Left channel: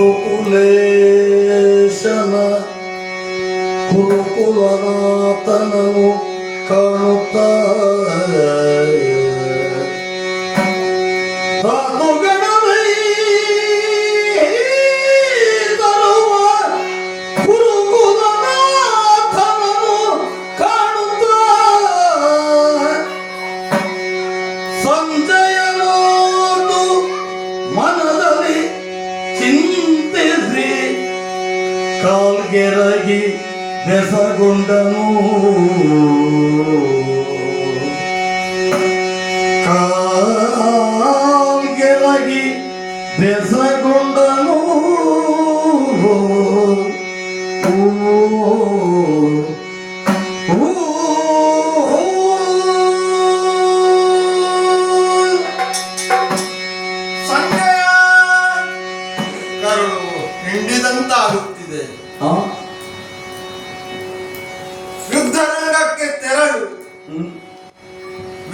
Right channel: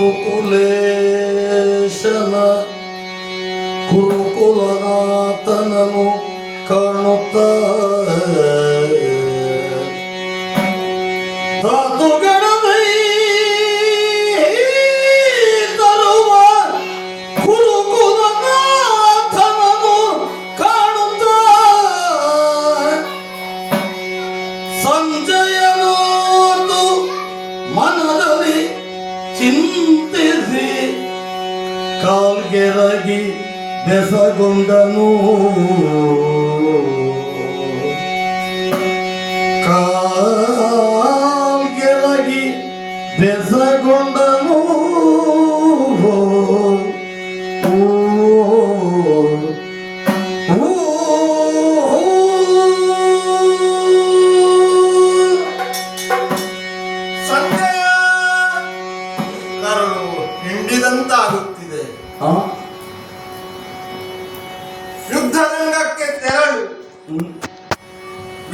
ಗುರುಕುಲೇಶನ ಗುರುಕುಲನಾಥನನು ಕಾಣುತ್ತ ತಾತುಗಣವೈ ತರುವ ಗುರುಕುಲನಾಥನನು ಕಾಣುತ್ತ ಸಂಜಯನೋದು ಮನದಲ್ಲಿ ಚಿಂತಿಸಿ ಕಾಲ್ಗೆರಗಿ ಬೆಸಗೊಂಡನು ಕಾಲ್ಗೆರಗಿ ಬೆಸಗೊಂಡನು ಹಿಂಡಿದಂತಾಗುತ್ತಿದೆ. ಯುದ್ಧರಂಗಕ್ಕೆ ತೆರಳು.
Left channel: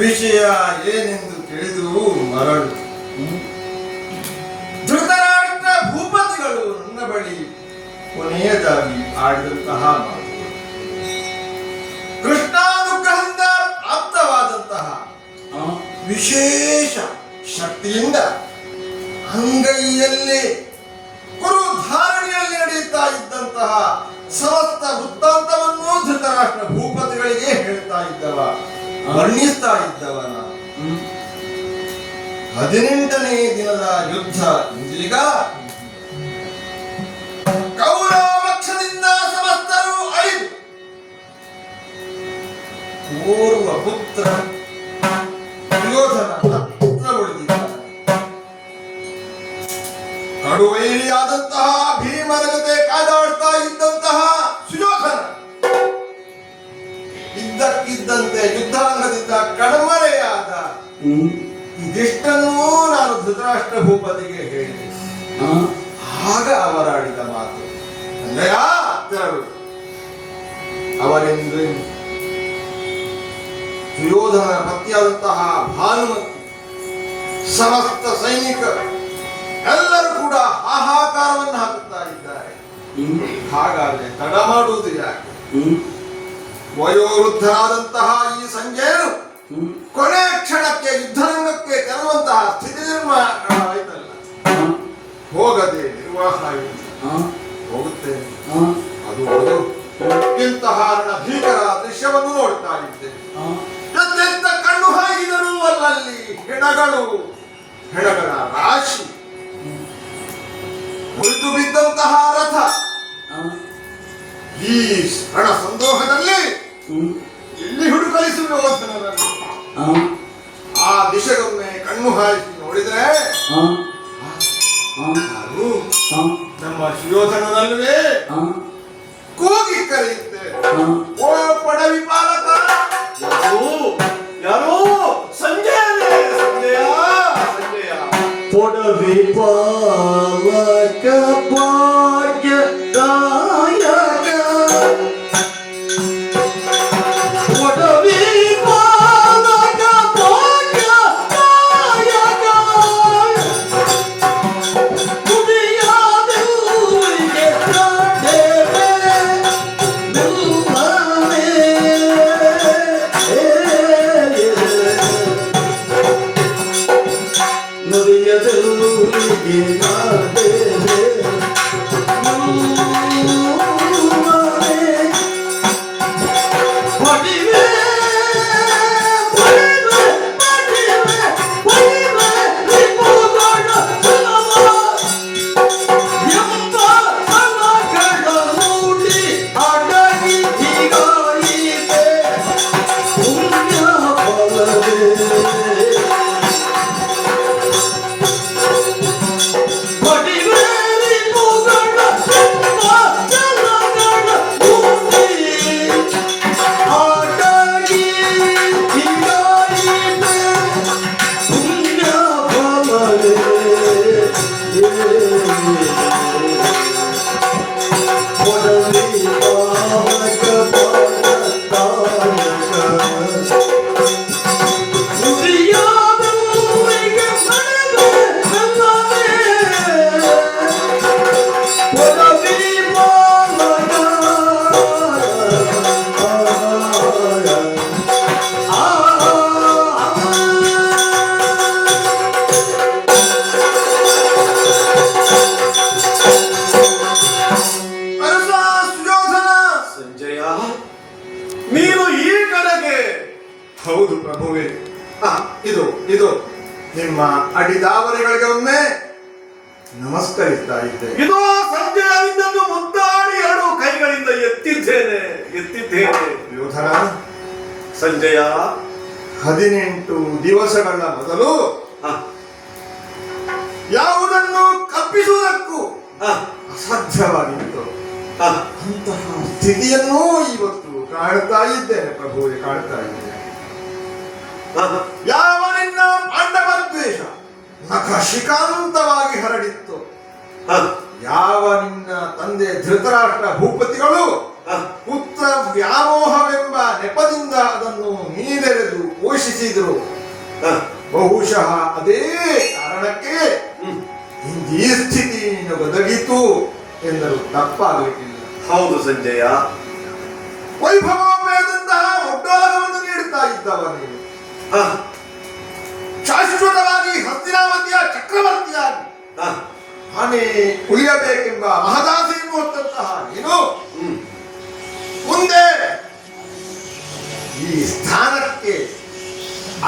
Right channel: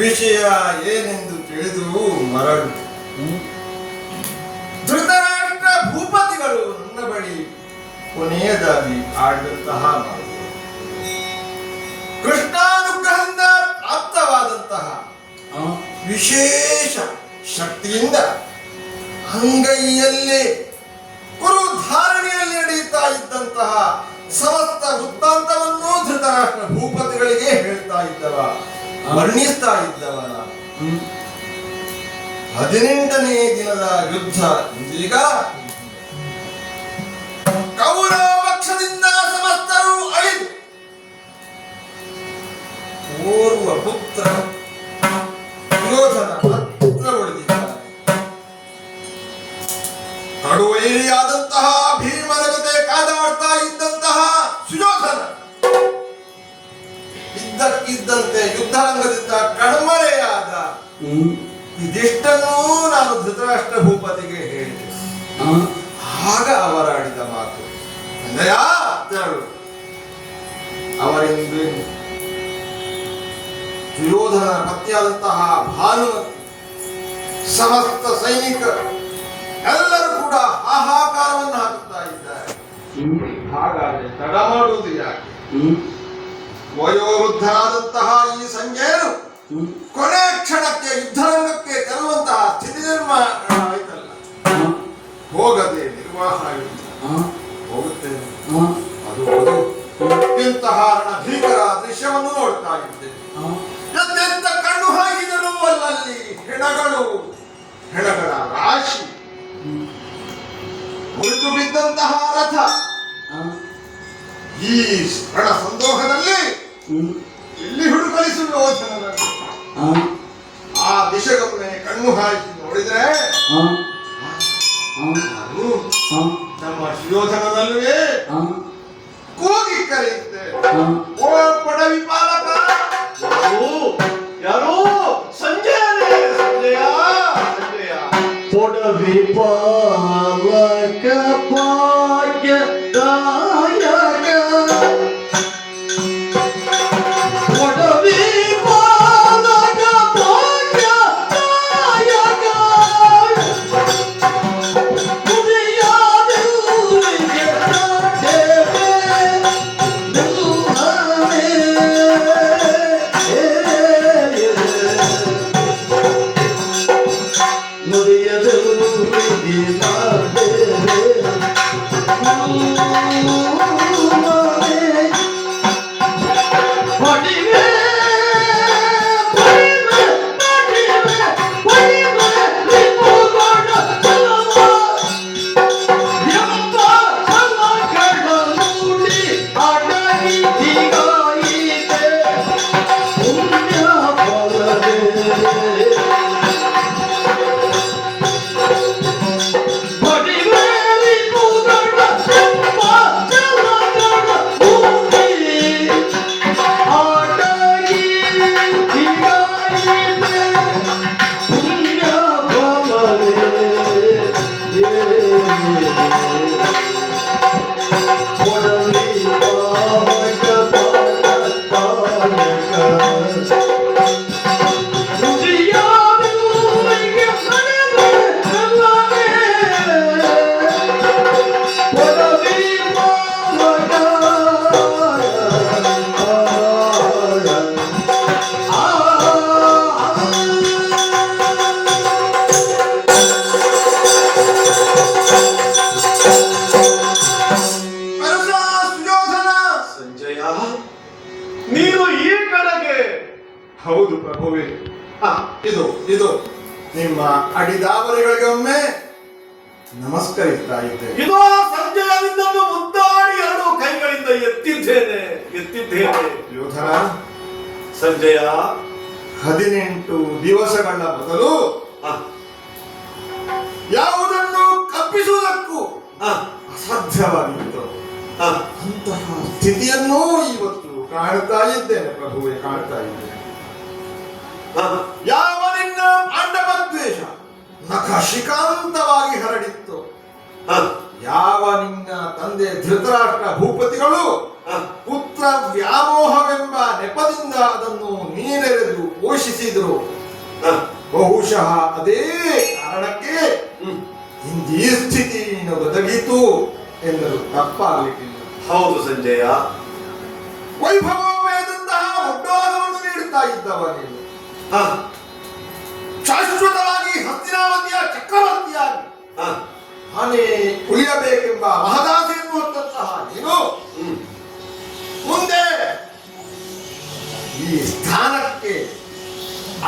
ವಿಷಯ ಏನೆಂದು ತಿಳಿದು ಮರಳು. ಧೃತರಾಷ್ಟ್ರ ಭೂಪತಿಗಳು ನನ್ನ ಬಳಿ ಕೊನೆಯದಾಗಿ ಆಡಿದಂತಹ ಮಾತು, ಕೃಷ್ಣಾನುಗ್ರಹದಿಂದ ಪ್ರಾಪ್ತವಾದಂತಹ ವಿಶೇಷ ಶಕ್ತಿಯಿಂದ ಅಂಗೈಯಲ್ಲೇ ಕುರುಧಾರಣೆಯಲ್ಲಿ ನಡೆಯುತ್ತಾ ಇದ್ದಂತಹ ಸಮಸ್ತ ವೃತ್ತಾಂತವನ್ನು ಧೃತರಾಷ್ಟ್ರ ಭೂಪತಿಗಳಿಗೆ ಹೇಳ್ತಾ ಇದ್ದವ, ವರ್ಣಿಸ್ತಾ ಇದ್ದವನ. 18ನೇ ದಿನದ ಯುದ್ಧ ಇದೀಗ. ಕೌರವ ಪಕ್ಷದಿಂದ ಸಮಸ್ತರು 5, ಓರ್ವ ಪುತ್ರ ಯೋಧನ ಹತ್ರ ಉಳಿದಿದ್ದಾನೆ. ಕಡುವೈರಿಯಾದಂತಹ ಭೀಮನ ಜೊತೆ ಕಾದಾಡ್ತಾ ಇದ್ದಂತಹ ಸುಯೋಧನ ಇದ್ದಕ್ಕಿದ್ದಂತೆ ಯುದ್ಧಾಂಗದಿಂದ ಕಣ್ಮರೆಯಾದ. ಇದಿಷ್ಟನ್ನೂ ನಾನು ಧೃತರಾಷ್ಟ್ರ ಭೂಪತಿಗೆ ಹೇಳಿದೆ. ಆಗ ಅವರಾಡಿದ ಮಾತು, ಅಲ್ಲಯ್ಯ ತೆರಳು. ಅವರೆಂದು ಸುಯೋಧನ ಪತ್ನಿಯಾದಂತಹ ಭಾನುಮತಿ ಸಮಸ್ತ ಸೈನಿಕ ಎಲ್ಲರೂ ಕೂಡ ಹಾಹಾಕಾರವನ್ನು ಹಾಕುತ್ತಾ ಇದ್ದಾರೆ. ಹಾಗಾದ್ರೆ ತಡ ಮಾಡುವುದು ಯಾಕೆ? ವಯೋವೃದ್ಧರಾದಂತಹ ಈ ಸಂಜೆಯನ್ನು ಕೊನೆ ಕ್ಷಣಕ್ಕೆ ಯುದ್ಧರಂಗಕ್ಕೆ ತೆರಳುವಂತಹ ಸ್ಥಿತಿ ನಿರ್ಮಾಣ ಆಯ್ತಲ್ಲ, ಹೋಗದೆ ನಿರ್ವಾಹ ಹೋಗುತ್ತೇನೆ. ಅದು ಇಂತಹ ಭೀಕರ ದೃಶ್ಯವನ್ನು ನೋಡ್ತಾ ಇದ್ದೇನೆ. ಎಂತೆಂತ ಕಣ್ಣು ಹಾಕಿದರೂ ಅಲ್ಲಲ್ಲಿ ಹೆಣಗಳ ರಾಶಿ, ಮುರಿದು ಬಿದ್ದಂತಹ ರಥ. ಈ ರಣ ಸಂದೋಹದಲ್ಲಿ ಇಲ್ಲಿ ಹುಡುಕಲಿಸುವ ಯೋಧನರಲ್ಲಿ ಆ ದಿಶೆಗೊಮ್ಮೆ ಕಣ್ಣು ಹಾಕಿ ನೋಡಿದರೆ ನಮ್ಮ ಸುಯೋಧನನಲ್ವೇ ಕೂಗಿ ಕರೆಯುತ್ತೆ, ಓ ಪಡವಿ ಪಾಲಕ. ಯಾರೋ ಸಂಜಯ ಪೊಡವಿ ಪಾಲಕ ಭಾಗ್ಯ ದಾಯಕ. ಪೊಡವಿ ಪಾಲಕ ಭಾಗ್ಯ ದಾಯಕ. ನುಡಿಯಾದೆಲ್ಲಿಗೆ ಅಡಿದಾವರೆಗಳಿಗೆ ಒಮ್ಮೆ ನಮಸ್ಕರಿಸ್ತಾ ಇದ್ದೆ. ಇದೋ ಸಂಜೆಯ ನಿನ್ನನ್ನು ಮುದ್ದಾಡಿ ಎರಡು ಕೈಗಳಿಂದ ಎತ್ತಿದ್ದೇನೆ ಯೋಧರ ಸಂಜಯ. 18 ದಿವಸಗಳ ಮೊದಲು ಯಾವುದನ್ನು ಕಪ್ಪಿಸುವುದಕ್ಕೂ ಅಸಾಧ್ಯವಾಗಿತ್ತು. ಅಂತಹ ಸ್ಥಿತಿಯನ್ನು ಇವತ್ತು ಕಾಣ್ತಾ ಇದ್ದೇನೆ ಪ್ರಭುವೆ, ಕಾಣ್ತಾ ಇದ್ದೇನೆ. ಯಾವ ನಿನ್ನ ಪಾಂಡವ ದ್ವೇಷ ನಖಶಿಕಾಂತವಾಗಿ ಹರಡಿತ್ತು, ಯಾವ ನಿನ್ನ ತಂದೆ ಧೃತರಾಷ್ಟ್ರ ಭೂಪತಿಗಳು ಪುತ್ರ ವ್ಯಾಮೋಹವೆಂಬ ನೆಪದಿಂದ ಅದನ್ನು ನೀರೆರೆದು ಪೋಷಿಸಿದರು, ಬಹುಶಃ ಅದೇ ಕಾರಣಕ್ಕೆ ಇಂದೀ ಸ್ಥಿತಿ ಒದಗಿತು ಎಂದರು ತಪ್ಪಾಗಲಿಕ್ಕಿಲ್ಲ. ಹೌದು ಸಂಜಯ. ವೈಭವಮಯದಂತಹ ಒಡ್ಡೋಲವನ್ನು ನೀಡುತ್ತಾ ಇದ್ದವ ನೀನು ಶಾಶ್ವತವಾಗಿ ಹಸ್ತಿನಾವತಿಯ ಚಕ್ರವರ್ತಿಯಾಗಿ ಆನೆ ಉಳಿಯಬೇಕೆಂಬ ಮಹದಾಸೆಯನ್ನು ಹೊತ್ತಂತಹ ನೀನು ಮುಂದೆ ಈ ಸ್ಥಾನಕ್ಕೆ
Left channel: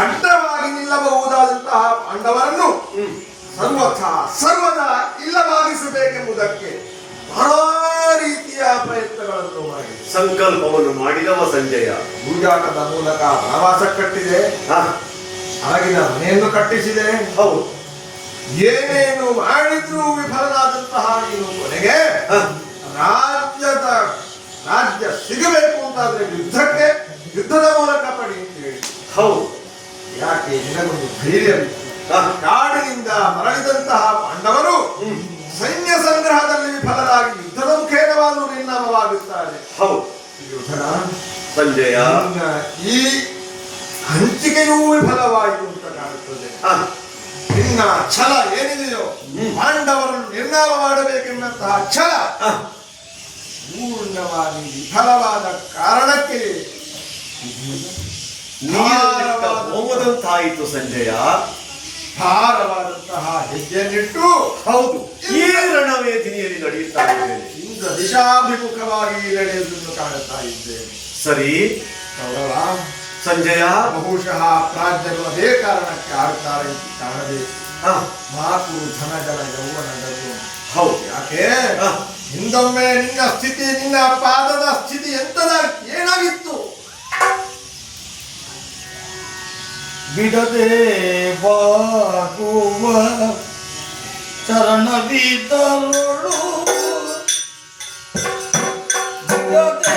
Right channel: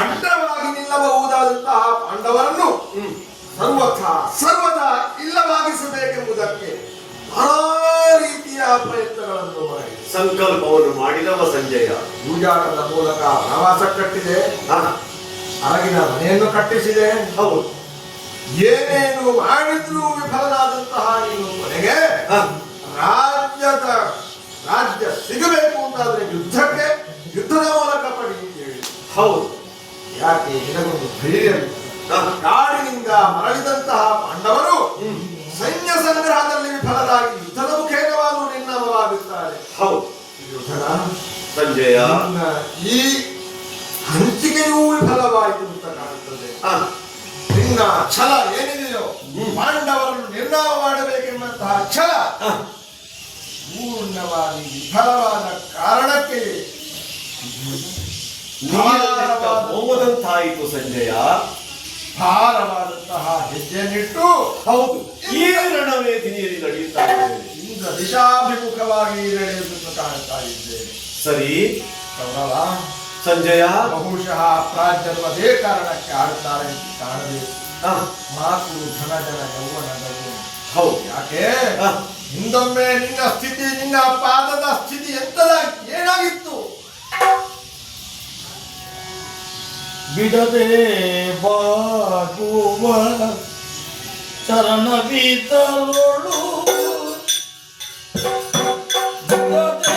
ಅಡ್ಡವಾಗಿ ನಿಲ್ಲಬಹುದಾದಂತಹ ಪಾಂಡವರನ್ನು ಸರ್ವದಾ ಇಲ್ಲವಾಗಿಸಬೇಕೆಂಬುದಕ್ಕೆ ನಾನಾ ರೀತಿಯ ಪ್ರಯತ್ನಗಳನ್ನು ಮಾಡಿ ಸಂಕಲ್ಪವನ್ನು ಮಾಡಿದವ ಸಂಜಯ. ಜೂಜಾಟದ ಮೂಲಕ ವನವಾಸ ಕಟ್ಟಿದೆ, ಅರಗಿನ ಮನೆಯನ್ನು ಕಟ್ಟಿಸಿದೆ. ಹೌದು, ಏನೇನು ಮಾಡಿದ್ರೂ ವಿಫಲನಾದಂತಹ ನೀನು ಕೊನೆಗೆ ರಾಜ್ಯ ಸಿಗಬೇಕು ಅಂತಾದ್ರೆ ಯುದ್ಧದ ಮೂಲಕ ಪಡಿ ಅಂತ ಹೇಳಿ. ಹೌದು, ಯಾಕೆ ನಿನಗೊಂದು ಧೈರ್ಯ ಕಾಡಿನಿಂದ ಮರಳಿದಂತಹ ಪಾಂಡವರು ಸೈನ್ಯ ಸಂಗ್ರಹದಲ್ಲಿ ವಿಫಲರಾಗಿ ಯುದ್ಧದ ಮುಖೇನವಾದರೂ ನಿರ್ನಾಮವಾಗುತ್ತಾರೆ. ಹೌದು ಸಂಜಯ. ಈ ಹಂಚಿಕೆಯೂ ವಿಫಲವಾಯಿತು ಅಂತ ಕಾಣುತ್ತದೆ. ನಿನ್ನ ಛಲ ಏನಿದೆಯೋ ಪಾಂಡವರನ್ನು ನಿರ್ನಾಮ ಮಾಡಬೇಕೆನ್ನುವಂತಹ ಛಲ ಪೂರ್ಣವಾಗಿ ವಿಫಲವಾದ ಕಾರಣಕ್ಕೆ ಹೋಗದಂತಾಯಿತು ಸಂಜಯ. ಭಾರವಾದಂತಹ ಹೆಜ್ಜೆಯನ್ನಿಟ್ಟು ಹೌದು ಈ ರಣವೇದಿನಿಯಲ್ಲಿ ನಡೆಯುತ್ತಾ ಇದ್ದೇನೆ. ಈಗ ದಿಶಾಭಿಮುಖವಾಗಿ ನಡೆಯುವುದನ್ನು ಕಾಣುತ್ತಾ ಇದ್ದೇನೆ. ಸರಿ ಕೌರವ ಸಂಜಯ. ಬಹುಶಃ ಪ್ರಾಜ್ಞರು ಅದೇ ಕಾರಣಕ್ಕೆ ಆಡುತ್ತಾರೆ ಕಾಣಬೇಕು. ಮಾತು ಧನಗಳ ಯೌವನಗಳು. ಹೌದು, ಯಾಕೆ ಹಿಂದೊಮ್ಮೆ ನಿನ್ನ ಸ್ಥಿತಿ, ನಿನ್ನ ಪಾದದ ಸ್ಥಿತಿ ಎಂತದ ಏನಾಗಿತ್ತು? ಬಿಡದೆ ಬಾಗುವ ಚರಣವಿದಲೊಳು ಬಿಡದೆ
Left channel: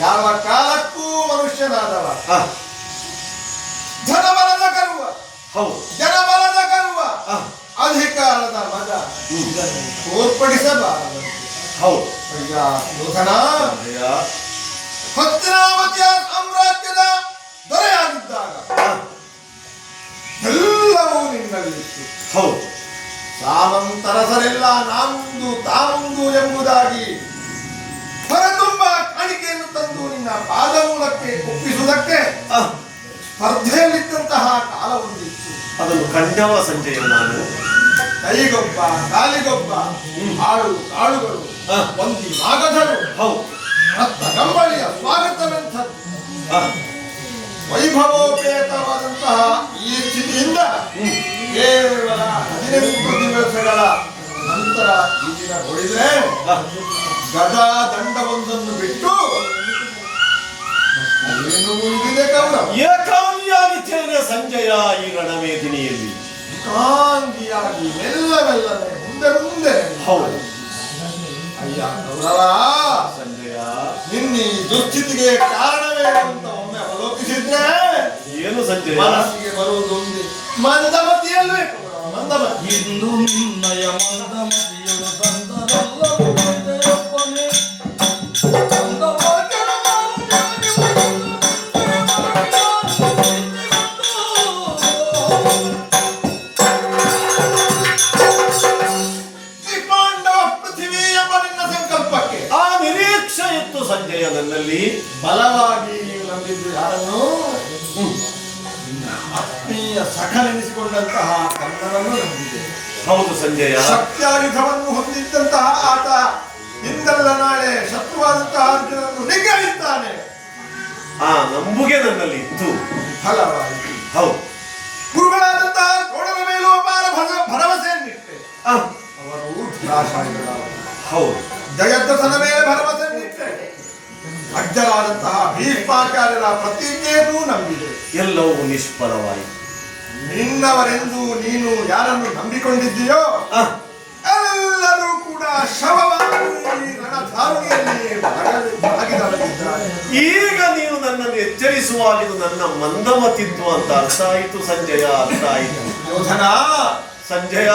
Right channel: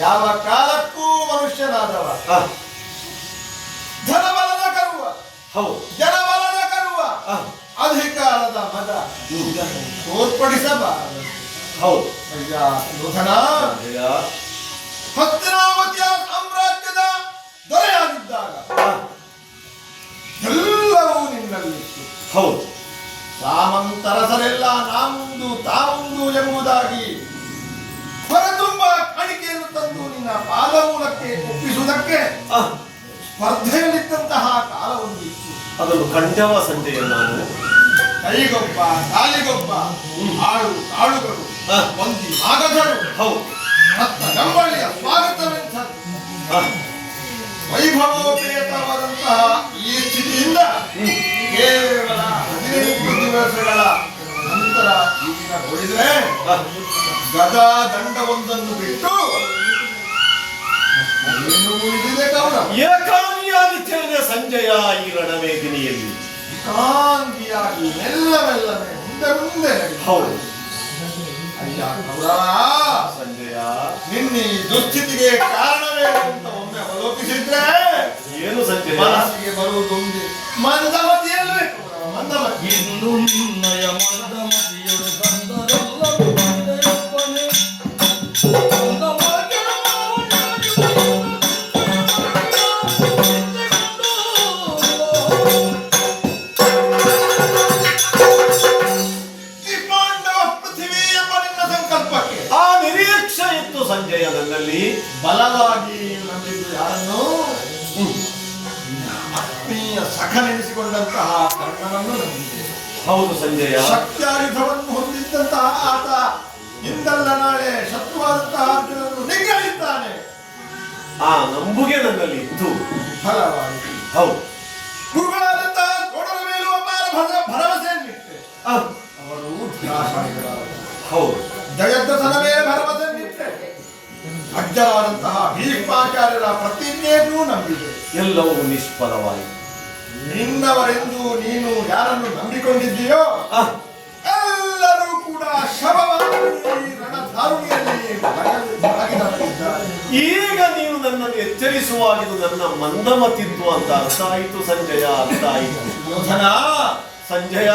ಯಾವ ಕಾಲಕ್ಕೂ ಮನುಷ್ಯನಾದವ ಧನಬಲದ ಕರುವ, ಜನಬಲದ ಕರುವ, ಅಧಿಕಾರದ ಮದ ಇದನ್ನು ತೋರ್ಪಡಿಸಬಾರದು. ಯೋಧನ ಹಸ್ತಿನಾವತಿಯ ಸಾಮ್ರಾಜ್ಯದ ದೊರೆಯಾಗಿದ್ದಾಗ ಎಲ್ಲವೂ ನಿನ್ನಲ್ಲಿತ್ತು. ಸಾಮಂತರಸರೆಲ್ಲ ನಾಮುಂದು ತಾಮುಂದು ಎಂಬುದಾಗಿ ಹೊರತುಂಬ ಕಾಣಿಕೆಯನ್ನು ತಂದು ನಿನ್ನ ಪಾದಮೂಲಕ್ಕೆ ಒಪ್ಪಿಸುವುದಕ್ಕೆ ಸ್ಪರ್ಧೆಯಲ್ಲಿದ್ದಂತಹ ಕಾಲವೊಂದಿತ್ತು. ಅದನ್ನು ಕಂಡವ ಸಂಜಯ. ನಾನು ಕೈಗೊಬ್ಬ ಕಾಲಿಗೊಬ್ಬ ಆಳು ಕಾಳುಗಳು ಒಂದಿ ಮಾಗಧರು ರತ್ನ ಕಂಬಳಿಯ ಸ್ವಾಗತವೆಂಥದ್ದು. ವೈಭವೋಪೇತವಾದಂತಹ ಈ ಸ್ಥಿತಿಯಿಂದ ಕೇವಲ 18 ದಿವಸಗಳ ನಂತರ ಈ ದಿನ ಹೊಳಿದ್ರೆ ಗದಾ ದಂಡವೊಂದನ್ನು ಬಿಟ್ಟು ಏನು ಉಳಿದಿದೆ ಕೌರವ ಏಕಾಂಗಿಯಾಗಿ ಸೇರಿದ ಸಂಜಯ ಈ ರಣವೇದಿನಿಯಲ್ಲಿ ಏಕಾಂಗಿಯಾಗಿ ಮೆಲ್ಲನೆ ಮುಂದೆ ಮುಂದೆ ಹೌದು ಅಯ್ಯ ಕೌರವ ಸಂಜಯ ನಿನ್ನ ಈ ದುಸ್ಥಿತಿಗೆ ಕಾರಣವೇ ಅಂತ ಒಮ್ಮೆ ಅವಲೋಕಿಸಿದ್ರೆ ಏನು ಸಂಜಯ ಮನಸ್ಸಿಗೆ ಬರುವುದು ಒಂದೇ ಮಂದಮತಿಯಲ್ಲೇ ಕೌರವ ಮಂದಮತಿ ಇಂದು ನಿನ್ನಯ ಮಂದಮತಿಯಳು ಬಂದರಲ್ಲರು ಬಂದೆಯಪ್ಪನೇ ಈ ಪಾಂಡವ ಪೃಥ್ವಿ ಎಂಬ ನಿನ್ನ ಸಂಕಲ್ಪಕ್ಕೆ ಆ ನಿರೀಕ್ಷೆ ಇತ್ತು ಸಂಜಯ ನನ್ನಲ್ಲಿ ಬಲವಾಗಿ ನಂಬಿದ್ದು ಯಾರನ್ನು ಆತ್ಮೀಯ ಸಖನೆನಿಸಿಕೊಂಡಂತಹ ಕರ್ಣನನ್ನು ನಂಬಿದೆ ಹೌದು ಸಂಜಯ ಶಕ್ತ್ಯಾಯುಧವನ್ನು ಹೊಂದಿದ್ದಂತಹ ಆತ ಇಂದಲ್ಲ ನಾಳೆ ಶತ್ರುವಾದಂತಹ ಅರ್ಜುನನನ್ನು ನಿಗ್ರಹಿದ್ದಾನೆ ಆ ನಂಬುಗೆ ನನ್ನಲ್ಲಿ ಇತ್ತು ಫಲವಾಗಿ ಹೌದು ಗುರುಗಳಾದಂತಹ ಕೋಣದ ಮೇಲೂ ಅಪಾರ ಭರವಸೆಯನ್ನಿಟ್ಟೆ ಆ, ಅವರು ಧೀರಾಶಾಲಿಗಳಾದರು. ಹೌದು ಜಯದ್ರಥನ ಮೇಲೆ ಭರವಸೆಯನ್ನಿಟ್ಟೆ ಅಜ್ಜರಾದಂತಹ ಭೀಷ್ಮಾಚಾರ್ಯರ ಪ್ರತಿಜ್ಞೆಯನ್ನೂ ನಂಬಿದೆ ಎಲ್ಲವೂ ನಿಷ್ಫಲವಾಯಿತು ನಿನ್ನವರೆಂದು ನೀನು ಯಾರನ್ನು ನಂಬಿಕೊಂಡಿದ್ದೀಯೋ ಆ, ಎಲ್ಲರೂ ಕೂಡ ಶವವಾಗಿ ರಣಧಾರುಣಿಯಲ್ಲಿ ಭಾಗಿದಾಗಿದ್ದಾರೆ. ಈಗ ನೀನು ನನ್ನನ್ನು ಎಚ್ಚರಿಸುವಾಗ ಇದು ನನ್ನ ಮಂದಮತಿತ್ವ ಅಂತ ಅರ್ಥ ಆಯಿತು ಸಂಜಯ ಅರ್ಥ ಆಯಿತು ಯೋಧನ ಸಂಜಯ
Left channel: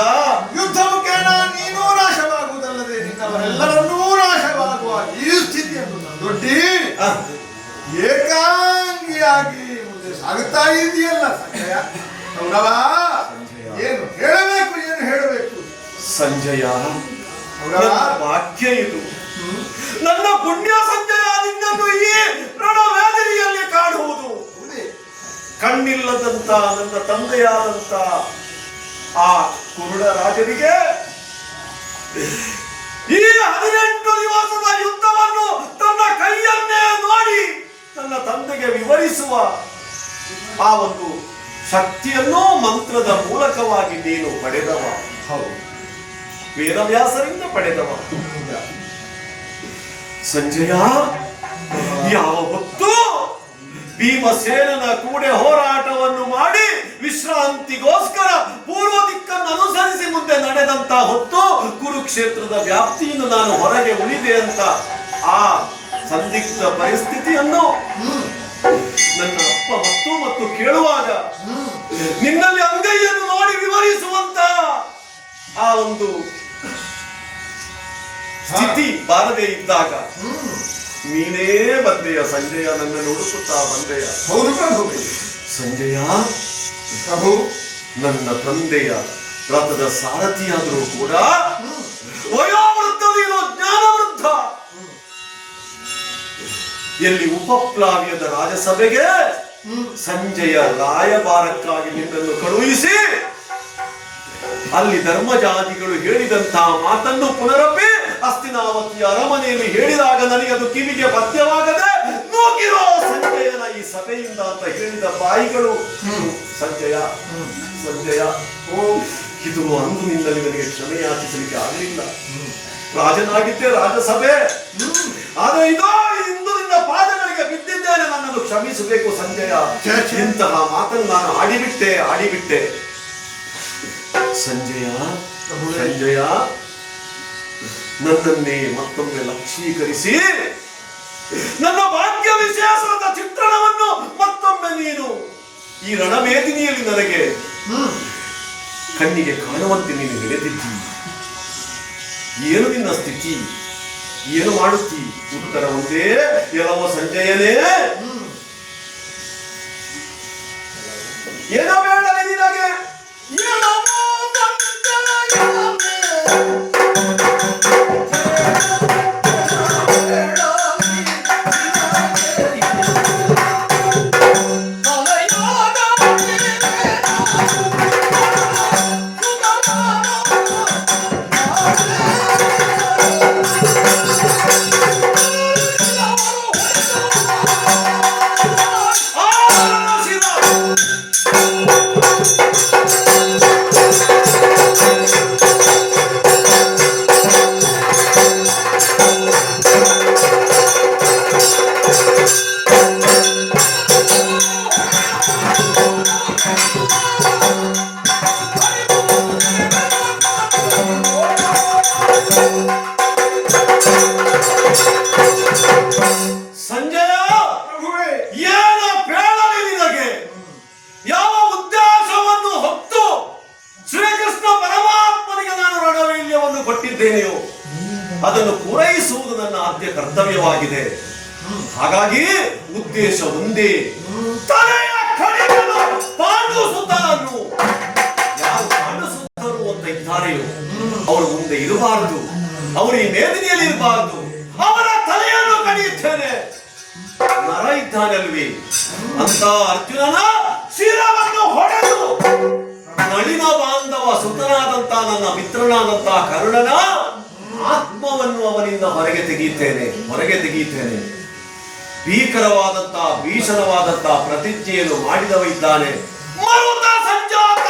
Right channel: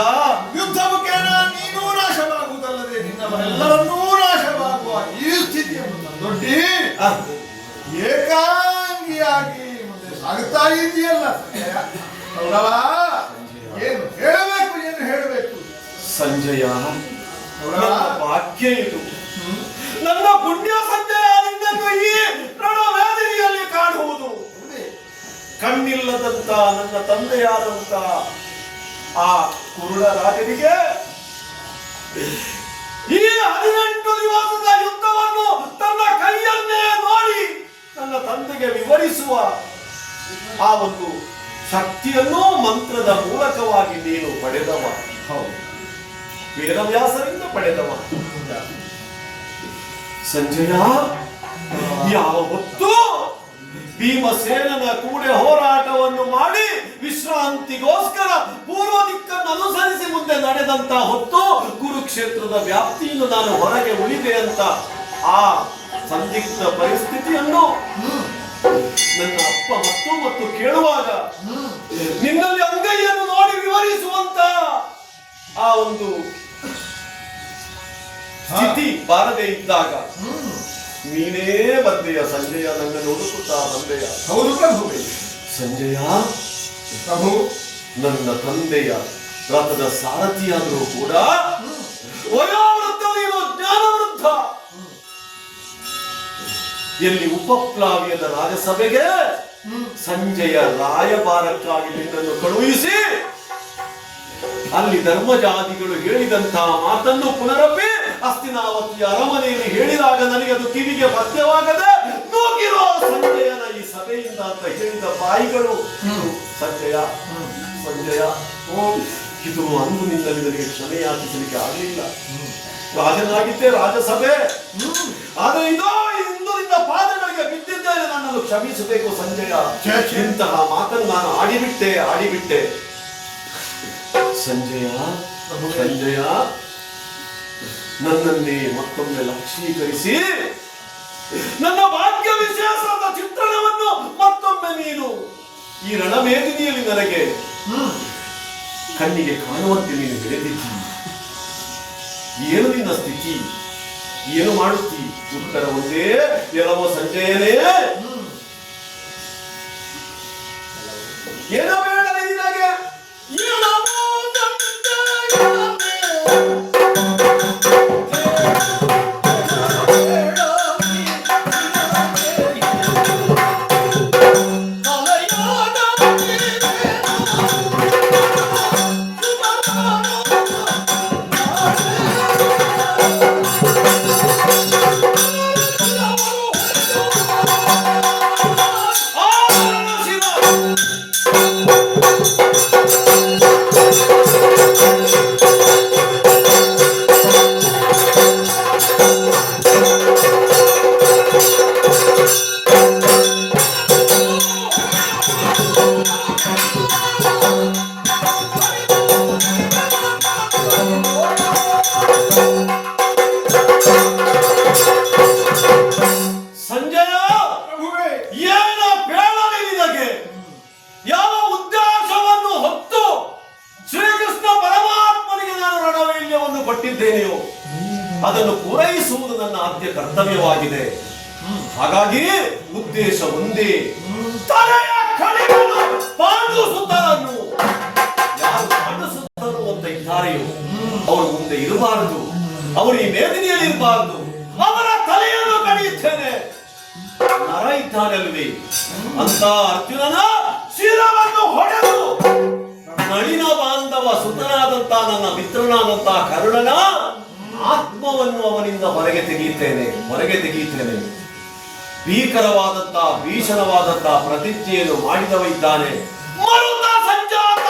ಯುದ್ಧ ಮುಖೇನ ನೀನೂ ನಾಶವಾಗುವುದಲ್ಲದೆ ನಿನ್ನವರೆಲ್ಲರನ್ನೂ ನಾಶವಾಗುವ ಈ ಸ್ಥಿತಿಯನ್ನು ದೊಡ್ಡಿ ಆ, ಏಕಾಂಗಿಯಾಗಿ ಮುಂದೆ ಸಾಗುತ್ತಾ ಇದೆಯಲ್ಲ ಸಂಜಯ ಕೌರವ ಏನು ಹೇಳಬೇಕು ಸಂಜಯ ನನ್ನ ಭಾಗ್ಯ ಇದು ನನ್ನ ಪುಣ್ಯ ಸಂಜಯ ನಿನ್ನನ್ನು ಈ ರಣವೇದಿನಿಯಲ್ಲಿ ಕಾಣುವುದು ಕಣ್ಣಿಲ್ಲದಂತ ನನ್ನ ತಂದೆಯಾದಂತ ಆ ಕುರುಡ ರಾಜನಿಗೆ ಈ 18 ದಿವಸದ ಯುದ್ಧವನ್ನು ತನ್ನ ಕೈಯನ್ನೇ ನೋಡಿ ನನ್ನ ತಂದೆಗೆ ವಿವರಿಸುವ ಆ ಒಂದು ಶಕ್ತಿಯನ್ನು ಮಂತ್ರದ ಮೂಲಕವಾಗಿ ನೀನು ಪಡೆದವ ಹೌದು ವೇದವ್ಯಾಸರಿಂದ ಪಡೆದವ ಸಂಜಯ ಯಾವ ಹೊತ್ತು ಭೀಮಸೇನನ ಕೂಡೆ ಹೋರಾಟವನ್ನು ಮಾಡಿ ವಿಶ್ರಾಂತಿಗೋಸ್ಕರ ಪೂರ್ವ ದಿಕ್ಕನ್ನು ಅನುಸರಿಸಿ ಮುಂದೆ ನಡೆದಂತ ಹೊತ್ತು ಕುರುಕ್ಷೇತ್ರದ ವ್ಯಾಪ್ತಿಯನ್ನು ನಾನು ಹೊರಗೆ ಉಳಿದೆ ಅಂತ ಆ ಸಂದಿಗ್ಧ ಪರಿಸ್ಥಿತಿಯನ್ನು ನನ್ನ ಅಪ್ಪ ಮತ್ತು ಕೇಳುವಾಗ ನಿನ್ನಲ್ಲಿ ಅಂಗೈಯನ್ನು ನೋಡಿ ವಿವರಿಸುವಂತ ಆ ಒಂದು ಸ್ಥಿತಿ ಬಾರದೆ ಇದ್ದಾಗ ನೀನೇ ಬಂದೆಯ ಸಂಜಯ ನನ್ನನ್ನು ಹುಡುಕುತ್ತಾ ಬಂದೆಯ ಹೌದು ಪ್ರಭುವೇ ಸಂಜಯ ಪ್ರಭು ನನ್ನ ತಂದೆಯ ರಥದ ಸಾರಥಿಯಾದರೂ ಕೂಡ ವಯೋವೃದ್ಧ ನೀನು ಜ್ಞಾನವೃದ್ಧ ಎಲ್ಲಿ ಉಪಪ್ಲಾವ್ಯದ ರಾಜಸಭೆಗೆ ಸಂಜಯ ರಾಯಭಾರಕ್ಕಾಗಿ ನಿನ್ನನ್ನು ಕಳುಹಿಸಿ ಅಲ್ಲಿ ಧರ್ಮಜಾತಿಗಳು ಹೇಳಿದಂತಹ ಮಾತನ್ನು ಪುನರಪ್ಪಿ ಹಸ್ತಿನಾವತಿಯ ಅರಮನೆಯಲ್ಲಿ ಹೇಳಿದಾಗ ನನಗೆ ಅದು ಕಿವಿಗೆ ಪಥ್ಯವಾಗದೆ ನೂಕಿರೋ ಸಂಜಯನ ಈ ಸಭೆಯಿಂದ ಅಂತ ಹೇಳಿದ ಬಾಯಿಗಳು ಇದು ಸಂಜಯ ಸಂಜಯ ಓ ಇದು ಅಂದು ನಿನ್ನಲ್ಲಿ ನನಗೆ ಕ್ಷಮೆ ಯಾಚಿಸಲಿಕ್ಕೆ ಆಗಲಿಲ್ಲ ರಾಜನಾಗಿದ್ದೆ ರಾಜಸಭೆ ಆದ್ರೆ ಇದೋ ಇಂದು ನಿನ್ನ ಪಾದಗಳಿಗೆ ಬಿದ್ದಿದ್ದೇನೆ ನನ್ನನ್ನು ಕ್ಷಮಿಸಬೇಕು ಸಂಜಯ ಇಂತಹ ಮಾತನ್ನು ನಾನು ಆಡಿಬಿಟ್ಟೆ ಸಂಜಯ ಸಂಜಯ ನನ್ನನ್ನೇ ಮತ್ತೊಮ್ಮೆ ಲಕ್ಷೀಕರಿಸಿ ನನ್ನ ಭಾಗ್ಯ ವಿಶೇಷದ ಚಿತ್ರಣವನ್ನು ಮತ್ತೊಮ್ಮೆ ನೀನು ಈ ರಣವೇದಿನಿಯಲ್ಲಿ ನನಗೆ ಕಣ್ಣಿಗೆ ಕಾಣುವಂತೆ ನೀನು ಹಿಡಿದಿದ್ದಿ ಏನು ನಿನ್ನ ಸ್ಥಿತಿ ಏನು ಮಾಡುತ್ತಿ ಉತ್ತರ ಒಂದೇ ಎಲ್ಲವೋ ಸಂಜಯನೇ ಏನೋ ಬೇಡಲಿ ನಿನಗೆ ಎಲ್ಲವೋ ಆ ವರದಾನವನ್ನು ಕೊಟ್ಟಿದ್ದೇನೆಯೋ ಅದನ್ನು ಪೂರೈಸುವುದು ನನ್ನ ಆದ್ಯ ಕರ್ತವ್ಯವಾಗಿದೆ. ಹಾಗಾಗಿ ಉದ್ದೇಶ ಒಂದೇ, ತಲೆಯ ಕಡೆಯನ್ನು ಪಾಂಡುಸುತರನ್ನು ಯಾರು ಪಾಂಡುಸುತರು ಅಂತ ಇದ್ದಾರೆಯೋ ಅವರು ಮುಂದೆ ಇರಬಾರದು, ಅವರು ಈ ಮೇದಿನಿಯಲ್ಲಿ ಇರಬಾರದು. ಅವರ ತಲೆಯನ್ನು ಕಡಿಯುತ್ತೇನೆ. ನರ ಇದ್ದಾನಲ್ವೇ ಅಂತ ಅರ್ಜುನನ ಶಿರವನ್ನು ಹೊಡೆದು ನಳಿನ ಬಾಂಧವ ಸುತನಾದಂತ ನನ್ನ ಮಿತ್ರನಾದಂತ ಕರುಣನ ಆತ್ಮವನ್ನು ಅವನಿಂದ ಹೊರಗೆ ತೆಗೆಯುತ್ತೇನೆ. ಭೀಕರವಾದಂತಹ ಭೀಷಣವಾದಂತಹ ಪ್ರತಿಜ್ಞೆಯನ್ನು ಮಾಡಿದವ ಇದ್ದಾನೆ. ಮರುತ ಸಂಜಾತ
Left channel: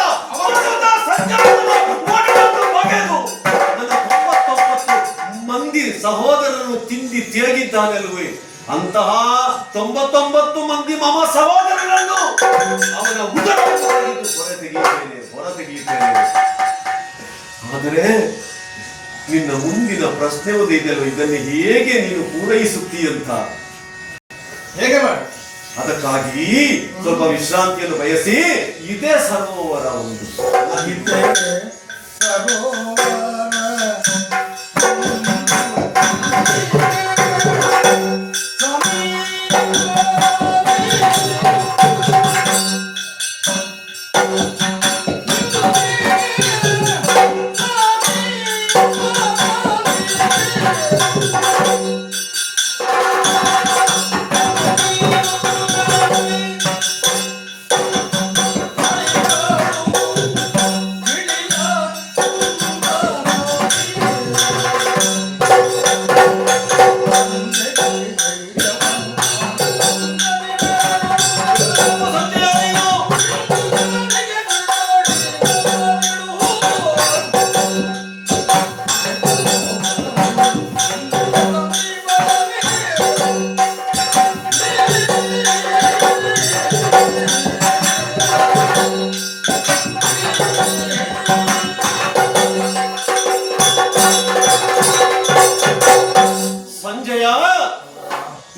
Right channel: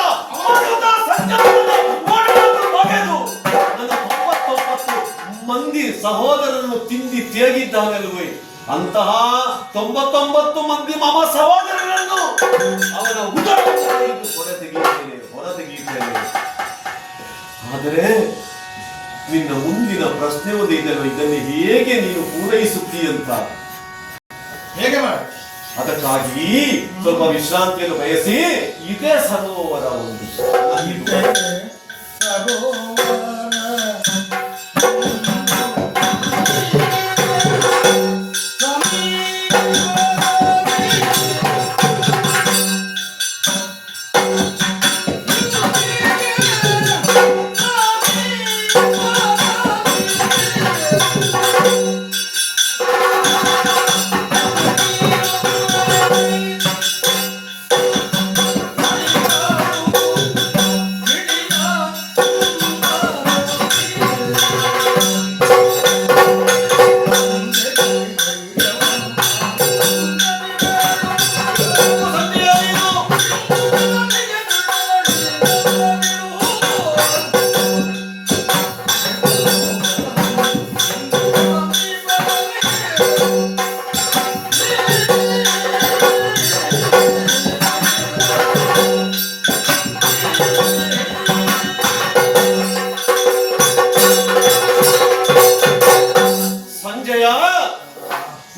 ಬಗೆದು ನನ್ನ 99 ಮಂದಿ ಸಹೋದರರನ್ನು ತಿಂದಿ ತೇಗಿದ್ದಾನಲ್ವೇ ಅಂತಹ 99 ಮಂದಿ ಮಮ ಸಹೋದರರನ್ನು ಅವನ ಉದರವನ್ನು ಹೊರ ತೆಗೆಯುತ್ತೇನೆ. ಆದರೆ ನಿನ್ನ ಮುಂದಿನ ಪ್ರಶ್ನೆ ಇದೆಯಲ್ವ, ಇದನ್ನು ಹೇಗೆ ನೀನು ಪೂರೈಸುತ್ತೀಯಂತ. ಹೇಗೆ ಮಾಡಿ? ಅದಕ್ಕಾಗಿ ಸ್ವಲ್ಪ ವಿಶ್ರಾಂತಿಯನ್ನು ಬಯಸಿ ಇದೇ ಸರೋವರ ಒಂದು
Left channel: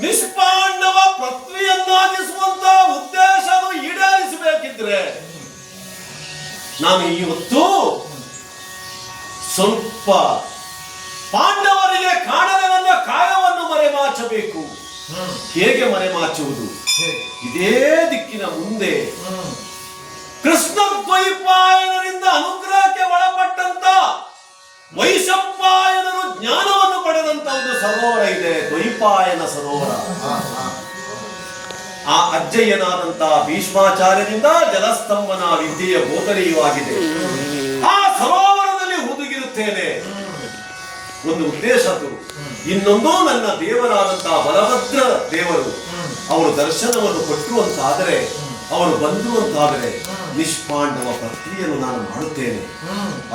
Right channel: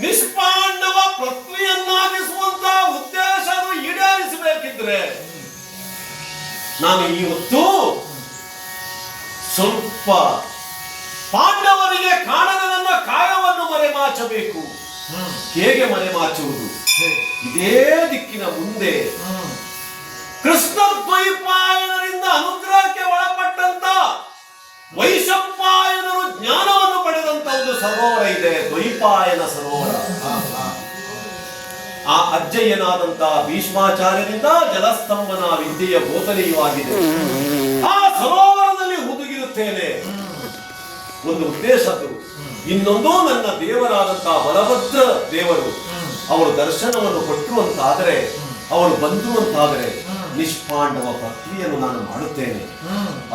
ನಿಷ್ಪಾಂಡವ ಪೃಥ್ವಿಯನ್ನಾಗಿಸುವಂತ ಉದ್ದೇಶ ಈಡೇರಿಸಬೇಕಿದ್ರೆ ನಾನು ಈ ಹೊತ್ತು ಸ್ವಲ್ಪ ಪಾಂಡವರಿಗೆ ಕಾಣದ ಕಾಯವನ್ನು ಮರೆಮಾಚಬೇಕು. ಹೇಗೆ ಮರೆಮಾಚುವುದು? ಇದೇ ದಿಕ್ಕಿನ ಮುಂದೆ ಕೃಷ್ಣ ದ್ವೈಪಾಯನರಿಂದ ಅನುಗ್ರಹಕ್ಕೆ ಒಳಪಟ್ಟಂತ ವೈಶಂಪಾಯನರು ಜ್ಞಾನವನ್ನು ಪಡೆದಂತ ಒಂದು ಸರೋವರ ಇದೆ, ದ್ವೈಪಾಯನ ಸರೋವರ. ಆ ಅಜ್ಜಯ್ಯನಾದಂತಹ ಭೀಷ್ಮಾಚಾರ್ಯರಿಂದ ಜಲಸ್ತಂಭನ ವಿದ್ಯೆಯ ಬೋಧನೆಯೂ ಆಗಿದೆ. ಆ ಸರೋವರದಲ್ಲಿ ಹುದುಗಿರುತ್ತೇನೆ. ಒಂದು ಉದ್ದೇಶದ್ದು. ಇನ್ನೊಂದು, ನನ್ನ ದೇವರಾದಂತಹ ಬಲಭದ್ರ ದೇವರು ಅವರು ದರ್ಶನವನ್ನು ಕೊಟ್ಟರು ಅಂತಾದರೆ, ಅವರು ಬಂದರು ಅಂತಾದರೆ ನಿಷ್ಪಾಂಡವ ಪ್ರಕ್ರಿಯೆಯನ್ನು ನಾನು ಮಾಡುತ್ತೇನೆ.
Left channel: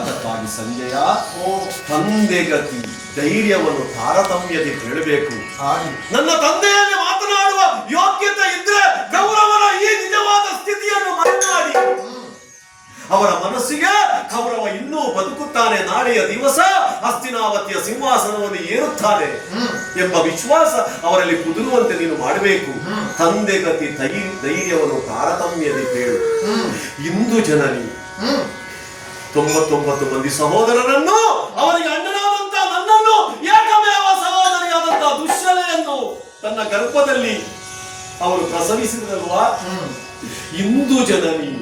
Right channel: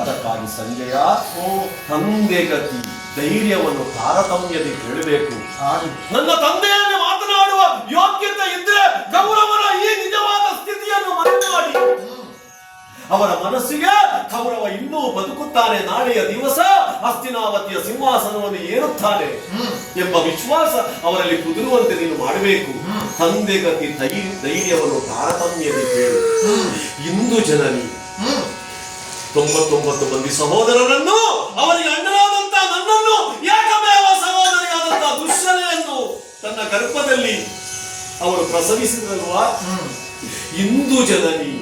ಅದಕ್ಕಾಗಿ ಸಂಜಯ, ತಂದೆಗತಿ ಧೈರ್ಯವನ್ನು ತಾರತಮ್ಯತೆ ಕೇಳಬೇಕು. ನನ್ನ ತಂದೆಯಲ್ಲಿ ಮಾತನಾಡುವ ಯೋಗ್ಯತೆ ಇದ್ರೆ ಕೌರವರ ಈ ನಿಜವಾದ ಸ್ಥಿತಿಯನ್ನು ಮರೆಮಾಡಿ ಅವರ ಮನಸ್ಸಿಗೆ ಕೌರವ ಇನ್ನೂ ಬದುಕುತ್ತಾನೆ, ನಾಳೆಯ ದಿವಸ ಹಸ್ತಿನಾವತಿಯ ಸಿಂಹಾಸನವನ್ನು ಏರುತ್ತಾನೆ ಎಂಬ ವಿಶ್ವಾಸ ಅವರಲ್ಲಿ ಕುದುರುವಂತೆ ನೀನು ಮಾಡಬೇಕು. ತಂದೆಗತಿ ಧೈರ್ಯವನ್ನು ತಾರತಮ್ಯತೆ ಕೇಳು. ಇಂದು ಜನನಿ 99 ಮಂದಿ ಸಹೋದರರನ್ನು, ಅವರಿಗೆ ಅಣ್ಣನಾದಂತ ನನ್ನನ್ನು, ಏಕಮೇವ ಸಹೋದರಿಯಾದಂತ ದುಶ್ಶಲೆಯನ್ನು ತನ್ನ ಗರ್ಭದಲ್ಲಿ ಅವರು ಪ್ರಸವಿಸಿದ್ರಲ್ವಾ. ಇಂದು ಜನನಿ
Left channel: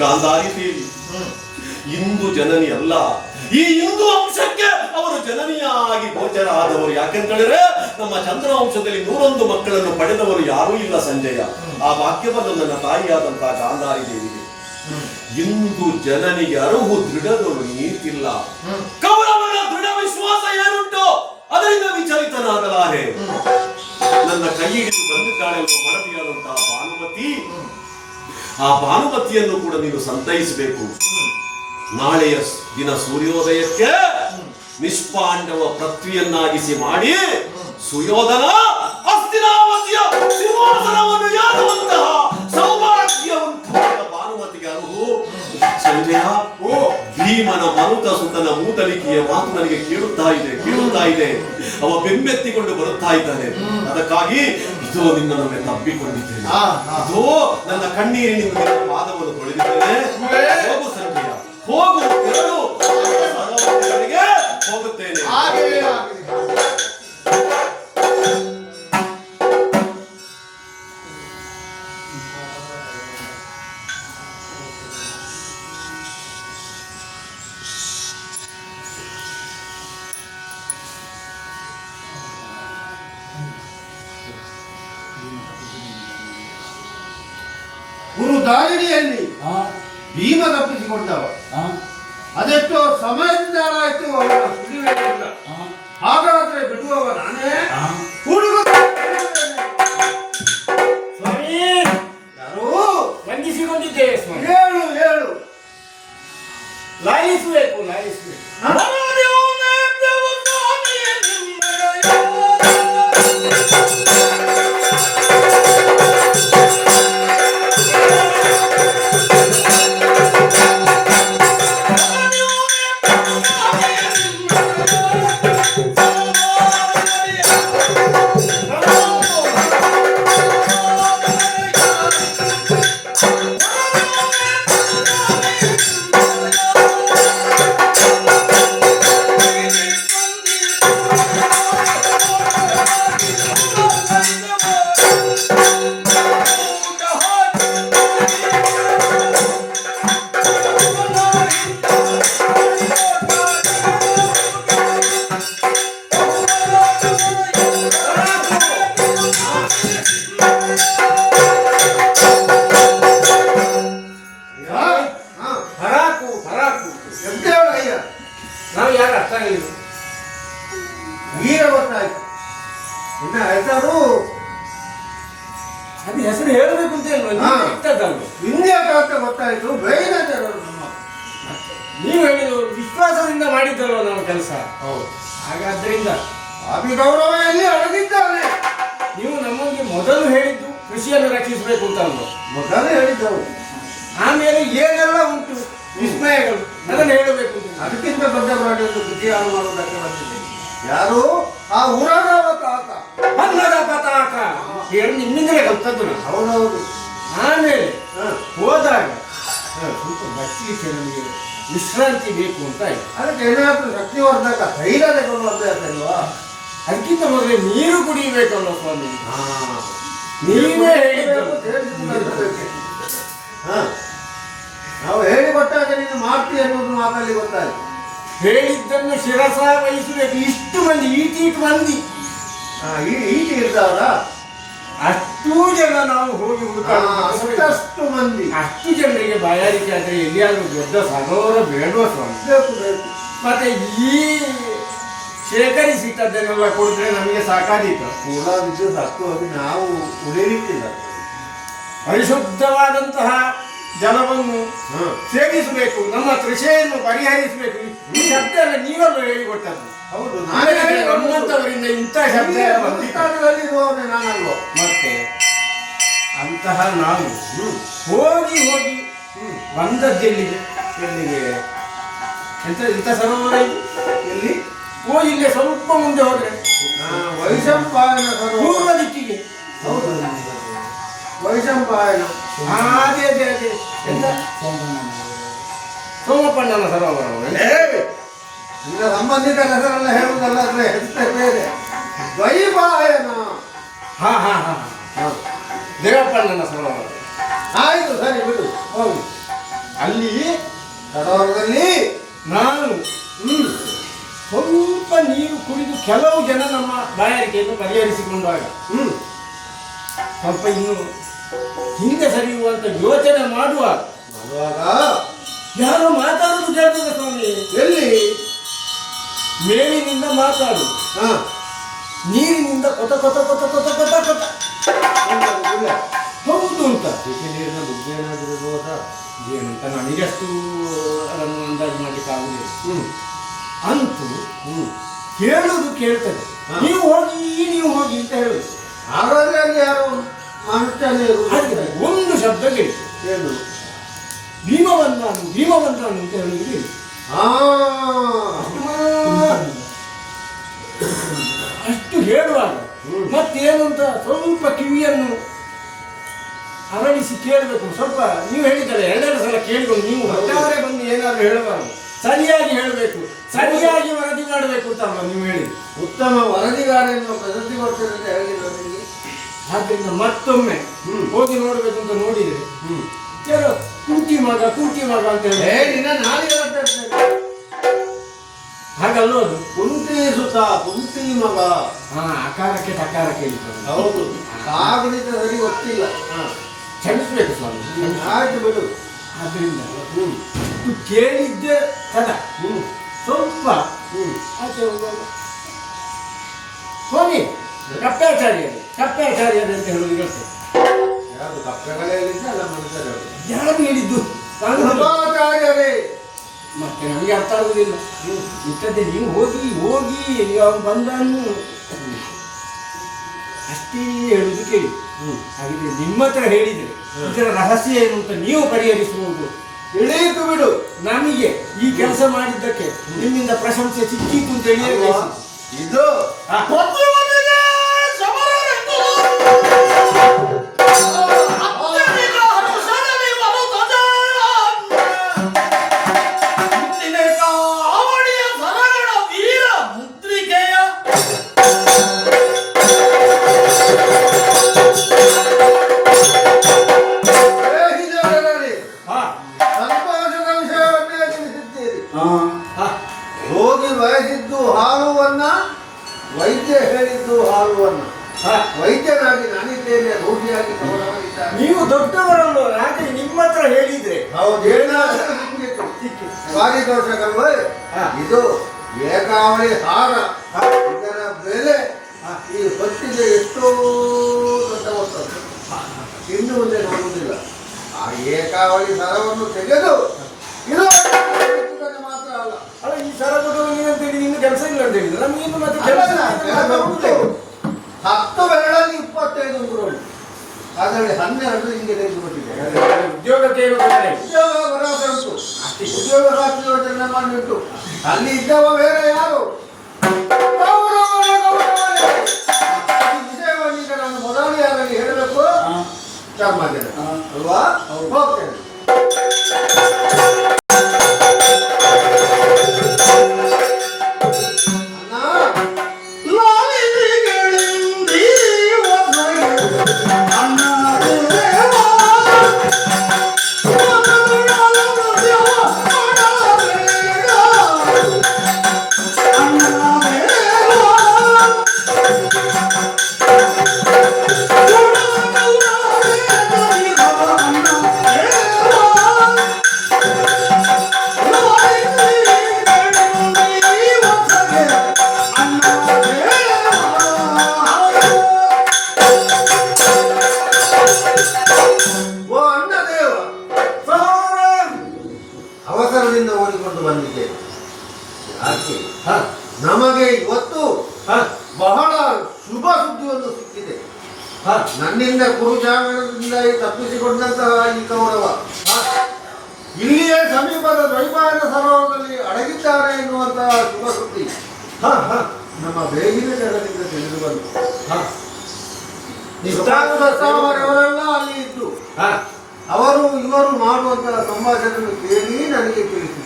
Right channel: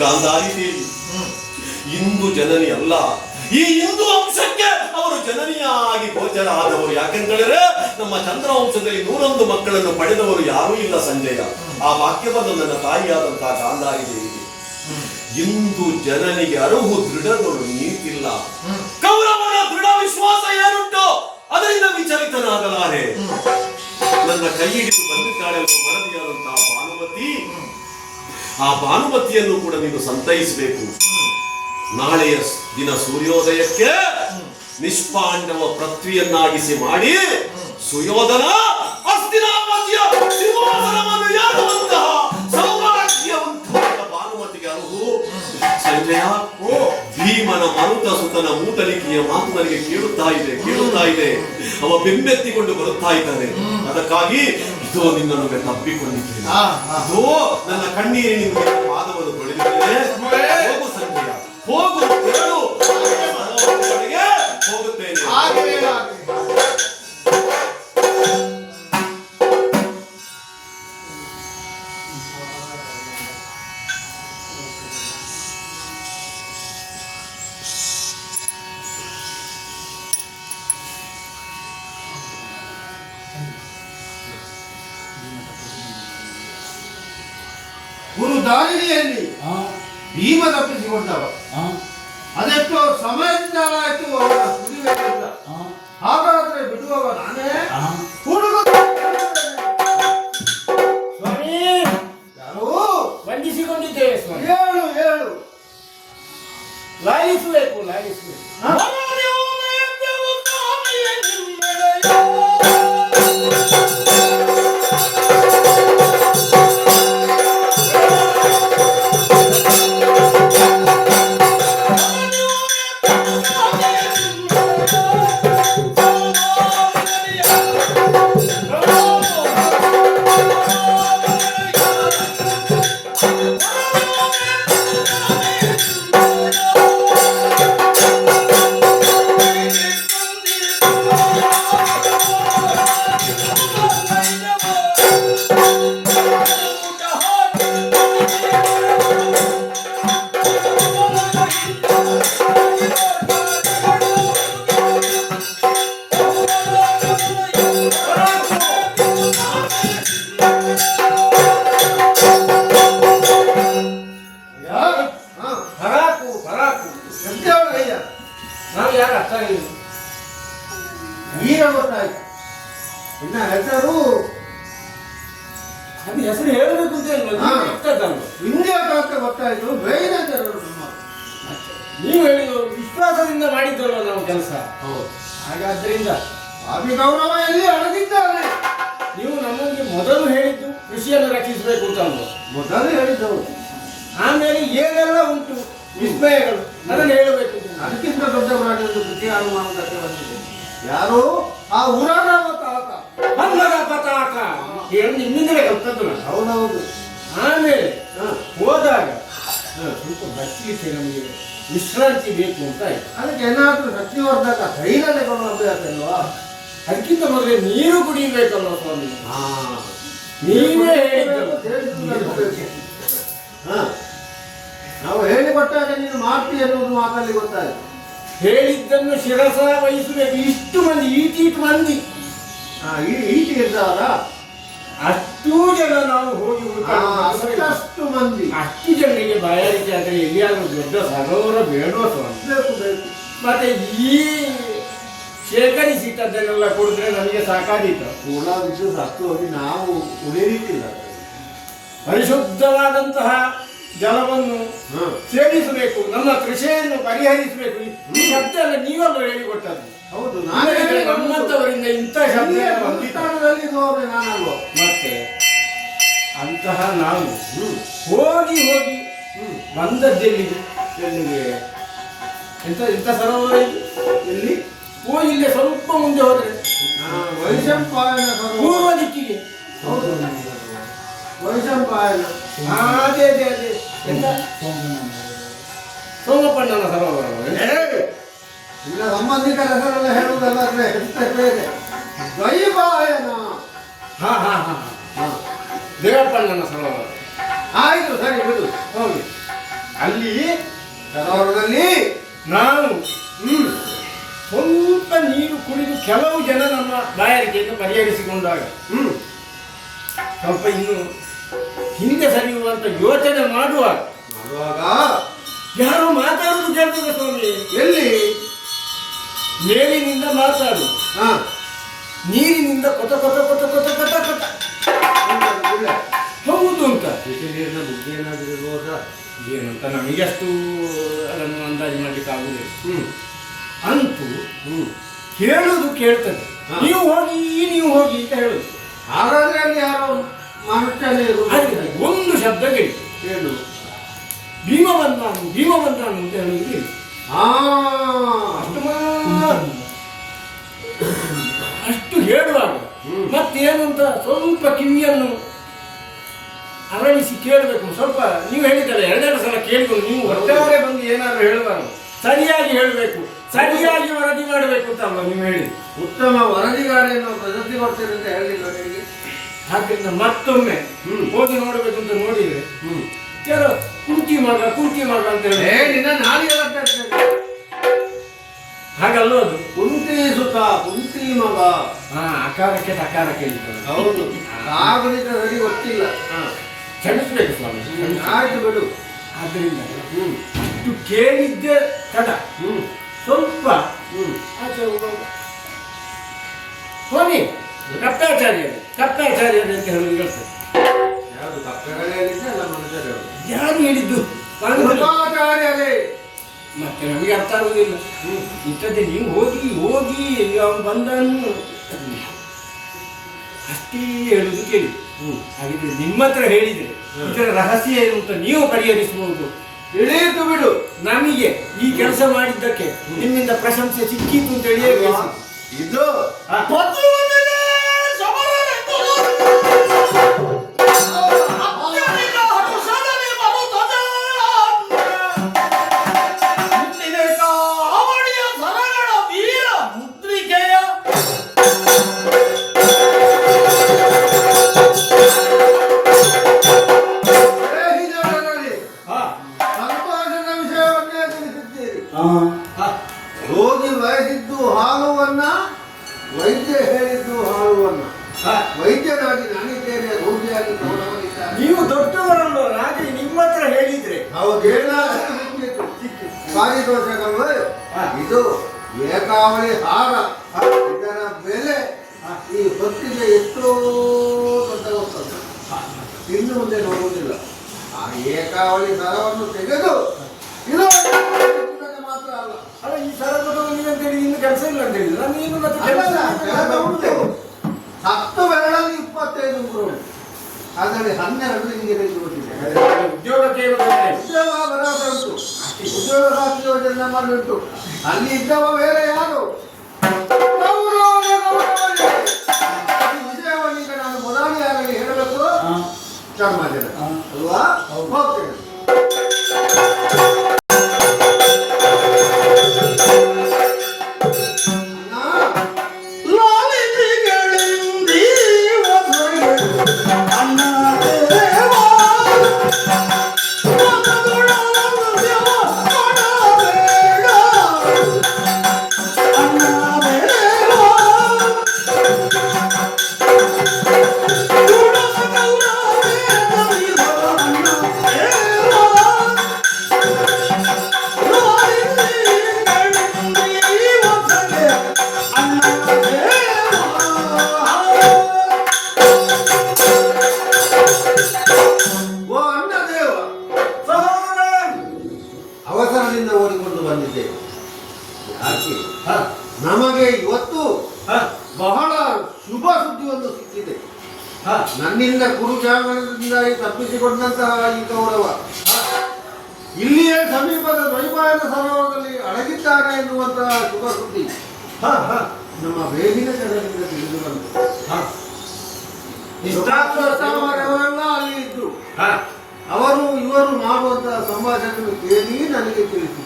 ಗಾಂಧಾರಿ ದೇವಿ ಇಂದು ಜನನಿ ಅಲ್ಲ, ಈ ಹಿಂದೂ ವಂಶಕ್ಕೆ ಅವರು ಜನನಿಯಾಗಿ ಗೋಚರ ಆದವರು. ಯಾಕೆಂದರೆ ನಮ್ಮ ಚಂದ್ರವಂಶದಲ್ಲಿ 101 ಮಕ್ಕಳನ್ನು ಪಡೆದವರು ಯಾರೂ ಇಲ್ಲ ಸಂಜಯ. ಆ ವಾಕ್ಯವನ್ನು ನನ್ನ ತಾಯಿಯಾದಂತಹ ಗಾಂಧಾರಿ ದೇವಿಗೆ. ಇಂದು ಜನನಿಗೆ ಅರುಹು ದೃಢಗಳು ನೀತಿಲ್ಲ. ಕೌರವನ ದೃಢ ವಿಶ್ವಾಸ ಏನುಂಟು ಅದರಿಂದ ವಿಚಲಿತನಾಗಲಾರೆ. ನನ್ನ ಕೈ ಹಿಡಿದು ಬಂದಿದ್ದಾಳೆ ಮಡದಿಯಾದಂತಹ ಭಾನುಮತಿ. ಆ ಭಾನುಮತಿಯನ್ನು ಕೂಡ ನೀನು ಸಂತೈಸಬೇಕು. ನಾಳೆಯ ದಿನ ಸೂರ್ಯೋದಯಕ್ಕೆ ನಿಷ್ಪಾಂಡವ ಪೃಥ್ವಿಯನ್ನಾಗಿಸಿ ಮಾಡಿ ಸುಯೋಧನ ಹಸ್ತಿನಾವತಿಯ ಸಿಂಹಾಸನವನ್ನು ಏರುವಂತಹ ಸೌಭಾಗ್ಯವಂತವಾದ ಭಾನುಮತಿಗೆ ಅರುಹು. ಸಂಜಯ, ಭೀಮನ ಮರುತ ಸುತನ ಮೂತಲಿಕೆಯ ಮಾತು ನನಗೆ ಕೇಳುತ್ತಾ ಇದೆ. ಅವ ಬೆಮ್ಮೆತ್ತಿಕೊಂಡು ಬರುತ್ತಾ ಇದ್ದಾನೆ. ಅದಕ್ಕಾಗಿ ಇದೋ ನಿನ್ನನ್ನು ತಬ್ಬಿಕೊಂಡಿದ್ದೇನೆ. ಇದೋ ನನ್ನ ಕಣ್ಣೀರಿನಿಂದ ಪಾದವನ್ನು ತೊಳೆದಿದ್ದೇನೆ. ಹೋಗು ಸಂಜಯ, ಹೋಗು, ದಾರಿಣಿಯಲ್ಲಿ ಹಾ ಭೀಮ ತಪ್ಪಿಸಿಕೊಂಡವ. ಹಾ ಅದೆಷ್ಟೋ ಸಮಯದಿಂದ ಆಯ್ತು ಅವನ ಸುಳಿವೇನಿಲ್ಲ. ಹಾ ಹಾಗಾದ್ರೆ ಬಿಡುವವ ನಾನೇ? ಹಾ ಹುಡುಗ ಸ್ವಾಮಿ ಯಾರು? ವಂದಿಸಿಕೊಂಡಿದ್ದೇವೆ ಸ್ವಾಮಿ. ಹೇಳು ಹೇಳು. ಲಾಲಿಸಬೇಕು ಲಾಲಿಸಬೇಕು. ಹರಾಕು ಹರಾಕು ಎಂತೇಳು ಅಯ್ಯ? ನಾವು ಯಾರು ಅರ್ಥ ಆಗಿಲ್ಲ. ಈಗ ಗೊತ್ತಾಯ್ತು. ಇನ್ನ ಹೆಸರು ಅದು ಹೆಸರು ಹೇಳಬೇಕು ಅಂತ ಇಲ್ವ? ಹಾ. ಇರ್ತದಲ್ವ? ವಿಂಧ್ಯ ಅಂತ ಗೊತ್ತಾಯ್ತು. ಬೇರೆ ಜನರು ನಮ್ಮ. ನೀವು ಹೇಳಿದ ವಿಶ್ವಾಸದಿಂದ ಮಾಡಿದ್ದಲ್ವ ನಾವು ಕೆಲಸ. ಹೌದು. ಹಾಗಾದ್ರಿಂದ ಸ್ವಾಮಿ ಗೌರವ ಎಲ್ಲಿ ಅಡಗಿದ್ದಾನೆ? ನೀವು ನಮಗೆ ಮೊದಲು ಹೇಳಿದ್ದು ಕೃಷಿಯನ್ನು ರಕ್ಷಿಸಬೇಕು ಅಂತ ಅಲ್ವ? ಮೊದಲು ಹೇಳಿದ್ದವು. ಆಮೇಲೆ ಏನೆಲ್ಲ ಉಂಟು ವಿಸ್ಮಯಗಳು ಅದನ್ನು ಹೇಳಬೇಕು ಅಂತ. ಅದಕ್ಕಿಂತ ದೊಡ್ಡ ಪ್ರಾಣಿ ಒಂದು ಕೃಷಿ ಮಾಡುವುದಕ್ಕೆ ಬಂದಿದೆ. ಯಾರು? ಆ ಊರದ ತಾತ. ಅನ್ನದ ಪತಾಕ ಹೇಳಿ ನಿಮ್ಮಿಂದಲೇ ಗೊತ್ತದ್ದು ನಾನು. ಹೌದೌದು. ಆಮೇಲೆ ಹ. ಹೋದಾಗ ಸ್ವಲ್ಪ ಬಚ್ಚಲಿಕ್ಕೆ ನಮಗೆ ವಿಶ್ರಾಂತಿ ಬೇಕು ಅಂತ ಆಯ್ತು. ಅದಕ್ಕೆ ಏನಾದ್ರೂ ಶಕ್ತಿವರ್ಧಕ ಧೈರ್ಯ ತಗೊಂಡು ಅಭ್ಯಾಸ ಇಲ್ವಾ? ಅದಕ್ಕಿಂತ ಮೊದಲೇ ನೀರು ಕುಡಿಯಬೇಕಲ್ಲ ಸ್ವಾಮಿ. ಹಾ. ನೀವೇ ಹೇಳಿದ್ದು. ಹ. ನಾವು ಹೇಳಿಕೊಟ್ಟಾಗ ನೀನು ಮಾಡ್ತಿ ಅನ್ನೋದು ಮಾತಲ್ಲಿ ಗೊತ್ತಾಯ್ತು. ಹೇಳಿದ್ದನ್ನು ಶಿರಸ ವಹಿಸಬೇಕು. ಇಷ್ಟು ಮಂದಿ ಈಟೀಟ್ ಮಂದಿ ಈಟಿ ಇರ್ತಾವಲ್ಲ, ಅಷ್ಟೂ ಜನ ನಾವು ಹೋಗಿ ಹುಡುಕಾಡುವುದು. ಅಷ್ಟಷ್ಟು ಮಂದಿ ಅಷ್ಟು ಜನರಿಗೆ ಬಾಯಾರಿಕೆ ಆದರೆ ಎಲ್ಲಿಯಾದ್ರೂ ದೊಡ್ಡ ಸರೋವರ ಬೇಡುವ ಸ್ವಾಮಿ. ಬೇಕು ಬೇಕು. ಮತ್ತೆ ಈ ಶೇಖರಿಸಿದ್ದನ್ನೆಲ್ಲ ಕೊಡಿದ್ರೆ ನಮಗೆ ಸಾಕಾದೀತು. ಕೂಡ ವಿದ್ಯುತ್ ಹತ್ತು ಹೋಗಿ ನಾವು ಉಳಿಲಿಕ್ಕಿಲ್ಲ. ಪರಿಶುದ್ಧವಾದಂತಹ ಜಲವನ್ನು ಹ. ಸೇವಿಸಬೇಕು, ನಮ್ಮ ಕೃಷಿಯನ್ನು ಪರಿಹರಿಸಬೇಕು. ಈ ಶಬ್ದ ಎಲ್ಲ ನೀವಲ್ಲ ಹೇಳಿಕೊಟ್ಟದ್ದು. ಹೌದು. ನಾನೇ ನಮ್ಮಂತವರಿಂದ ಇಂಥ ಶಬ್ದ ಎಲ್ಲ ಬಂದಿತ್ತು. ಸ್ಥಾನದಲ್ಲಿ ಇರುವವನೇ ನಾನಲ್ವ? ಮತ್ತೆ ಅಂತಹ ನಾವು ಹೋಗಿ ಹೋಗಿ ಬಂದದ್ದೆಲ್ಲಿಗೆ ಎಲ್ಲಿಗೆ? ಎಂತ ಇಂಥ ಸರೋವರ ಇದು? ಇಲ್ಲಿ ಓ ಇಲ್ಲೇ ಸ್ವಲ್ಪ ಮುಂದೆ ಹೋದ್ರೆ ವೈಶಂಪಾಯನ ಪೂರ್ವ ಸರೋವರ. ದಿಕ್ಕಿಗೆ. ಹೌದು. ವೈಶಂಪಾಯನ. ಅದೇ ಅದೇ ಅದೇ ಎಂತ ಸೋಮಪ್ಪಣ್ಣನ ಸರೋವರ. ಈಗ ಸಂಬಂಧಿಕರ ಹೆಸರೆಲ್ಲ ಹೇಳುವುದಲ್ಲ, ಅಂದ್ರೆ ಹೆಸರು ಬೇರೆ. ದ್ವೈಪಾಯನ. ಹಾ ಹಾ ಹಾ ಹಾ ದೇವಪ್ಪಣ್ಣನ ಸರೋವರ. ಆಯ್ತು, ಸರಿ ಬಿಡು. ಹೌದು. ಅಲ್ಲಿ ಸರೋವರದಲ್ಲಿ ನಾನು ಸ್ವಲ್ಪ ನೀರು ಕುಡಿದು ಕೆಲವು ಜನ ನಮ್ಮ ಬಾಯಾರಿಕೆಯನ್ನು ಪರಿಹರಿಸಿಕೊಂಡಾಗ ಸ್ವಲ್ಪ ಇನ್ನು ಹಿಂದೆ ಸರಿಯುವಂತ ಯೋಚನೆ ಮಾಡುವಾಗ ಯಾರೋ ಮಾತಾಡುವುದು ಕೇಳ್ತದೆ ಸ್ವಾಮಿ. ಎಲ್ಲಿ? ಮೇಲಿನಿಂದ ಮಾತಾಡು, ಹಾ. ನೀರಿನಿಂದ ಕೊತ ಕೊತ ಕೊತ ಕೊತ ಕೊತ ಕೊತ. ಇಲ್ಲ. ಹೌದು ಅಂತ ಬಿಸಿ ನೀರಿನ ಬುದ್ಧಿ ಏನಾದರೂ ಇರ್ಬೋದಾ? ಏನಂತ ನಮಗಷ್ಟು ಅದನ್ನು ಅಂದಾಜು ಮಾಡಲಿಕ್ಕೆ ಆಗುದಿಲ್ಲ. ಹ್ಮ್. ಅಂತೂ ಕೇಳುವುದು ಕೇಳ್ತದೆ. ಹಾ. ನೀವು ಹೋಗಿ ಅಂತ ಹೇಳುದು. ಹಾಗಾದ್ರೆ ಅಲ್ಲಿ ಯಾರೋ ಮನುಷ್ಯನೇ ಹಾಗಿದ್ರೆ ಒಂದು ಶಬ್ದ ಕೇಳಿ ಏನು? ಭೀಮವನ್ನಾನು ಅಂತ ಹೇಳುವುದು. ಹಾ. ಅಷ್ಟು ಹೇಳುವಾಗ ಮತ್ತೇನು ಅಂತ ಸ್ವಲ್ಪ ಕಿವಿಯನ್ನು ಅರಳಿಸಿ ಕೇಳಬೇಕು. ಸ್ವಲ್ಪ ನೀವು ಹೇಳಿದರೆ ಎರಡೆರಡು ಸಲ ಕೇಳಿಕೊಂಡು ನೀವು ಒಟ್ಟಾರೆ ಬಂದು ಏನಾದರೂ ಹೇಳಬಾರದು. ಸರಿಯಾಗಿ ಹೇಳಬೇಕು, ಸರಿಯಾಗಿ ವರದಿ ಮಾಡಬೇಕು ಅಂತ ಅಲ್ವಾ ನೀವು ಹೇಳಿ. ಉತ್ತಮ ವರದಿಗಾರನ್ನು ಪ್ರಶಸ್ತಿ ಕೊಡ್ತೇನೆ ಅಂತ ಹೇಳಿಲ್ಲ ನಿಮಗೆ. ಆದ್ದರಿಂದ ಮತ್ತೊಮ್ಮೆ ಹೋಗಿ ನೋಡಬೇಕು ಅಂತ ನೋಡಿದ್ರೆ ಯಾರೋ ಕುಂಟಿ ಮಗ ಅಂತ ಹೇಳಿ ನಿನ್ನ ನಾಲಿಗೆ ಹಾಗಲ್ವ ಅದು. ಕುಂತಿ ಸುತ, ಕುಂತಿ ಮಗ. ಅಕಾರಕ್ಕೆ ತಕಾರಕ್ಕೆ ಇರ್ತದೆ. ಹೌದು. ಕಾಗುಣಿತ ಸರಿ ಗೊತ್ತಿಲ್ಲ. ಕ್ಷಮಿಸ್ಬೇಕು ಸ್ವಾಮಿ, ಕ್ಷಮಿಸ್ಬೇಕು. ಆಯ್ತು ಬಿಡು. ಆದ್ದರಿಂದ ಇದು ಕೇಳಿದ್ದೆ ತಡ ಸ್ವಲ್ಪ ಆಚೆ ಹೋಗುವಾಗ ಸ್ವಾಮಿ ಕಪ್ಪಾಚಾರ್ಯರು ಅಂತ ಹೇಳುವುದು ಹೇಳ್ತಾರೆ. ಯಾರು ಕಪ್ಪೆಗಳೇ ಹೇಳಿದ್ದೆ ಅಲ್ಲ ಮನುಷ್ಯರು. ಯಾರು ಹೇಳಿದ್ದು? ಕೃಪಾಚಾರ್ಯರೇ. ಮತ್ತೆ ನಮಗೆ ಅರ್ಥ ಆಗುದಿಲ್ಲ. ಇಂಥದ್ದೇ ನೀವು ಹೋಗಿ ಹೋಗಿ ಅವನು ಬಂದನು ಅಷ್ಟೇ ಹೇಳುದು ಕೇಳಿ. ಹಾಗಿದ್ರೆ ನಿಮ್ಮ ಹತ್ರ ಹೇಳಿದ್ರೆ ಇದರ ರಹಸ್ಯ ಏನು ಅಂತ ನೀವು ಪರಿಹರಿಸಬಹುದು. ತಿಳಿಯಿತು ಬಿಡು. ನಮಗೆ ಈ ಕೆಲಸ ಮಾಡಿದ್ದಕ್ಕೆ ನಿಮ್ಮಿಂದ ಪ್ರಶಂಸೆ ಸಿಕ್ಕಿತು ಅಂತ ಹೇಳಿ ಇದು ಪತಿವನಿಗೆ ಸಮರನೆಂದು ಅತ್ಯಧಿಕ ಹರುಷದಲ್ಲಿ ಬರುತ್ತದೆ. ಇಂದಿನ ಕಾವಡಿಯ ಸರಗಳ ವೀರ ಮುದ್ರಿಕೆಯ ದೇಹಿಜನರಲ್ಲಿ ಸಂತೋಷದ ವಿಷಯವನ್ನೇ ತಿಳಿಸಿದ್ದೀರಿ. ರೋಗಿ ಬಯಸಿದ್ದು ಹಾಲುವನ್ನ, ವೈದ್ಯ ಹೇಳಿದ್ದು ಹಾಲುವನ್ನ. ವೈದ್ಯನಾಗಿ ನಾನಿದ್ದೇನೆ, ರೋಗಿಯಾಗಿ ಗೌರವನಿದ್ದಾನೆ. ನೀವು ದೊಡ್ಡವರನ್ನು ಹಾಗೆ ನಿಮ್ಮ ಹತ್ರ ಹೇಳಿದ್ರೆ ಹೌದು, ಏನಾದರೂ ಸಿಕ್ಕಿತು. ಪಾರಿತೋಷಕಲ್ವೇ? ಇದು ಏಕಾವಳಿ ಹಾರ. ಇದರ ಬೆಲೆ ಈ ಹೊತ್ತಿಗೆ ಎಷ್ಟೋ ದೊಡ್ಡ ಹೋಗ್ತದೆ. ಇನ್ನು ಮುಂದೆ ನೋಡುವುದಿಲ್ಲ. ಆ ಏಕಾವಳಿ ಸರವನ್ನು ತೆಗೆದು ಇದು ಮಾತ್ರ ಅಲ್ಲ. ಅಲ್ಲ, ಈ ಸರಗಳು ಅಂತ ಹೇಳಿ ಇನ್ನು ಕೆಲಸ ಇಲ್ಲ ಅಂತ ಹೇಳಿದ್ರೆ ನಮಗಿನ್ನು ಮತ್ತೆ ಕೆಲಸ ಕೆಲಸ ಉಂಟು. 10 ಬೆರಳಲ್ಲಿ 25 ಉಂಟು. ಅದರಲ್ಲಿ 12 ಹಿಂಗೆ ತೆಗೆದುಕೊಂಡಿದೆ. ಉದ್ಯೋಗಕ್ಕೆ ಉದ್ಯೋಗ ಭರವಸೆ ಉಂಟು. ಉದ್ಯೋಗ ಖಾತ್ರಿ ಯೋಜನೆ ಮಾಡಿಟ್ಟು ಅಲ್ಲಿ ಇದ್ದವ ಬೇರೆ ಯಾರು? ಈ ವಿಷಯವನ್ನು ಈಗ ನಾನು ಮೊದಲನೆಯಾಗಿ ಹೇಳಬೇಕು. ಚಾರ್ಮಾಜನ ಅಲ್ವಾ? ಹೋಗ್ತೇನೆ. ಅವಸರದಿಂದ ಓಡಿಕೊಂಡು ಬಂದಿದ್ದೇವೆ. ಯಾಕೆ? ನಮಗೆ ಇವತ್ತು ಬಹಳ ಶುಭ ಸುದ್ದಿಯೊಂದು ಸಿಕ್ಕಿದೆ. ನನ್ನಿಂದ ಕುರುಜಾಗರದಿಂದ ತಪ್ಪಿಸಿಕೊಂಡಂತಹ ಈ ಕೌರವ ಇಲ್ಲಿಯೇ ಸಮೀಪದ ದ್ವೈಪಾಯನ ಸರೋವರದಲ್ಲಿ ಅಡಗಿದ್ದಾನೆ ಎನ್ನುವಂತಹ ಶುಭ ಸುದ್ದಿ ನಮ್ಮ ಬೇಗಿನ ಜನರಿಂದ ತಿಳಿದು ಬಂತು. ಅವರೆಲ್ಲ ಅಲ್ಲಿ ಇದ್ದು ಅವರು ಇವರು ಮಾಡುವಂತಹ ಸಂಭಾಷಣೆಯನ್ನು ಕೇಳಿ ನನಗೆ ತಿಳಿಸಿತು.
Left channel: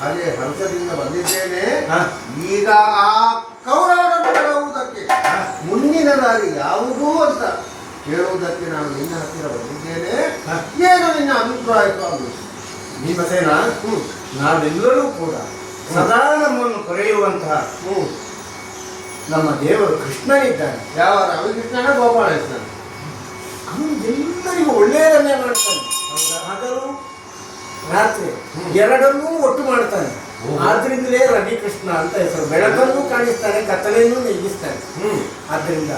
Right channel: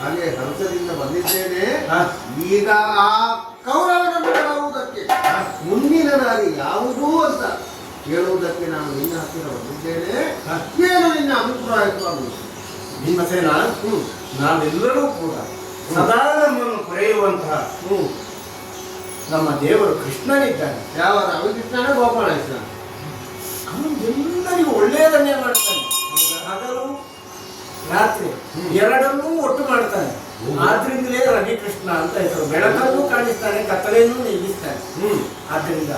ಹಾಗೆ ಹಂಸದಿಂದ ಬಂದಿದ್ದೇನೆ. ಈಗ ಆ ಕೌರವನನ್ನು ಬಿಡುವುದಕ್ಕೆ ಮುಂದಿನ ದಾರಿ ಯಾವುದೂ ಅಂತ ಹೇಳುವುದಕ್ಕೆ ನಾನು ನಿನ್ನ ಹತ್ತಿರ ಬಂದಿದ್ದೇನೆ. ಏನು ನಿನ್ನ ಅಭಿಪ್ರಾಯ ಸ್ವಾಮಿ? ಭೀಮಸೇನ, ನಾವೆಲ್ಲರೂ ಕೂಡ ಸದಾ ನಮ್ಮನ್ನು ಕೊರೆಯುವಂತಹ ನಮ್ಮ ದೇವರು ಕೃಷ್ಣನಿದ್ದಾನೆ. ಯಾವ ರವಿಕೃಷ್ಣನೇ ಗೋಪಾಲಕೃಷ್ಣ? ಅವನು ಎಲ್ಲರಿಗೂ ಒಳ್ಳೆಯದನ್ನೇ ಮಾಡ್ತಾನೆ. ಹಗಲು ರಾತ್ರಿ ಎರಡನ್ನೂ ಒಟ್ಟು ಮಾಡ್ತಾನೆ. ಆದ್ರಿಂದಲೇ ರವಿಕೃಷ್ಣ ಅಂತ ಹೆಸರು. ಬೆಳಕನ್ನು ಕಾಣಿಸ್ತಾನೆ, ಕತ್ತಲೆಯನ್ನು ನೀಗಿಸ್ತಾನೆ. ಆದ್ದರಿಂದ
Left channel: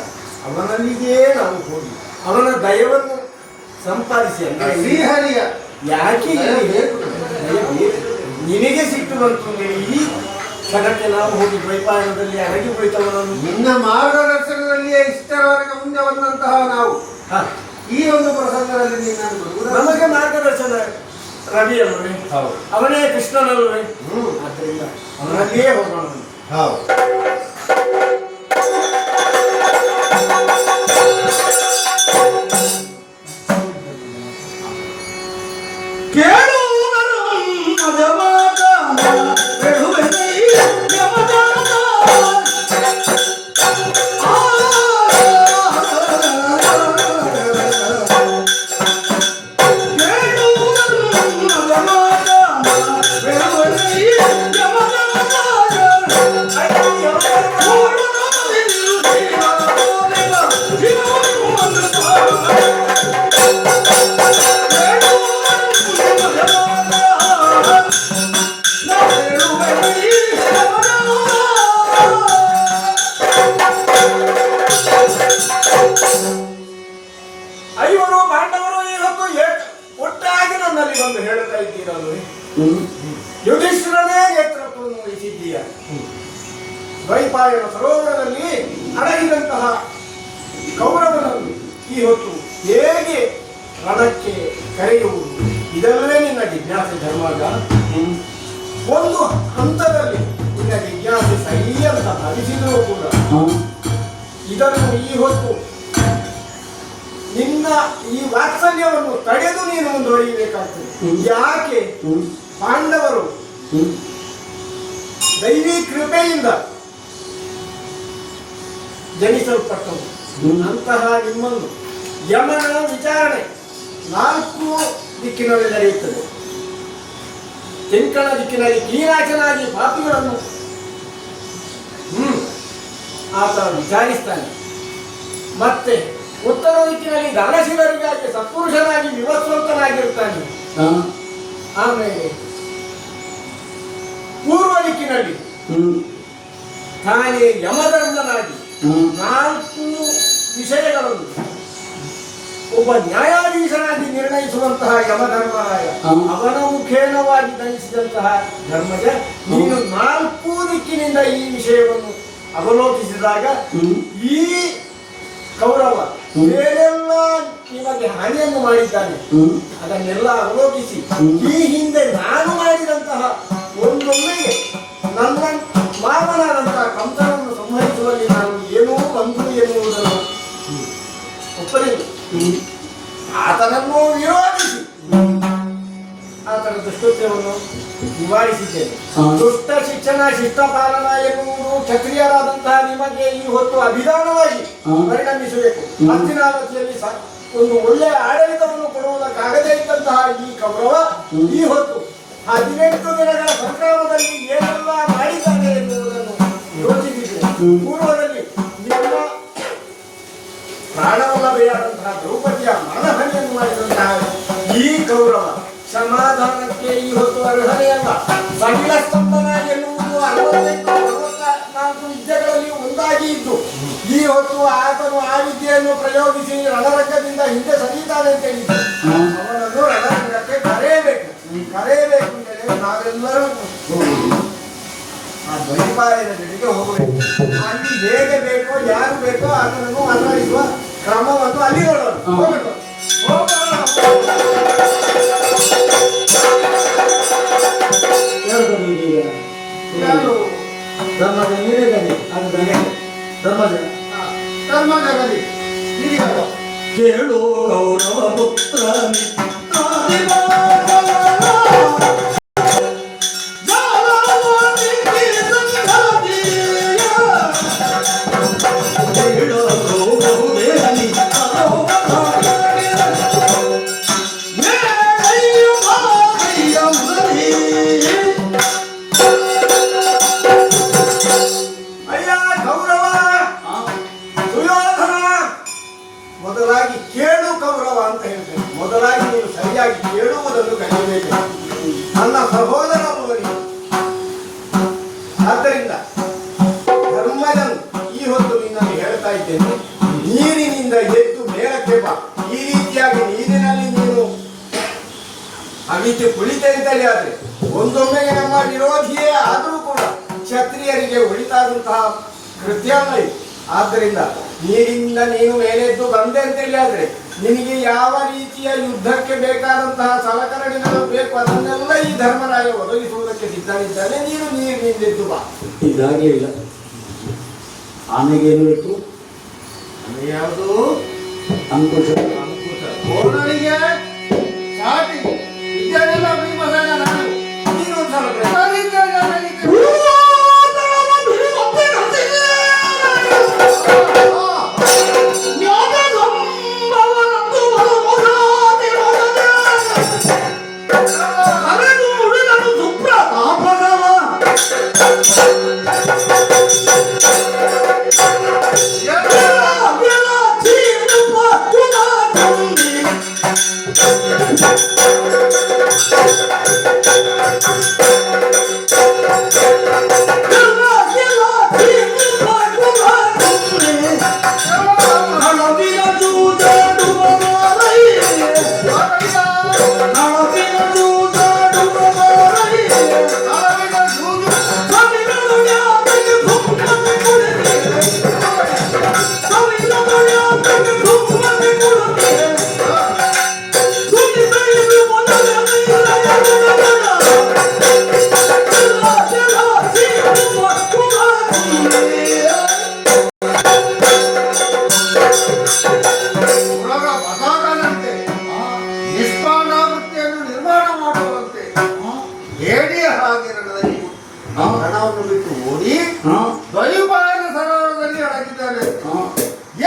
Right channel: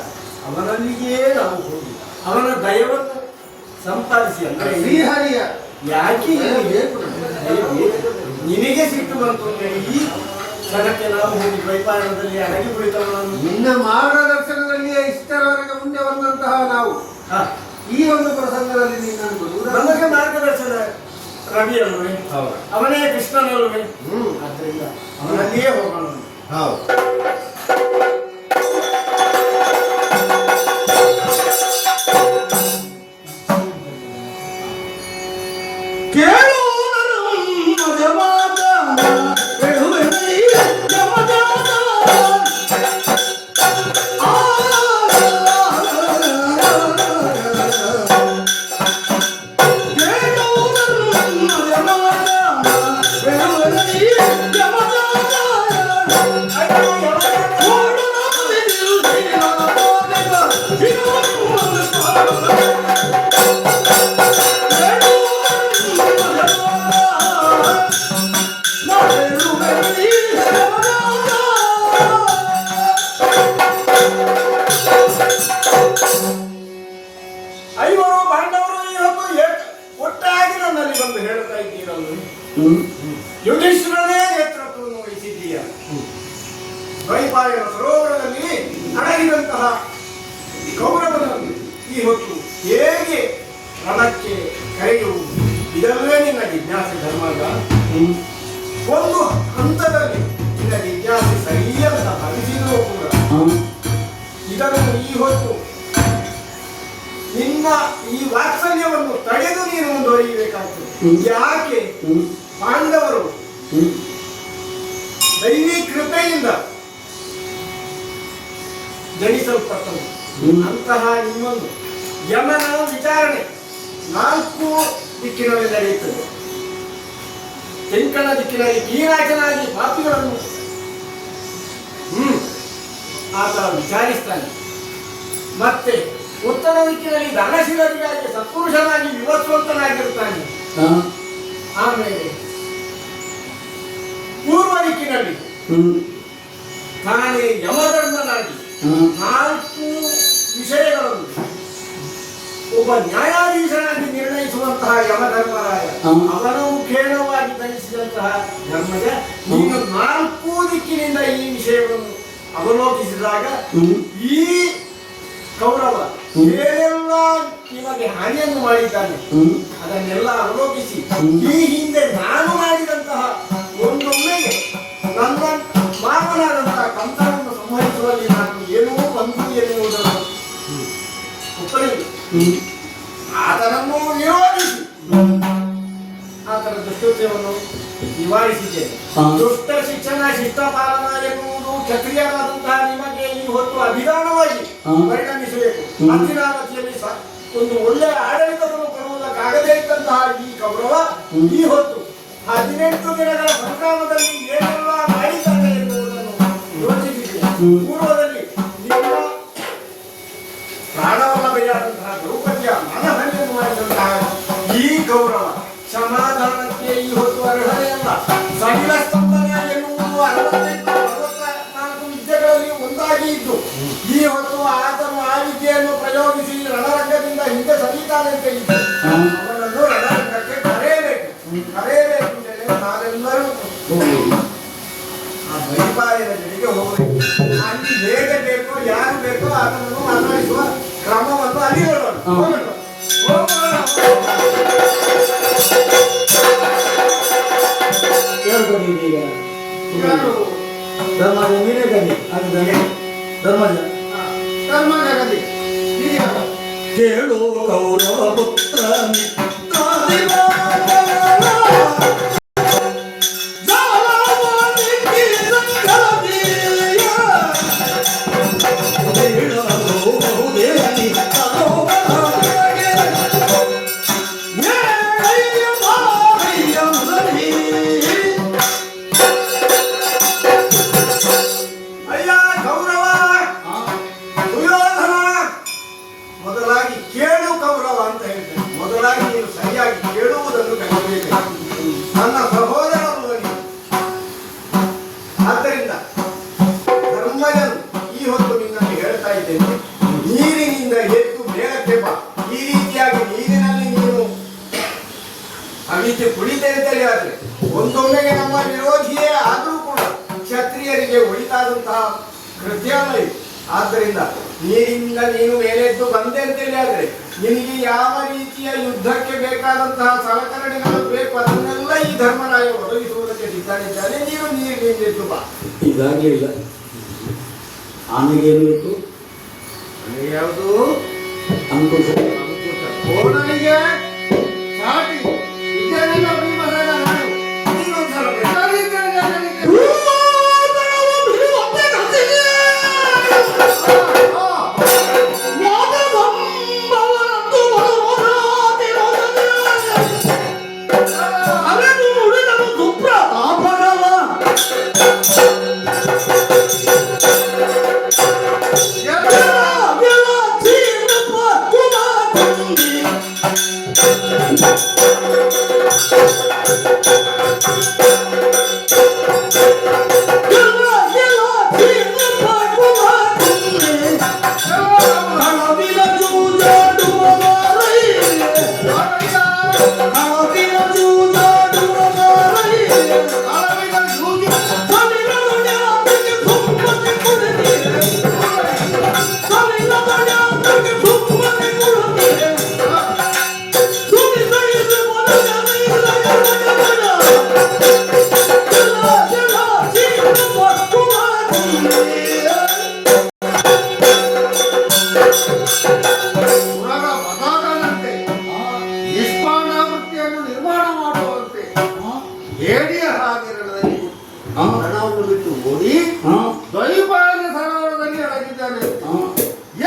ಅವನಲ್ಲಿಯೇ ನಾವು ಹೋಗಿ ಅವನ ದಯವನ್ನು ಸಂಪಾದಿಸಿ ಅಂದರೆ ಶ್ರೀಹರಿಯ ಯಾಕೆ ನಿನಗೆ ಸಿಟ್ಟು ಬಂತು ಅಂದ್ರೆ ಈ ಕ್ಷಣಕ್ಕೆ ನಾವು ಹೋಗಿ ದ್ವೈಪಾಯನದಲ್ಲಿ ಅಡಗಿ ಹೋಯ್ತವನನ್ನು ನಿನ್ನ ಮಾರ್ಗದರ್ಶನದಲ್ಲಿಯೇ ಇಷ್ಟರವರೆಗೆ ಮುಂದೆ ಬಂದಂತಹ ನಾವು ಈ ಒಂದು ಪ್ರಸಂಗದಲ್ಲಿ ನೀನು ನಮಗೆ ಮಾರ್ಗದರ್ಶನ ರವಿ ಅಲ್ವೇ? ಅವನೇ ಕೃಷ್ಣನಲ್ವೇ? ಆದ್ದರಿಂದ ಅವನಲ್ಲಿಯೇ ಹೋಗೋಣ. ಹೌದು. Yeah. ದ್ವೈಪಾಯನ ಸರೋವರದಲ್ಲಿ ಅಡಗಿದಂತಹ ಕೌರವನನ್ನು ಈ ಹೊತ್ತು ಹೇಗೆ ರಣಕ್ಕೆ ಕರೆಯುವುದು ಇದಲ್ಲೇ ನಿನ್ನ ಜಿಜ್ಞಾಸೆ ಧರ್ಮಗ. ಒಂದು ಹಂತದಲ್ಲಿ ನಿನ್ನ ಜಿಜ್ಞಾಸೆ ಸರಿ ಅಂತ ಭಾವಿಸಿದರೂ ಕೂಡ ಇದನ್ನು ಈ ಹೊತ್ತು ನಿನ್ನ ಈ ವಾತ್ಸಲ್ಯವನ್ನು ತಡೆದು ನೀನು ಮುಂದುವರಿಯಬೇಕಾಗ್ತದೆ. ಯಾಕೆ ಪಾಂಡವರು ದೈವಿ ಕೃಪೆಯಿಂದ ಜನಿಸಲ್ಪಟ್ಟರು. ಅಂತಹ ನಿಮ್ಮನ್ನು ಯಮನ ವಿಚಾರಣೆ 4 ದಿಕ್ಕಿನಲ್ಲಿ ನಡೆಯುತ್ತದೆ. ತೆಂಕಣ ದಿಕ್ಕಿನಲ್ಲಿ ಕೀರಾಚನಾಗಿ ಪಾಪಿಗಳನ್ನು ಆತ ವಿಚಾರಿಸ್ತಾನೆ. ಮತ್ತೆ ಉತ್ತರ ದಿಕ್ಕಿನಲ್ಲಿ ದಾನಶೀಲರಿಗಾಗಿ ಸತ್ಪುರುಷನಾಗಿ ವಿವಸ್ವಂತನಾಗಿರುತ್ತಾನೆ. ಆಮೇಲೆ ಪೂರ್ವ ದಿಕ್ಕಿನಲ್ಲಿ ತಾನೇ ಯಮಧರ್ಮನಾಗಿ 4 ವಿಷಯಗಳನ್ನು ಒಬ್ಬ ನ್ಯಾಯಾಧೀಶನಾಗಿ ನಿರ್ಣಯಿಸುವಂತಹ ಯಮಧರ್ಮರಾಯ ಅವನ ಮುಖೇನವಾಗಿ ದಂಡಿಸಿದಂತಹ ಧರ್ಮಜ, ನೀನು 4 ದಿಕ್ಕಿನಿಂದ ಈ ವಿಷಯವನ್ನು ಅವಲೋಕಿಸಿದಾಗ ಈ ಕೌರವ ಏನೆಲ್ಲ ನಿಮಗೆ ಹಾನಿಯನ್ನು ಮಾಡಿದ್ದಾನೆ ಅದನ್ನೆಲ್ಲ ಅವಲೋಕಿಸಿ ಈ ಹಿಂದೆ ನಾನು ಮಾಡಿದಂತಹ ಒಂದೊಮ್ಮೆಗೆ ನನ್ನ ಮಾವನಾದಂತಹ ಕಂಸನನ್ನು ಸಂಹರಿಸುವಲ್ಲಿ ನಾನು ಏನೋ ಬಂದು ಎನ್ನುವುದನ್ನು ಒಪ್ಪಲಿಲ್ಲ. ಆತನನ್ನು ವಿರೋಧಿಸಿ ಆತನ ದುಷ್ಟತ್ವವನ್ನು ನಿವಾರಿಸಿದ್ದೇನೆ. ದುಷ್ಟ ಶಿಕ್ಷಣ ಶಿಷ್ಟಪಾಲನ ಎನ್ನುವುದು ಕ್ಷತ್ರಿಯರಾದಂತಹ ನಿಮಗೆ ಈ ಹೊತ್ತು ಅಭಿಧಾನವಾಗಿ ಪರಿಣಮಿಸಬೇಕು. ಹಸ್ತಿನಾವತಿಯಲ್ಲಿ ಒಂದು ಒಳ್ಳೆಯ ಆಡಳಿತವನ್ನು ಕೊಡುವುದಕ್ಕಾಗದೇ ಇದ್ದಂತಹ ಈ ಕೌರವ ಈ ಹೊತ್ತು 18 ದಿನಗಳ ಸಂಗ್ರಾಮದಲ್ಲಿ ಏನೆಲ್ಲ ಮಾಡಿದ್ದಾರೆ ಎನ್ನುವುದನ್ನು ಯೋಚಿಸಿದೆ. ಪೂರ್ವದಲ್ಲಿ ನಿಮ್ಮ ಪ್ರಾಣವಲ್ಲಭೆಯಾದಂತಹ ದ್ರೌಪದಿಯ ಮಾನಹಾನಿಯನ್ನು ಮಾಡಿದಂತಹ ಈ ಕೌರವ ಸಮಾಧಾನಕ್ಕೆ ಈ ಹೊತ್ತು ಅರ್ಹನೆಯಲ್ಲ. ಸಡಿಲ ಸ್ತಂಭನ ಎನ್ನುವುದು 64 ವಿದ್ಯೆಗಳಲ್ಲಿ ಒಂದಾಗಿ ಇದ್ದು ಈ ಹೊತ್ತು ಆತನು ಆ ವಿದ್ಯೆಯನ್ನು ಪ್ರಯೋಗಿಸಿ ರಣರಂಗದಿಂದ ಹಿಂದೆ ಸರಿತಾನೆ ಅಂತ ಇದ್ದು ಅವನನ್ನು ರಣರಂಗಕ್ಕೆ ಕರೆಯಬೇಕು ಅಂದರೆ ನಾವೆಲ್ಲರೂ ಆ ಬೈಪಾಯದ ಜೊತೆಗೆ ಹೋಗಬೇಕು. ಅಲ್ಲಿ ಹೇಗೆ ಬೇಕೋ ಯಾರು ಬೇಕೋ ಆತನನ್ನು ಅನ್ವಯಿಸುವ ಕ್ರಮವನ್ನು ಅಲ್ಲಿ ಹೇಳೋಣ. ಕೇಳು ಕೌರವ ಪುತ್ರ ಮೊದಲಾಗಿ ಕೇಳು ಕೌರವ ಅಂತ ಹೇಳ್ತೇನೆ. ಮೊದಲಾಗಿ ನೀನು ಸರಿಯಾಗಿ ಕೇಳುವುದನ್ನು ಕಲಿಯಬೇಕು ನನ್ನ ಸಹೋದರರು. ಆದ್ದರಿಂದ ಧರ್ಮಜನು ಈ ಹೊತ್ತು ನಿನ್ನಲ್ಲಿ ಹೇಳ್ತಾ ಇದ್ದೇನೆ, ನೀರಿನಿಂದ ಎದ್ದು ಮೇಲಕ್ಕೆ ಬಾ. ಈ ರೀತಿಯಾಗಿ ನೀರಿನಲ್ಲಿ ನೀನು ಅವಿತು ಕುಳಿತರಿದ್ದರೆ ಆದರೆ ಒಂದೊಮ್ಮೆಗೆ ನಮ್ಮ ವಿರೋಧಿಯೇ ಆದರೂ ಕೂಡ ಕ್ಷತ್ರಿಯರಿಗೆ ಉಳಿತಾದಂತಹ ಕೃತ್ಯ ಅಲ್ಲ ಇದು. ಆದ್ದರಿಂದ ನೀರಿಂದ ನೀನು ಮೇಲೆದ್ದು ಬಂದೆ ಅಂತೇಳಿ ಆದರೆ ನಿನಗೆ ಯಾವ ರೀತಿಯ ಯುದ್ಧಕ್ಕೆ ಬೇಕಾದಂತಹ ಸಲಕರಣೆಗಳು ಬೇಕು ಅದನ್ನೆಲ್ಲ ಈ ಧರ್ಮರಾಯ ಒದಗಿಸುವುದಕ್ಕೆ ಸಿದ್ಧನಿದ್ದಾನೆ. ನೀನು ನೀರಿನಿಂದೆದ್ದು ಬಾ. ಇದಾಗಲೇ ಇಲ್ಲ. ಆನೆಗೇನು ಬೇಕು? ಯಾವುದು ಅಂಕುಶ. ಕೋಣರಿಗೆ ಸಾಟಿ ಇದನ್ನೆಲ್ಲ ಭೀಮಸೇನ ನಾನು ನೀನೊಂದ್ಸಲ Come ಬಾಣವನ್ನು ಬಿಟ್ಟು ಓಡಿ ದ್ವೈಪಾಯನ ಸರೋವರದಲ್ಲಿ ಅಡಗಿದ್ದಾನೆ.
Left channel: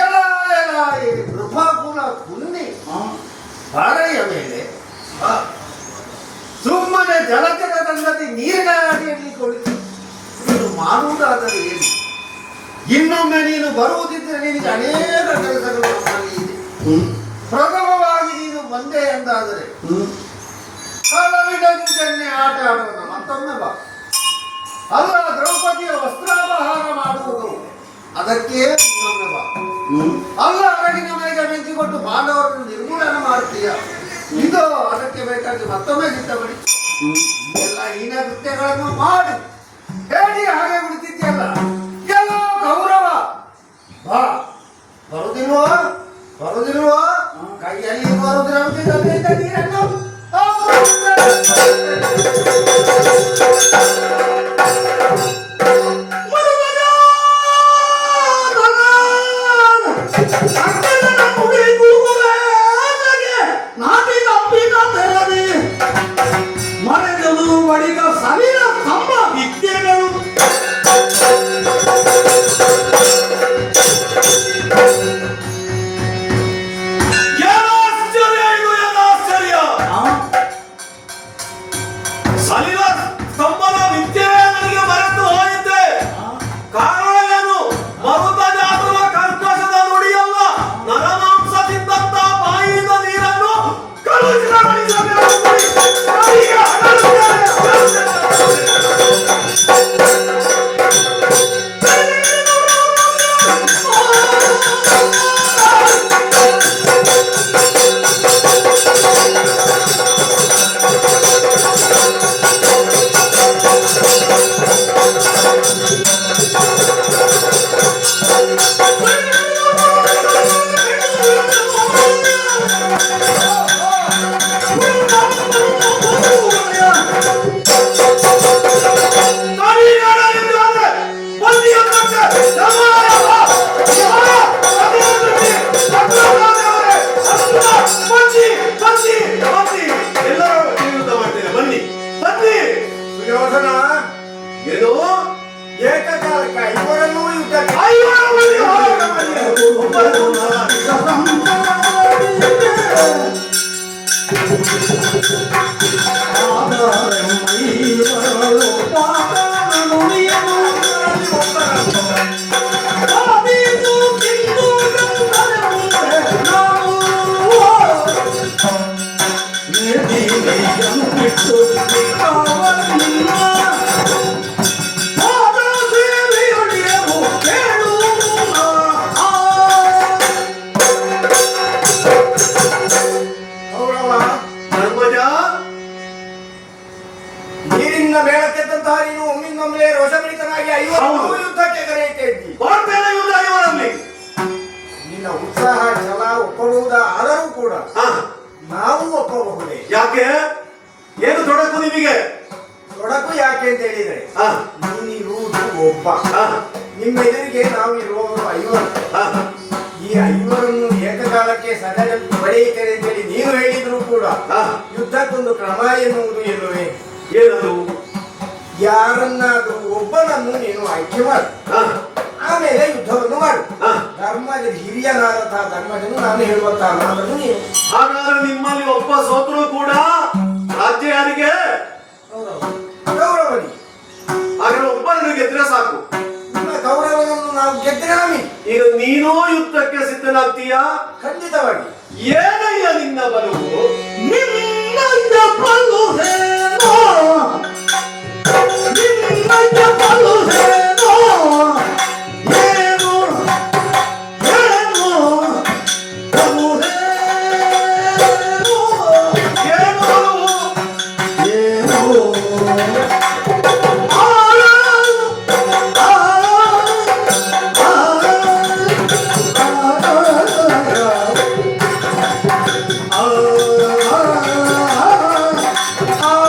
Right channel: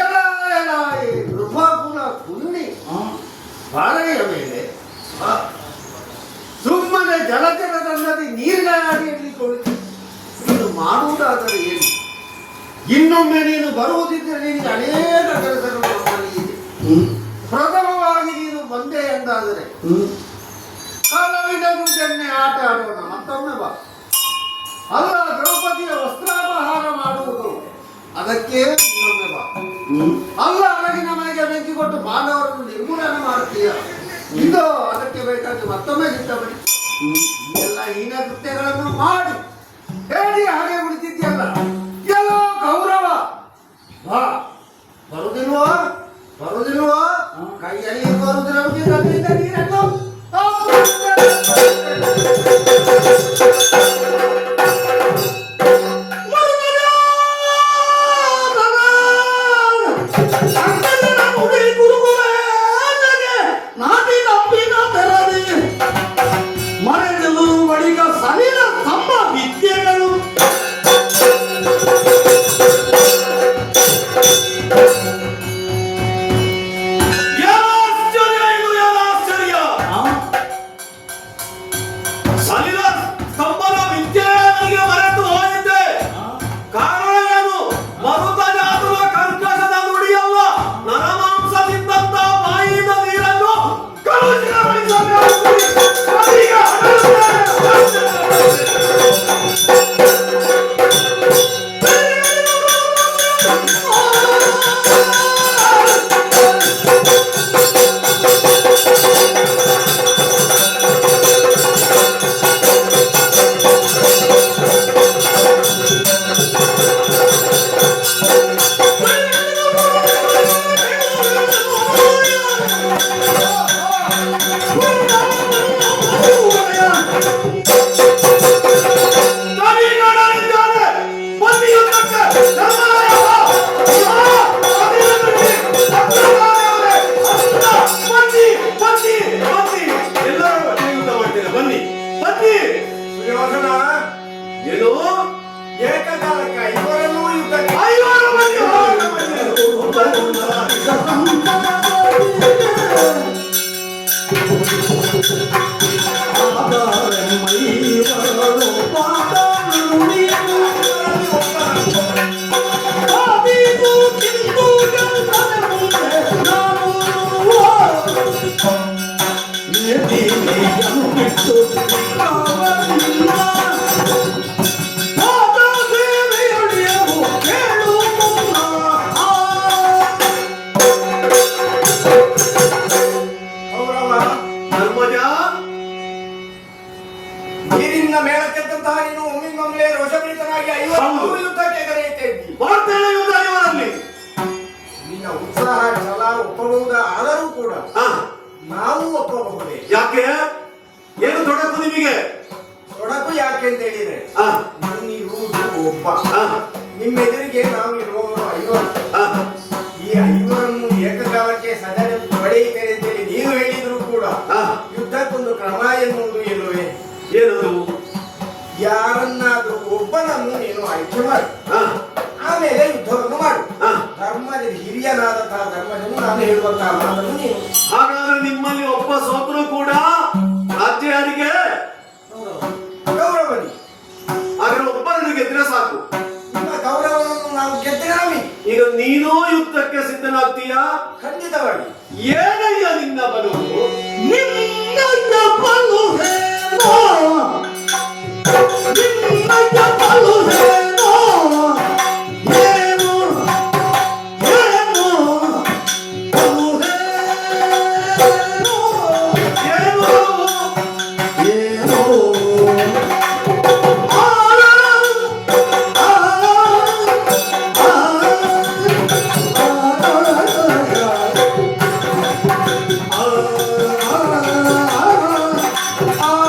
ಎಲ ಎಲ ಈ ಕೃಪಾಕುಲ ಕುನ್ನಿ ಬಾಳೆಯ ಮೇಲೆ ಸುಮ್ಮನೆ ಜಲಚರದಲ್ಲಿ ನೀರಿನ ಅಡಿಯಲ್ಲಿ ಕುಳಿತು ಇದು ಮಾಡುವುದಾದರೆ ಏನು? ಇನ್ನೊಮ್ಮೆ ನೀನು ಬರುವುದಿದ್ದರೆ ನಿನಗೆ ಅನೇಕ ಕೆಲಸಗಳು ನಮ್ಮಲ್ಲಿ ಇದೆ. ಪ್ರಥಮವಾಗಿ ನೀನು ಬಂದೆ ಎಂದಾದರೆ ಕಲಾವಿದ ಗುಂಪನ್ನೇ ಆಟ ಆಡೋಣ. ಮತ್ತೊಮ್ಮೆ ಬಾ. ಅಲ್ಲ, ದ್ರೌಪದಿಯ ವಸ್ತ್ರಾಪಹಾರ ಮಾಡುವುದು ಅದಕ್ಕೆ ಇನ್ನೊಮ್ಮೆ ಬಾ. ಅಲ್ಲ, ಅರಗಿನ ಮೈಗೆ ಬೆಂಕಿ ಕೊಟ್ಟು ಬಾಂಧವರನ್ನು ನಿರ್ಮೂಲನೆ ಮಾಡ್ತೀಯ. ಇದು ಅದಕ್ಕೆ ಬೇಕಾಗಿ ಮತ್ತೊಮ್ಮೆ ಸಿದ್ಧಪಡಿ. ಎಲ್ಲ ಹೀನ ಕೃತ್ಯಗಳನ್ನು ಮಾಡಿ ಹೇಳಿ ಹಾಗೆ ಉಳಿತಿದ್ಯಲ್ಲ. ಎಲ್ಲ ಗೌರವ ಬಾ. ಬರುದಿಲ್ವಾ? ಬರುದಿಲ್ವಾ? ಕೈಯಲ್ಲಿ ಬರುದಿಲ್ಲ ನೀರನ್ನು ಮರೆಗಳು ಒಡಿಗ ಸವಿರ ತಮ್ಮ ವಿದ್ಯೆಗಳು ಏನು ಏಕಕಾಲಕ್ಕೆ ಐವರನ್ನೂ ಯುದ್ಧಕ್ಕೆ ನೀರಿನ ಮೇಳಕ್ಕೆದ್ದಂತಹ ನೀನು ಒಮ್ಮಿಂದೊಮ್ಮೆ ರೋಷಪೀಡಿತನಾಗಿ ಐವರು ಯುದ್ಧಕ್ಕೆ ಕರೆಯುತ್ತಾ ಇದ್ದಿ. ನಿನ್ನ ಉತ್ಸಾಹ ಛಲ ಒಪ್ಪಬಹುದಾದರೂ ಕೂಡ ನಾವು ಒಪ್ಪಬಹುದೇ? ಯಾಕೆ? ಏನು ತೊಡಕು ನಿಮಗೆ? ತೊಡಕು ಯಾಕೆ ಅಂತ ಹೇಳಿದ್ರೆ ನೀವಿರುವುದು ಒಬ್ಬ, ನಿಮ್ಮ ಎದುರಿಗೆ ನಾವು ಇರುವವರು ಐವರು. ಈ ಐವರನ್ನು ಏಕಕಾಲಕ್ಕೆ ಸದನ ಪಡೆಯುತ್ತೇನೆ ಅಂತೇಳಿ ನೀವು ಹೇಳಿದ್ರು ಕೂಡ ಯುದ್ಧಕ್ಕೊಂದು ಕ್ರಮ ಎನ್ನುವುದು ಇಲ್ಲವೇ? ಏನದು? ಯಾರನ್ನಾದ್ರೂ ಒಬ್ಬನನ್ನು ನೀನು ಆಯ್ಕೆ ಮಾಡು, ಆಮೇಲೆ ಯುದ್ಧವನ್ನು ಮಾಡು. ಧರ್ಮದ ಹಿರಿಯನಾದಂತಹ ಧರ್ಮಜನು ನಾನು ಹೇಳುವಂತಹ ಮಾತನ್ನು ನೀನು. ಹಾಗಾದ್ರೆ ನಿಮ್ಮಲ್ಲಿ ಒಬ್ಬ ಸೋತರು ಕೂಡ ರಾಜ್ಯ ಯಾರಿಗೆ? ಗೌರವನಿ. ಹಾಗಾದ್ರೆ ಒಬ್ಬರನ್ನು ಗೆದ್ರೆ ಸಾಕು. ನಿಮ್ಮ ಗೌರವವನ್ನು ನಾವು ಗೆದ್ದರೆ ಈಗ ನೀನೂ ಯುದ್ಧಕ್ಕೆ ಸಿದ್ಧನಾಗ್ತೀಯಾ? ಖಂಡಿತವಾಗಿ. ಏನಯ್ಯ ನಿನ್ನ ಬಲವು? ನಿನ್ನ ಬಲು ಹೇನೋ, ನಿನ್ನ ಬಲು ಹೇನೋ, ಏನು ಏನು ಬಲು ಹೇನೋ, ಏನು ಆ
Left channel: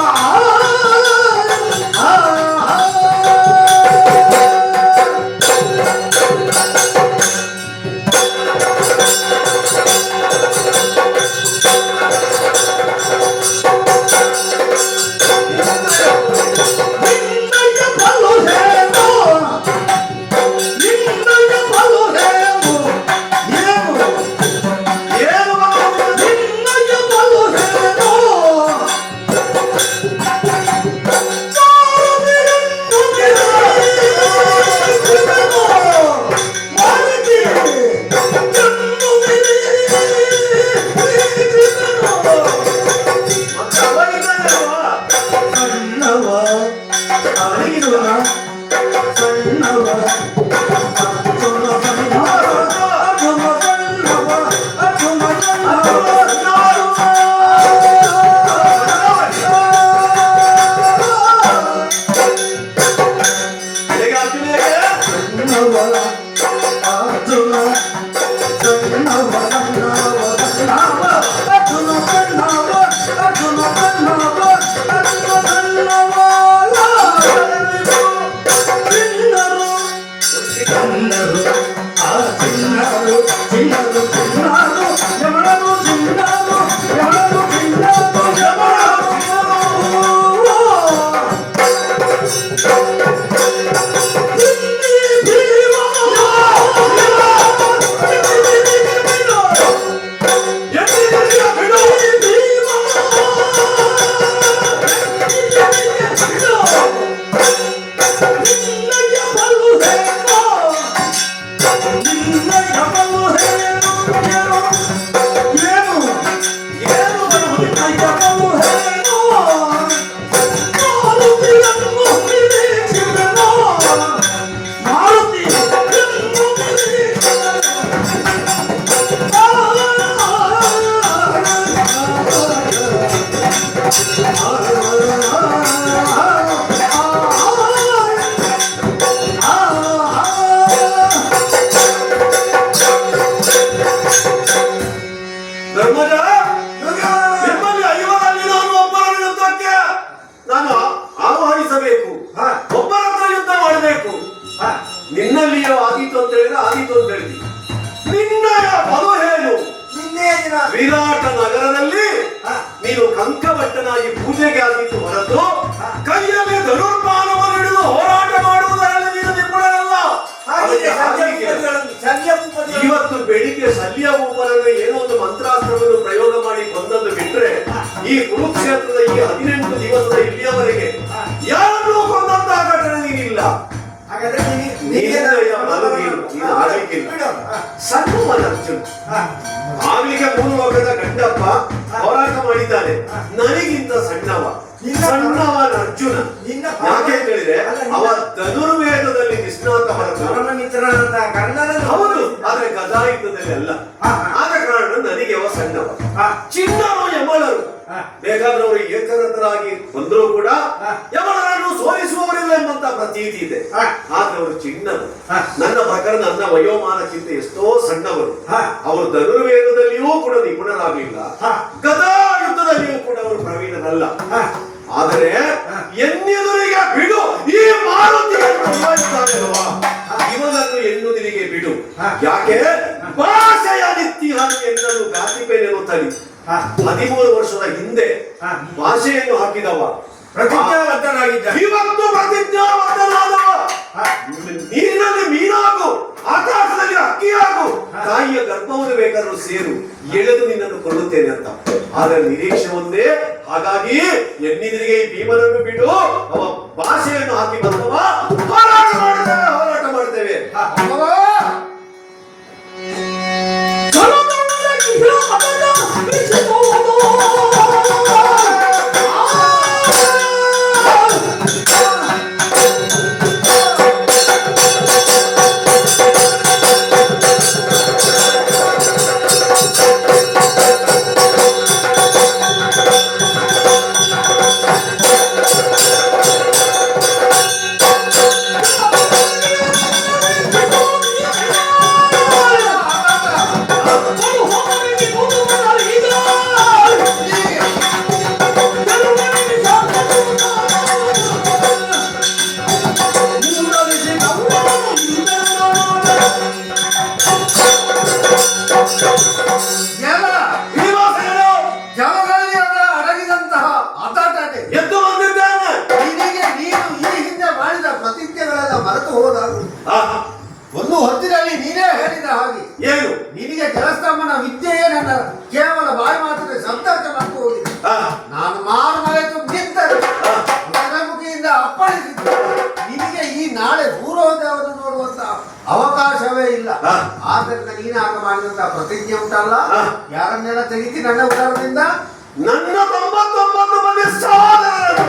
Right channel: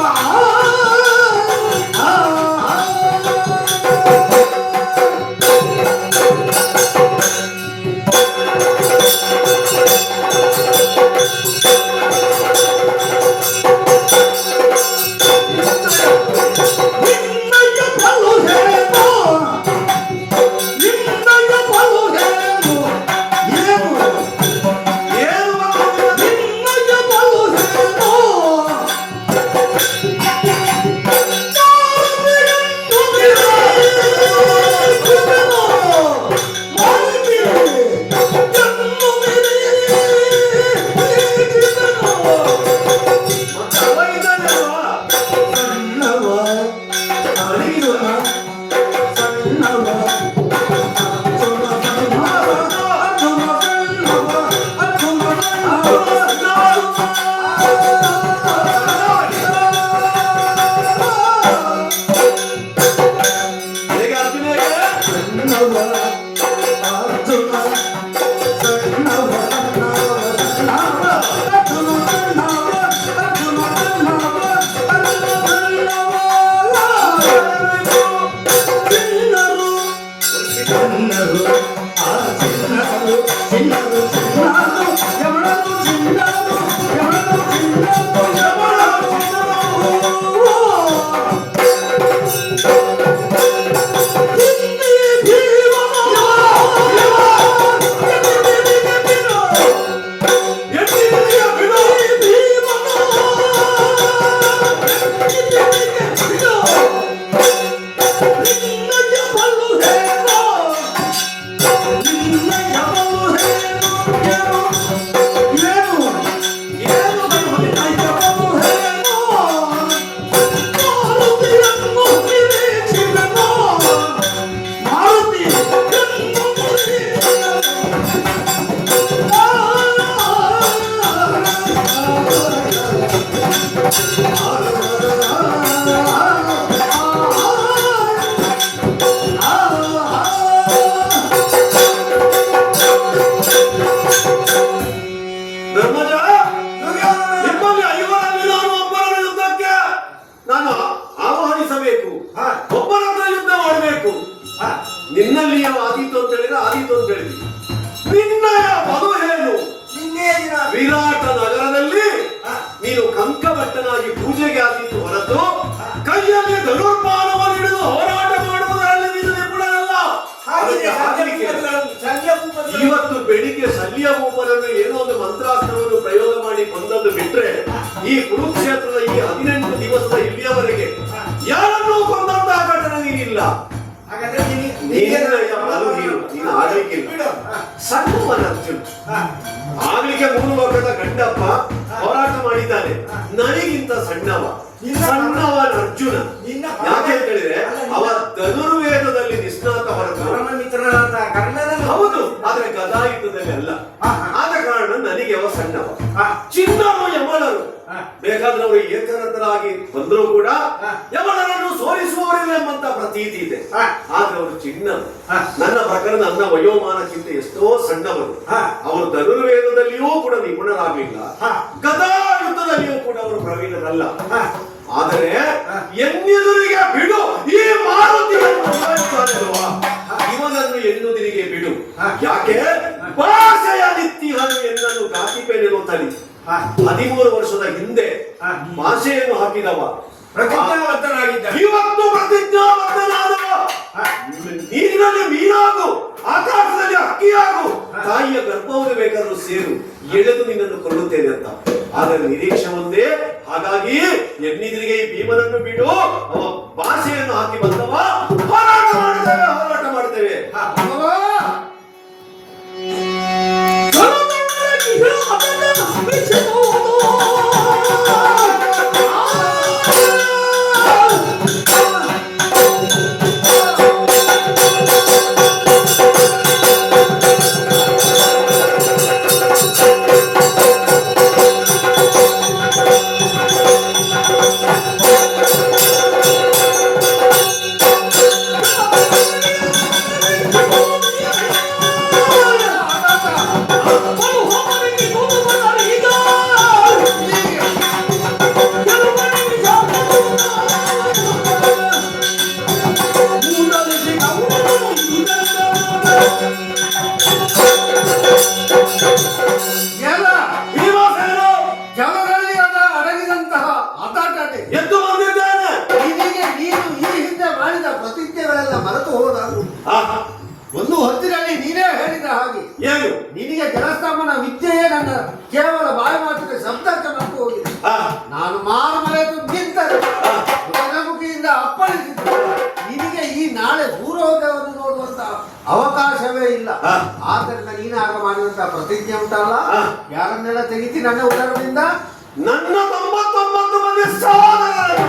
ಧರ್ಮಜ, ನಿಮ್ಮಲ್ಲಿ ಐವರಲ್ಲಿ ನಾನು ಒಬ್ಬರನ್ನು ಯುದ್ಧಕ್ಕೆ ನಾನು ಆಹ್ವಾನಿಸಬೇಕು, ಒಬ್ಬರ ಹತ್ರ ಯುದ್ಧ ಮಾಡಬೇಕು. ನಿನ್ನಲ್ಲಿಯೋ ಆದೀತು ಅಂತ ಹೇಳಿದ್ರೆ ಆದೀತು ಅಂತ ಹೇಳಿದ್ವಿ. ನಿನ್ನಯ ಬಲು ಏನು? ವಿರಾಟ ನಗರದಲ್ಲಿ ನೀನು ಕಂಕಭಟ್ಟನಾಗಿ ಪೂಜೆಗೆ ಆದೀತು ಹೊರತು ಕೈಯಲ್ಲಿ ಧನುರ್ಬಾಣವನ್ನು ಹಿಡಿದು ಹೋರಾಟ ಮಾಡುವುದರಲ್ಲಿ ನೀನು ನಿಪುಣರಲ್ಲ. ಇವತ್ತು ಬೆಳಿಗ್ಗೆ ಶಲ್ಯ ಭೂಪನನ್ನು ಏನೋ ಒಂದು ಮಂತ್ರಾಸ್ತ್ರವನ್ನು ಪ್ರಯೋಗ ಮಾಡಿ ಕೊಂದದ್ದು ಬಿಟ್ರೆ ಈ ಕುರುಕ್ಷೇತ್ರದ ಈ 18 ದಿವಸದ ಇಲ್ಲಿಯವರೆಗೆ ಯಾರನ್ನೂ ಕೊಂದಂತಹ ಘಟನೆ ನೀನಿಲ್ಲ. ನೀನು ಆಳ್ವಿಕೆ ಸಣ್ಣವನ ಅರ್ಜುನ್, ಆಗ್ಲಿಕ್ಕೆ 3 ಲೋಕದ ಗಂಡಪ್ಪ ಹೋರಾಟ ಮಾಡಿದ್ದಾನೆ. ನನಗಿಂತ ಸಣ್ಣವನ ಅರ್ಜುನ. ಯಾಕೆ ಅಂತ ಹೇಳಿದ್ರೆ ಅವ ಧನುರ್ವೇದದಲ್ಲಿ ನಿಷ್ಣಾತ ಹೊರತು ಹೌದು, ಆದ್ರೆ ಗದಾಯುದ್ಧದಲ್ಲಿ ಅಲ್ಲ. ಆದ ಕಾರಣ ನನಗೆ ಅವ ಸಣ್ಣವ. ಚಿನ್ನರು ಯಮಳರು ಬೇಕಾದ್ರೆ ಅವರು ಏಕರತರಾಗಿ ಬಂದರೂ ಕೂಡ ಯಮಳರನ್ನು ಸೋಲಿಸುವವರಿಲ್ಲ ಎಂಬಂತ ಪ್ರತೀತಿ ಇದೆ. ಆದ್ರೆ ಅವರು ಚಿನ್ನರು. ನನ್ನ ಪ್ರಕಾರ ನನ್ನ ವಯೋಮಾನಕ್ಕಿಂತ ಎಷ್ಟೋ ಸಣ್ಣವರು. ಅವರು ಧನುರ್ವೇದದಲ್ಲಿಯೂ ಕೂಡ ನಿಪುಣರಾಗಲಿಲ್ಲ, ಗದಾಯುದ್ಧದಲ್ಲಿಯೂ ಕೂಡ ಅವರು ಪ್ರವೀಣರಲ್ಲ. ಆದರೆ ಎನ್ನೆದುರಿಗೆ ಬಿಡು ಈ ಮಾರುತಿಯನ್ನು ಇವನನ್ನು ಎನ್ನುವುದರಿಗೆ ಬಿಡು. ಯಾಕೆ ಭಾಷೆಯ ನಿತ್ಯಹಾನಿ ಎನ್ನಲು ಗಾತಿಪೇನೆನ್ನು ತಡಿ. 13 ವರ್ಷದ ಹಿಂದೆ ಭಾಷೆಯನ್ನು ಹಾಕಿದವ ಇವತ್ತು ಪ್ರತಿಜ್ಞಾಬದ್ಧನಾದವ. ನೀರಿನಲ್ಲಿ ಮೀನಾಗು, ಆಕಾಶದಲ್ಲಿ ಹಕ್ಕಿಯಾಗು, ತಾಯಿಯ ಗರ್ಭವನ್ನು ಬೇಕಾದ್ರೂ ಸೇರು, ಎಳೆದು ನಿನ್ನನ್ನು ಕೊಳ್ಳುತ್ತೇನೆ ಅಂತ. ಆದರೆ ನಿರೀಕ್ಷೆ ಒಂದೇ. ಹಾಗಾಗಿ ಎನ್ನಿದಿರಿಗೆ ಈ ಭೀಮನನ್ನು ಬಿಡು, ಅವ ಭಾಷೆಯನ್ನು ಹಾಕಿ ಬಂದವ. ಹೋರಾಟ ಮಾಡ್ತೇವೆ. ಮರೆತು ಹೋದಾಗ ಒಂದು ಹೊತ್ತಿನಲ್ಲಿ ನೀನೇ ಹೇಳಿದ ಹಾಗೆ ಏನು ನಿನಗೆ ಕೆಲಸಮ್ಮನ ವಿದ್ಯೆಯೇ ನನ್ನ ಕೇವಲ ಬಾಯಿ ಮಾತಿಗೆ ಶಬ್ದಾರ್ಥ ಮಾಡ್ತು ಹೋಗಿದೆ. ನಾನು ಮಾರು ಮರೆತು ನಿಂತರೆ ಮುಖಿಯಿಂದ ಅಪ್ಪಳಿಸಿದ್ದು ನಿನಗೆ ಈ ನಾಳೆ ಪೂರ್ವೋದಯವನ್ನು ನೋಡುವಂತ ಅವಕಾಶವೇ ಇಲ್ಲ. ಆದ್ದರಿಂದ ನೀನಾಗ ಮಾಡಿದಂತ ಪ್ರತಿಜ್ಞೆ ಉಂಟಲ್ಲ, ಯಾರನ್ನೆಲ್ಲ ತೆಗಿತಿ ನನ್ನ ಉತ್ತರದಿಂದ? ನನ್ನ 99 ಮಂದಿ ಸಹೋದರರು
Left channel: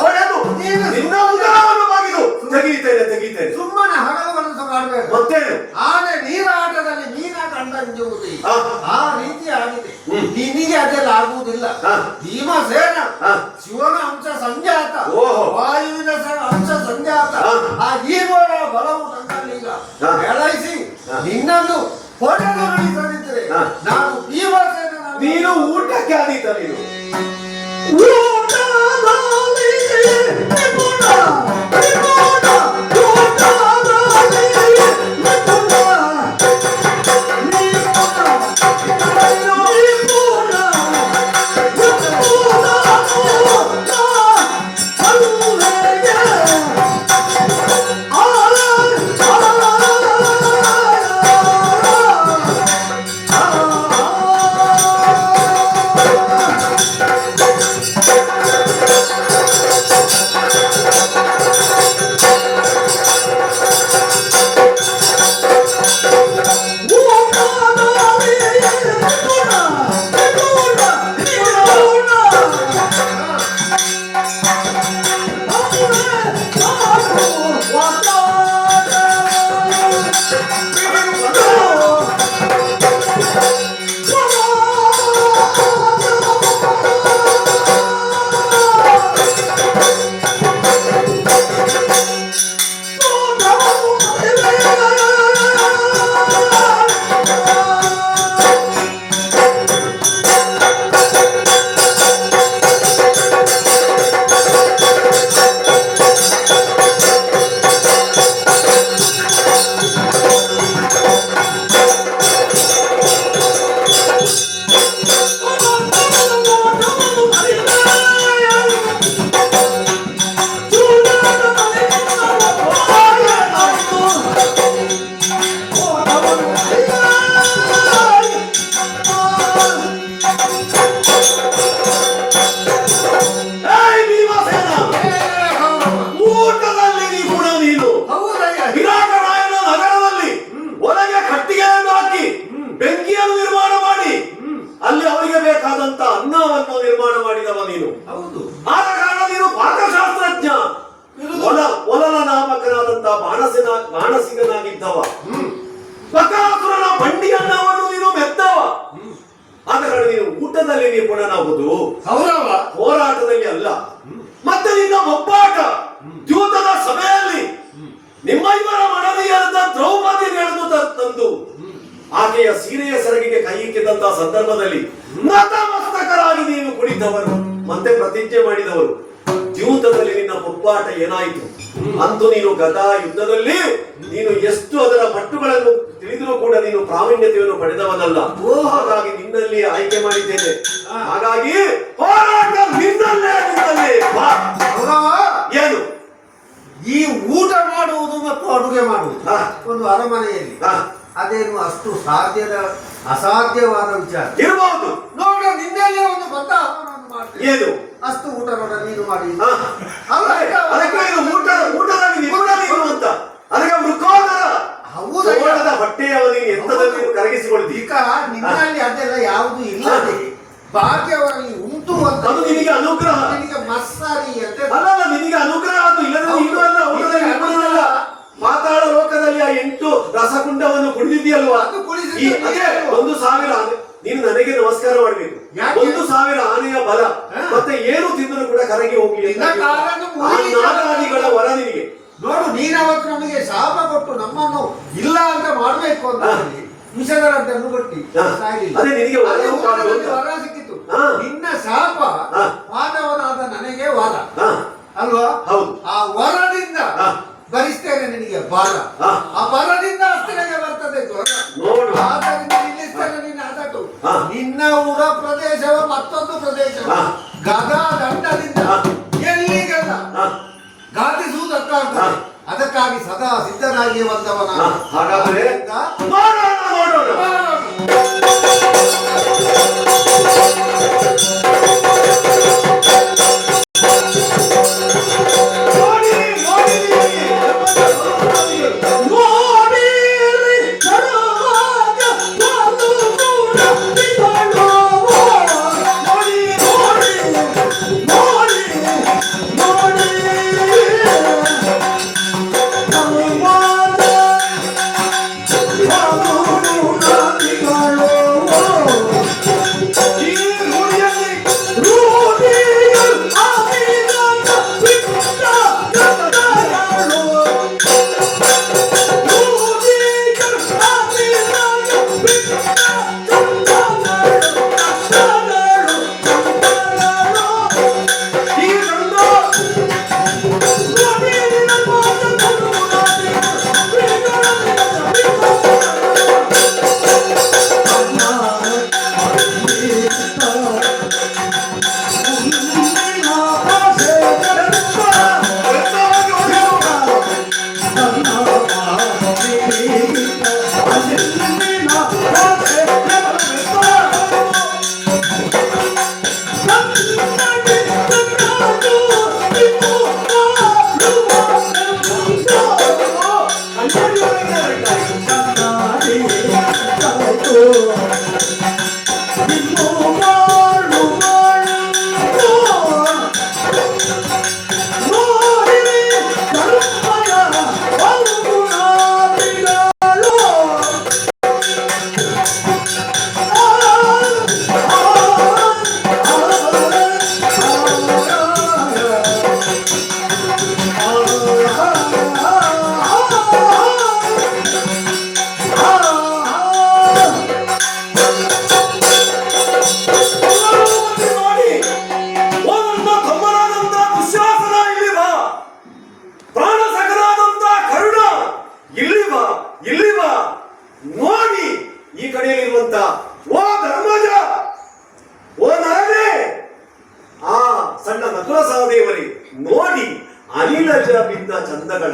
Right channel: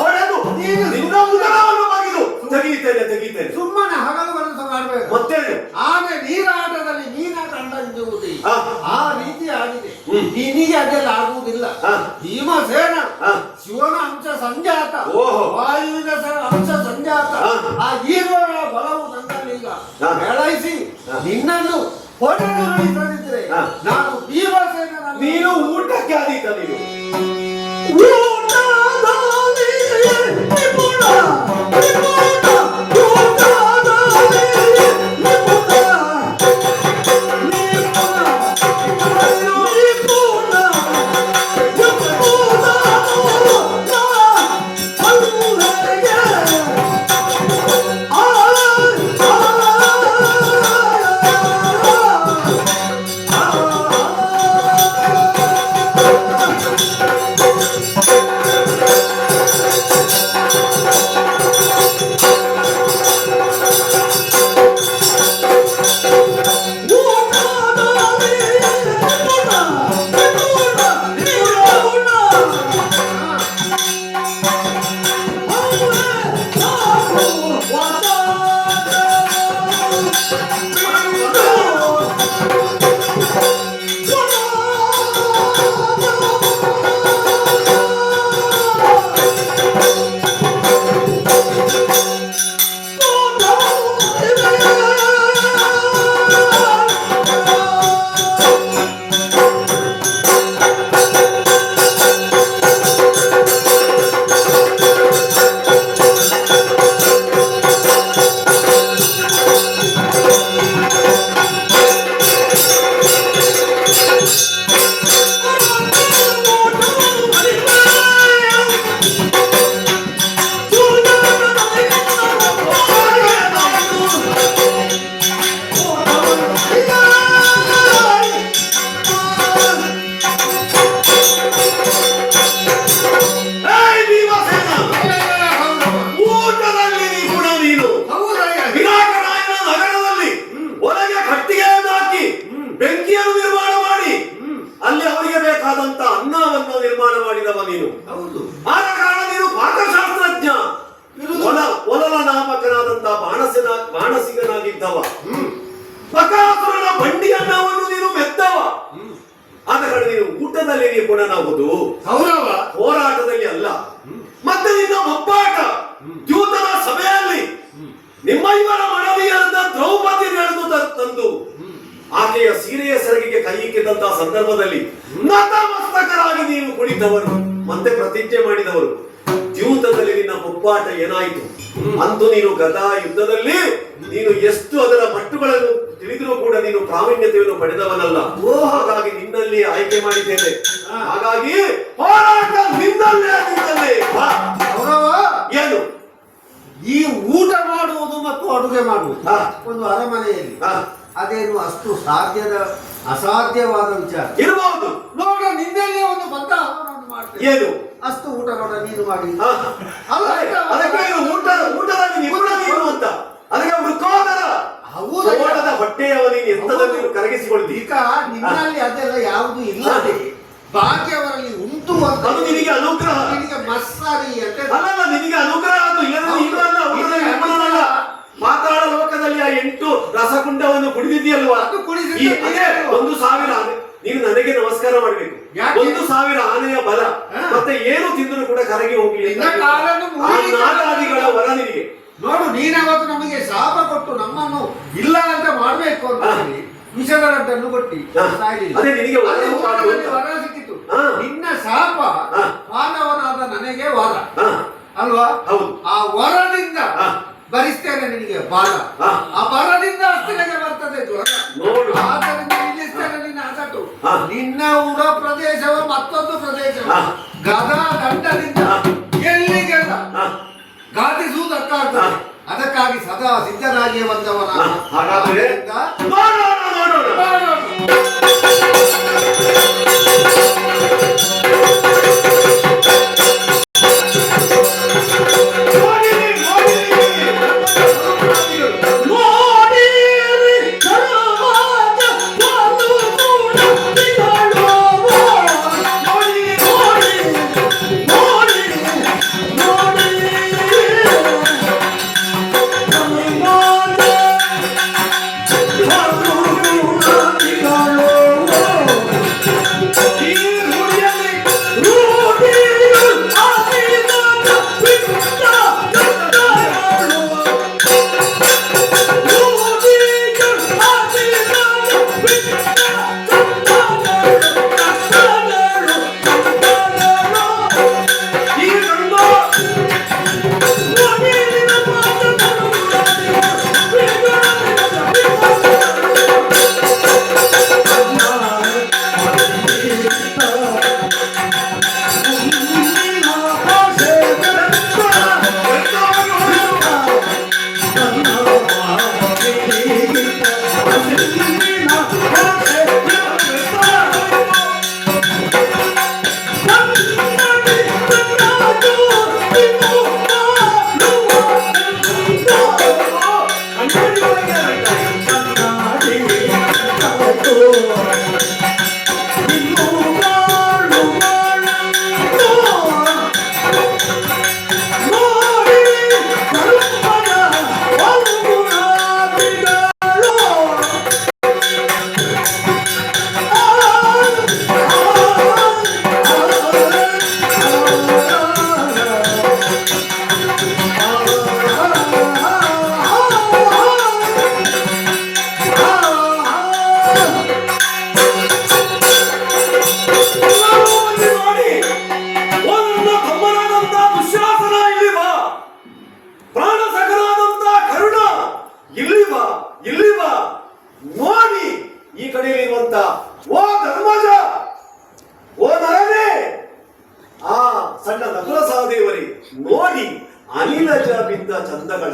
ಹೊಡೆದು ನಿನ್ನ ಉದರವನ್ನು ಬಗೆದು ತೆಗೀತೇನೆ. ಸುಮ್ಮನೆ ಹಗಲು ಮನಸ್ಸು ಮಾಡಬೇಕು. ಮತ್ತೆ ಆನೆ ನೀರಾಟದಲ್ಲಿ ಮೀನ ಕಂಡಂಜುವುದು ಆ ರೀತಿ ಆಗಿದೆ. ನಿನಗೆ ಅದೆಲ್ಲ ಆಗುವುದಿಲ್ಲ. ಭೀಮಸೇನ ಶಿವನ ಅಂಶ ಸಂಜಾತ, ವಾಯುವಿನ ಅಂಶ ಸಂಜಾತ, ಆ ಈರುವರ ನಿನ್ನನ್ನು ಹೊಡೆದು ನಡೀತದಿದ್ರೆ ಹಾ. ನಾನು ಈ ಭಾಷೆಯನ್ನು ನೀನು ಊಟಕ್ಕೆ ಆದೀತ ನೀನು ಏಯ್ ಭೀಮಸೇನ! ಊಟದಲ್ಲಿ ನೀ ಗುಣ ನೀನು ವಿರಾಟರಾಯನ ನಗರದಲ್ಲಿ ಒಳಗೆ ಕಟ್ಟಿಗೆಯನ್ನು ಹಾಕಿ ಬೆಂಕಿಯನ್ನು ನಿರ್ಮಾಣ ಮಾಡಿ ಅಲ್ಲಿ ಅವರಿಗೆ ಬೇಕಾದಂತ ಅನ್ನವನ್ನು ನಿರ್ಮಾಣ ಮಾಡಿದವ ನೀನು. ಹೌದು. ಆದ ಕಾರಣ ನೀನು ಪಾಕಶಾಸ್ತ್ರಜ್ಞ. ಒಲನ ನಾಮಕನಾದಂತ ಬಾಣಸಿಗನಾಗಿದ್ದವ. ಬಕಾಸುರನ ಬಂಡಿಯನ್ನವನ್ನು ನೀನು ಮೆದ್ದವ. ಆದ ಕಾರಣ ನೀನು ಊಟದಲ್ಲಿ ನೀನು ಗುಣನಾಗುವುದು ಕೌರವ ಹೋರಾಟದಲ್ಲಿ ಅಲ್ಲ. ಮತ್ತೆ ನಿನ್ನ ಒಬ್ಬಾಟ ದ್ಯೂತದ ಸಭೆಯಲ್ಲಿ ನಿಮ್ಮ ಇವರ ಮನವಿಯಾದ ದ್ರೌಪದಿ ನಡೆದು ತಂದು ಆಕೆಯ ಸೀರೆಯ ಸೆರಗಿಗೆ ಕೈ ಇಕ್ಕಿದಂತಹ ಸಂದರ್ಭದಲ್ಲಿ ನತಮಸ್ತಕರಾಗಿ ನೀವು ಕುಳಿತವರು ಮತ್ತೆ ಪ್ರತಿಜ್ಞೆ ಮಾಡಿದವರು. ದ್ಯೂತದಲ್ಲಿ ನಿನ್ನ ಒಬ್ಬಾಟ ಏನಾಯಿತು? ಅಂತೂ ನೀನು ಗದಾ ಯುದ್ಧದಲ್ಲಿ ನೀನು ಎಷ್ಟು ಅದರ ಮಟ್ಟುಗಳನ್ನು ತಿಳಿದರೂ ಕೂಡ ನೀನು ಪ್ರಾವೀಣ್ಯತೆಯನ್ನು ಪಡೆದವನಲ್ಲ. ಹಾಗಾಗಿ ನಿನ್ನಲ್ಲಿ ಆಯ್ಕೆ ಮಾಡಿದ್ದೇನೆ. ಹಾಗಾಗಿ ಹೋರಾಟ ನಿನ್ನಲ್ಲೇ ಬಾ. ಕೌರವ ಏನು ಈ ಊಟ ಮಾಡುವುದು ಮತ್ತು ಅಡುಗೆ ಮಾಡುವುದು ಹಾ. ಒಂದು ಅರಮನೆಯಲ್ಲಿ ಹಾ. ಅದೇನು ಅಷ್ಟು ಅಸಾಧ್ಯವಾದ ವಿಚಾರ ಇರಬಹುದು. ನೋಡ ನಿನ್ನೆಲ್ಲೇ ಒಂದು ಬಂದ ಅವನನ್ನು ಮಾಡ್ತೇನೆ. ಏನು ಅಷ್ಟು ಊಟ ನೋಡ ನೀನು ಮಾಡಿ ಹಾ. ಅಲ್ಲ, ಅದಕ್ಕೆ ನೀನು ಊಟದಲ್ಲಿ ನಿಪುಣ ನೀನು ಅಂತ. ಅದಕ್ಕೆ ಮೃಕೋದರ ಹೌದಾ? ಸೋಳದ ಹೊಟ್ಟೆಯವ ನೀನು ಎಂತದಲ್ಲಿ ನೀನು ಕರಗಿಸಿಕೊಳ್ತಿ. ಈಗ ನಿನ್ನಲ್ಲಿ ಅದೆಲ್ಲ ಯಾವುದು ಇಲ್ಲದೆ ಭಾಗ್ಯವರಲ್ಲಿ ಉಂಟು ಅಂತ ಅದು ನಿನಗೆ ಅನುಗ್ರಹ. ನಿನಗೆ ಮಸ್ಸಾರಿ ಅಂತ ಅಲ್ಲಲ್ಲ, ನಿನಗೆ ಅನುಗ್ರಹ ಅದು. ಇಲ್ಲದ್ರೆ ನೀನು ಅಲ್ಲ, ಊಟದಲ್ಲಿ ನಿಪುಣನಲ್ಲ. ಮಾತಾಡ ಲೋಕದಲ್ಲಿ ಆ 8 ರಸಕುಂಡವನ್ನು ಕುಡಿದಿದೆಯಲ್ವಾ? ಅದು ಕುಡಿದಿದ್ದೆ. ಅದೇ 1,000 ನೀನು ನನಗೆ ನಮಸ್ಕಾರ ಮಾಡಬೇಕು. ಯಾಕೆ? 1,000 ಆನೆಯ ಬಲ ಮತ್ತೆ ಏನು ತಿಂದರೂ ಕೂಡ ಕರಗಿ ಹೋಗಿ ನಿನ್ನ ಕಾಲನ್ನು ಮುರಿದು ನಾಗಾದಿಗಳ ವರ ನಿನಗೆ. ನೋಡು, ನೀನವತ್ತು ನಮಗೆ ಶಾಪ ಕೊಟ್ಟು ನಮ್ಮನ್ನು ಇಲ್ಲ ಅಂತ ಮಾಡ್ಬೇಕು ಅಂತ ಹೇಳಿ ವಿಷದ ರಡ್ಡನ್ನು ಕೊಟ್ಟಿ ಸಾಯಲಿಲ್ಲ. ಅದೇ ನಿನಗೆ ವರ ಅಲ್ಲಿ ಉಂಟಾದ್ದು ಊಟದಲ್ಲಿ ಅಂತ. ವರ ಸಿಕ್ಕಿತು. ಹಾ. ನಿನ್ನ ಶಾಪ ಹಾ. ಮಾನವನಾದ ನನಗೆ ವರ ಹಾ, ಅಲ್ವಾ? ಹೌದು. ಆ ವರದಿಂದ ಹಾ. ಭರಿಸ್ತೇನೆ ನಿನಗೆ ಬಾಲ. ಹಾ. ಆ ಬರದಿಂದ ಅಷ್ಟನಿಗೆ ಬರ್ತದೆ ಜ್ವರ. ನೋಡು. ಆದ್ದರಿಂದ ನಿಲ್ಲಿಸ್ತೇನೆ ನಿನ್ನ ಅದಟು. ಹಾ. ನಿನ್ನ ಉಡ ಪ್ರದೇಶವ ಮತ್ತೊಂದು ಪ್ರದೇಶ ಹಾ. ಗದಾ ದಂಡದಿಂದ ಹಾ. ಎಲ್ಲಿಗೆಲ್ಲ ಹಾ. ಘಾಟಿಸುವುದಕ್ಕಾಗ್ತದೆ. ಹಾ. ಅದಕ್ಕಾಗಿ ಸದಾ ಸಿದ್ಧನಾಗಿ ಬಂದವನ. ಹಾ. ಹಾಗಾದ್ರೆ ನೋಡೋಣ. Oh,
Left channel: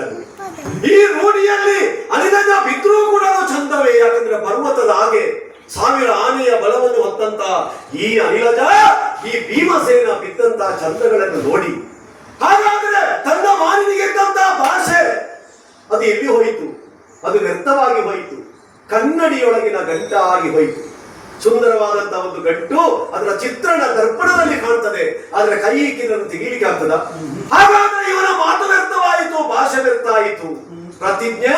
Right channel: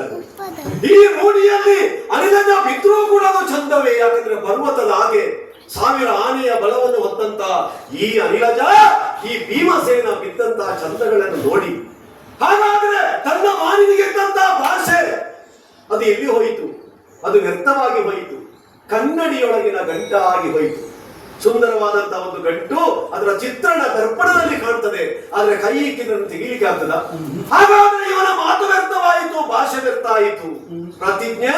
ಒಳ್ಳೆಯದು. ಈ ರೂಢಿಯಲ್ಲಿ ಅನಿಲಜ ಬಿದ್ದರೂ ಕೂಡ ಅದು ಚಂದವೇ. ಯಾಕಂದ್ರೆ ಪರ್ವತದ ಹಾಗೆ 1000 ಆನೆಯ ಬಲವನ್ನು ಹೊತ್ತಂತ ಈ ಅನಿಲಜ ಈ ಭೀಮಸೇನ ಬಿದ್ದಂತ ಚಂದಗಳನ್ನು ನೋಡಿ, ಹಾಗಾದ್ರೆ ತನ್ನ ಮಾನಿನಿಗೆ ಇದ್ದಂತಹ ಭಾಷೆ ಅದು ಎಲ್ಲಿ ಹೋಯಿತು? ಅದು ವ್ಯರ್ಥವಾಗಿ ಹೋಯಿತು. ಕನ್ನಡಿಯೊಳಗಿನ ಗಂಟಾಗಿ ಹೋಯಿತು. ಸುಂದರವಾದಂತಹ ಒಂದು ಗಂಟು ಅದರ ಚಿತ್ರಣ ದರ್ಪಣದಲ್ಲಿ ಕಾಣ್ತದೆ, ಆದ್ರೆ ಕೈ ಇಕ್ಕಿದ್ದನ್ನು ತೆಗೀಲಿಕ್ಕೆ ಆಗ್ತದ? ಹಾಗಾದ್ರೆ ಇವನ ಮಾತು ವ್ಯರ್ಥವಾಯಿತು, ಭಾಷೆ ವ್ಯರ್ಥ ಆಯಿತು, ಪ್ರತಿಜ್ಞೆ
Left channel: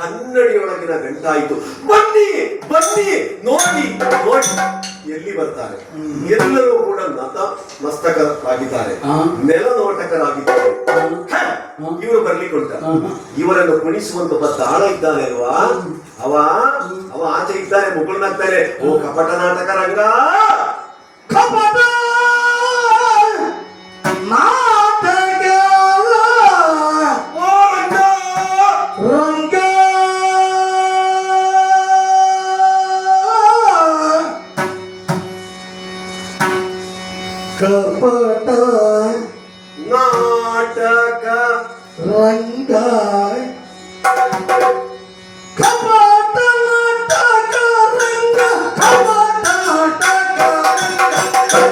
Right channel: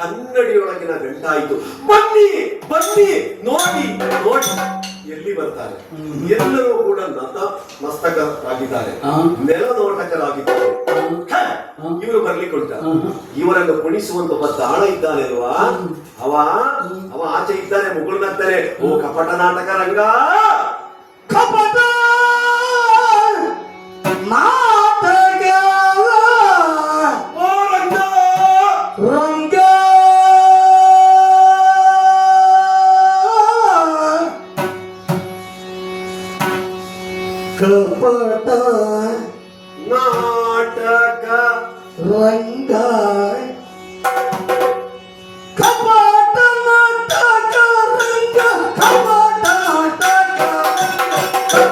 ಕನ್ನಡಿಯೊಳಗಿನ ಗಂಟಾಯಿತು. ಬನ್ನಿ ಬನ್ನಿ ನೋಡಿ ನೋಡಿ ಎಲ್ಲಿ ಬರ್ತಾರೆ? ಎಲ್ಲರೂ ಕೂಡ ನತಮಸ್ತಕರಾಗಿದ್ದಾರೆ, ನೆಲನೋಟಕರಾಗಿದ್ದಾರೆ. ಇವರು ಬರ್ಲಿಕ್ಕೆ ಉಂಟ. ಇವರನ್ನು ಕುಣಿಸುವಂತ ಒಬ್ಬ ತಾಣ ಇದ್ದಾನೆ ಅಲ್ವಾ? ಅವ ಆಚೆ ಇದ್ದಾನೆ, ಮುಗುಳ್ನಾಗ್ತಾನೆ. ಓ ಕಪಟ ನಾಟಕ ರಂಗ, ಕಪಟ ನಾಟಕ ಓ ರಂಗ, ರಂಗ ಕಪಟ ನಾಟಕ ರಂಗ ಕಪಟ ನಾಟಕ ರಂಗ ಕಪಟ ನಾಟಕ ಕಪಟ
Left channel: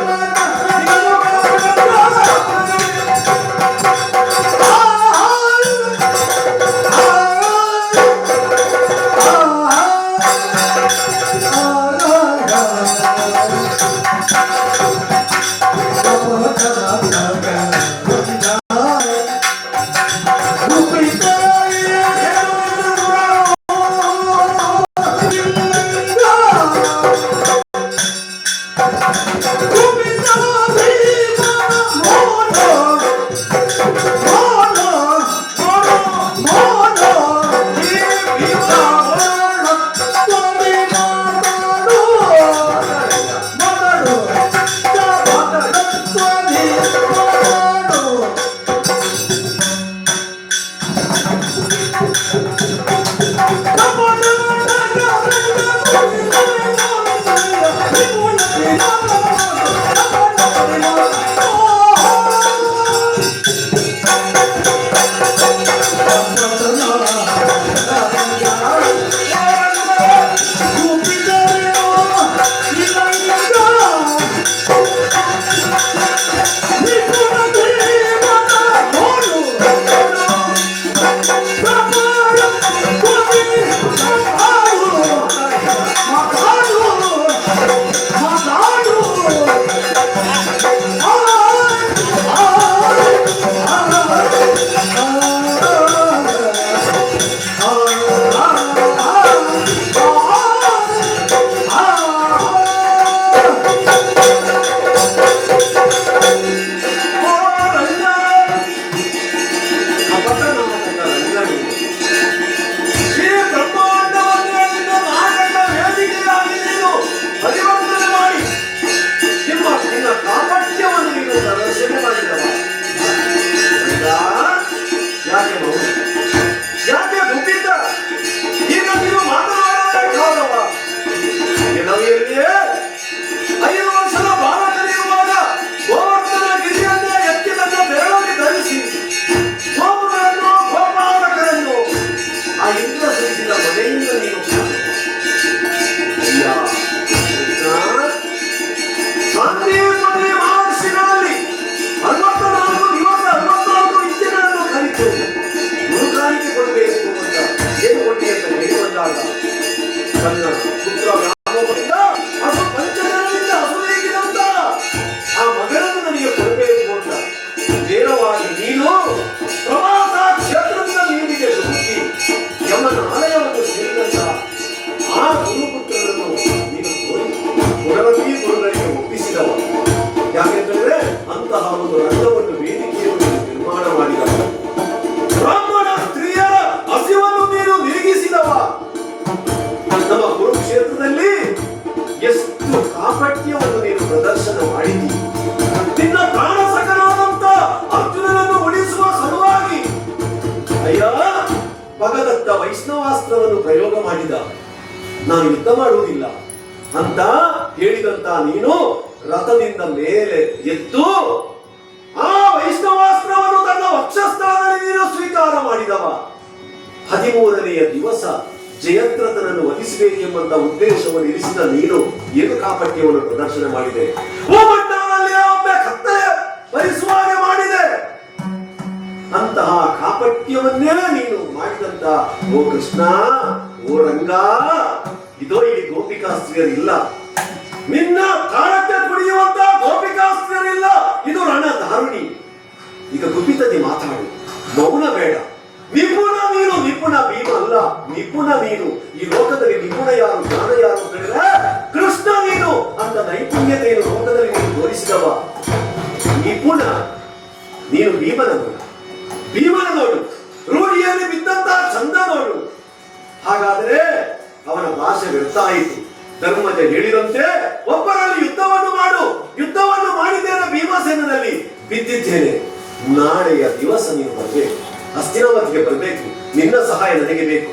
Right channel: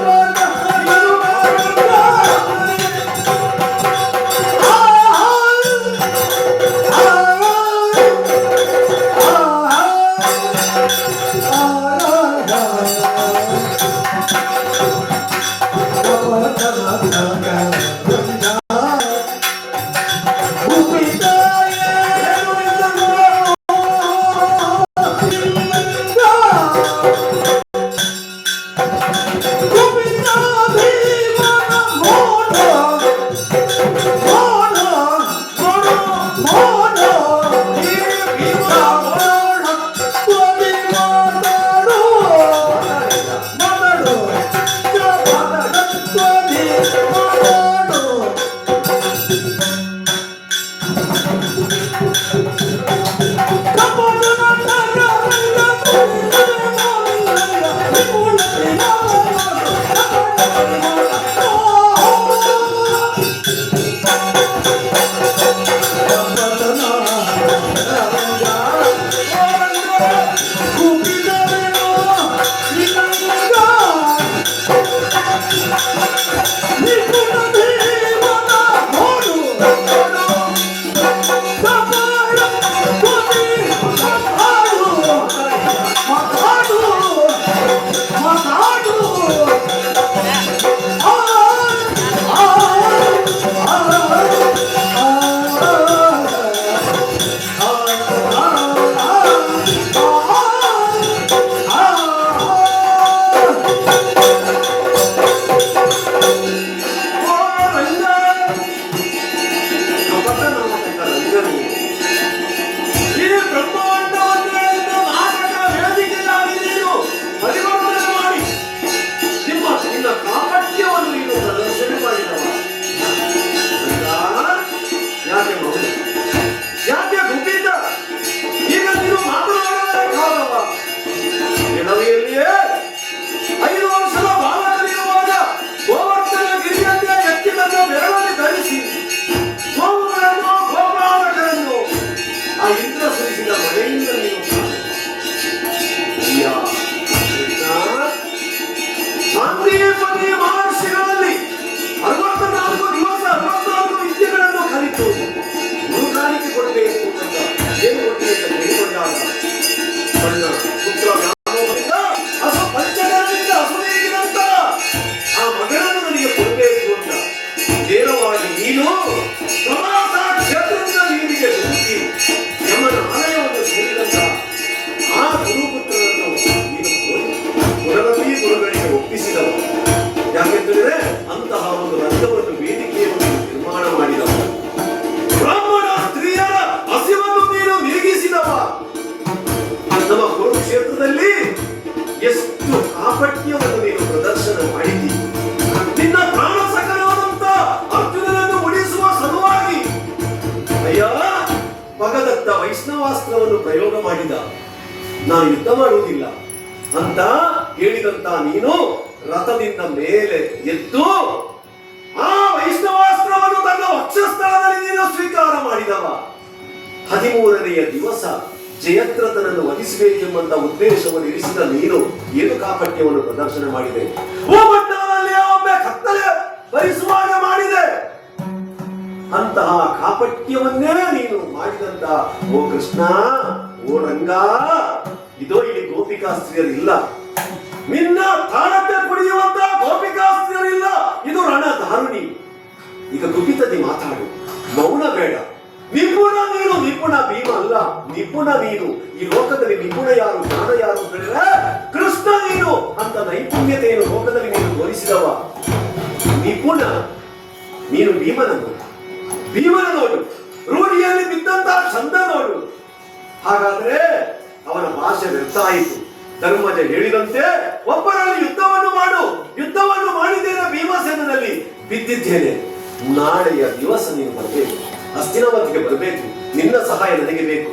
ಭಗದತ್ತ ವೈಷ್ಣವಾಸ್ತ್ರವನ್ನು ಪ್ರಯೋಗ ಮಾಡಿದ. ನಾನು ಯುದ್ಧ ಮಾಡುವುದಿಲ್ಲ ಅಂತ ಹೇಳಿದಂತ ನೀನು ರಥದಿಂದ ಮೇಲೆ ಎದ್ದು ಆ ವೈಷ್ಣವಾಸ್ತ್ರವನ್ನು ತನ್ನ ವಕ್ಷಸ್ಥಳದಲ್ಲಿ ನೀನು ಸ್ವೀಕಾರ ಮಾಡಿದವ. 13ನೆಯ ದಿವಸ ಜಯದ್ರಥನನ್ನು ವಧಿಸಬೇಕೆಂಬಂತ ಉದ್ದೇಶವನ್ನು ಇರಿಸಿದ ನೀನು ಏನು ಕಾಪಟ್ಯವನ್ನು ಪ್ರದರ್ಶನ ಮಾಡಿದೆ. ಭೂಮಂಡಲದಲ್ಲಿ ಒಮ್ಮೆ ಕತ್ತಲೆ ಭರಿಸುವಾಗ ಮಾಡಿದೆ. ಅಂತಹ ಕಾಪಟ್ಯವನ್ನೇ ನೀನು ಮಾಡಿದಂತ ಓ ಕೃಷ್ಣ, ಓ ರಂಗ, ಇದೋ ಇಲ್ಲಿ ಗೋಪಿಕಾಸ್ತ್ರೀಯರಿಲ್ಲ. ನಿನ್ನ ತಾಳತೆ ಕುಡಿಯುವಂತ ಗೋಪಿಕಾಸ್ತ್ರೀಯರಿಲ್ಲ. ಇದು ರಣಧಾರುಣಿ. ಈಗ ಗುಪಿತದೆ ಮಾತಾಡು, ಮೌನ ಬೇಡ. ನಿಪುಣ ನೀನು, ನಿಪುಣ ಭೀಮ ಅಲ್ಲ, ನಿಪುಣ ನೀನು. ಈ ಲೋಕದಲ್ಲಿ ನಿಪುಣ ಯಾರು, ಜ್ಞಾನ ಯಾರು ಹೇಳಿದ್ರೆ ಕೃಷ್ಣ ನೀನು. ಅಂತ ನೈಪುಣ್ಯತೆಯನ್ನು ಲೋಕದಲ್ಲಿ ನೀನು ತೋರಿಸಿದವ ನಿಪುಣ ನೀನು. ಭೀಮನ ನೋಡು, ರೂಢಿಯಲ್ಲಿ ಬಿದ್ದಂತಹ ಚಂದ ನೋಡು. ಹಾಗಾದ್ರೆ ಅವನ ಭಾಷೆ ವ್ಯರ್ಥ ಆಯಿತು. ಧರ್ಮಜ ಹೇಳಿದಂತೆ ಒಬ್ಬರಲ್ಲಿ ಯುದ್ಧವನ್ನು ಮಾಡು. ಯುದ್ಧವನ್ನು ಮಾಡಿದ್ದೇನೆ, ಭೀಮಸೇನಲ್ಲಿ ಬಿದ್ದಿದ್ದೇನೆ. ನಾಳೆಯ ದಿವಸ ನೀನು ಬರಬೇಕು, ಹಸ್ತಿನಾವತಿಗೆ ಬರಬೇಕು. ನಿನ್ನ ಸಹಾಯ ನನಗೆ ಬೇಕು.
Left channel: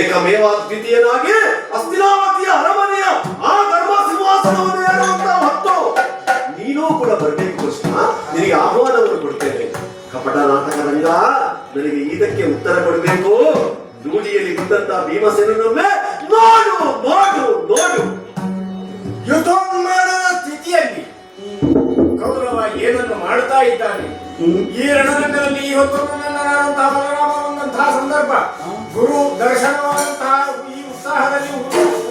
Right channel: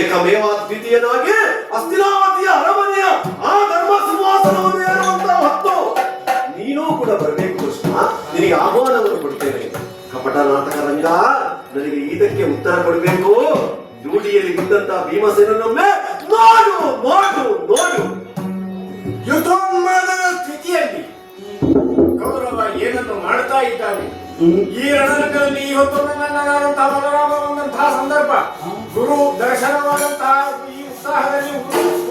ಏಕಮೇವಾದ್ವಿತೀಯನಾಗಿ ಹಸ್ತಿನಾವತಿಯ ಅರಮನೆಯ ಆ ಧರ್ಮ ಸಿಂಹಾಸನವನ್ನು ಏರುವಂತ ಹೊತ್ತು ನೀನೂ ಕೂಡ ಬರಬೇಕು ಕೃಷ್ಣ. ನಿನಗೆ ಆಹ್ವಾನವನ್ನು ಕೊಡ್ತೇನೆ. ಕಪಟ ನಾಟಕ ರಂಗ, ನನಗೆ ಇದಕ್ಕೆ ಉತ್ತರ ಕೊಡಬೇಕು. ರೂಢಿಯಲ್ಲಿ ಬಿದ್ದಂತಹ ಭೀಮಸೇನೊಮ್ಮೆ ನೋಡು ನೋಡು ನೋಡು. ಯುದ್ಧೋನ್ಮಾದದ ಸ್ಥಿತಿಯಲ್ಲಿ ಕೌರವ ಏನನ್ನು ಮಾಡ್ತಾ ಇದ್ದಾನೆ. ಈ ರಣರಂಗದಲ್ಲಿ ಇವತ್ತು ನನ್ನಂತಹ ಬಲರಾಮನಂತಹ ಸಂದರ್ಭ, ಗುರು ದರ್ಶನವಾದಂತಹ ಈ ಉತ್ಸಾಹದಲ್ಲಿ,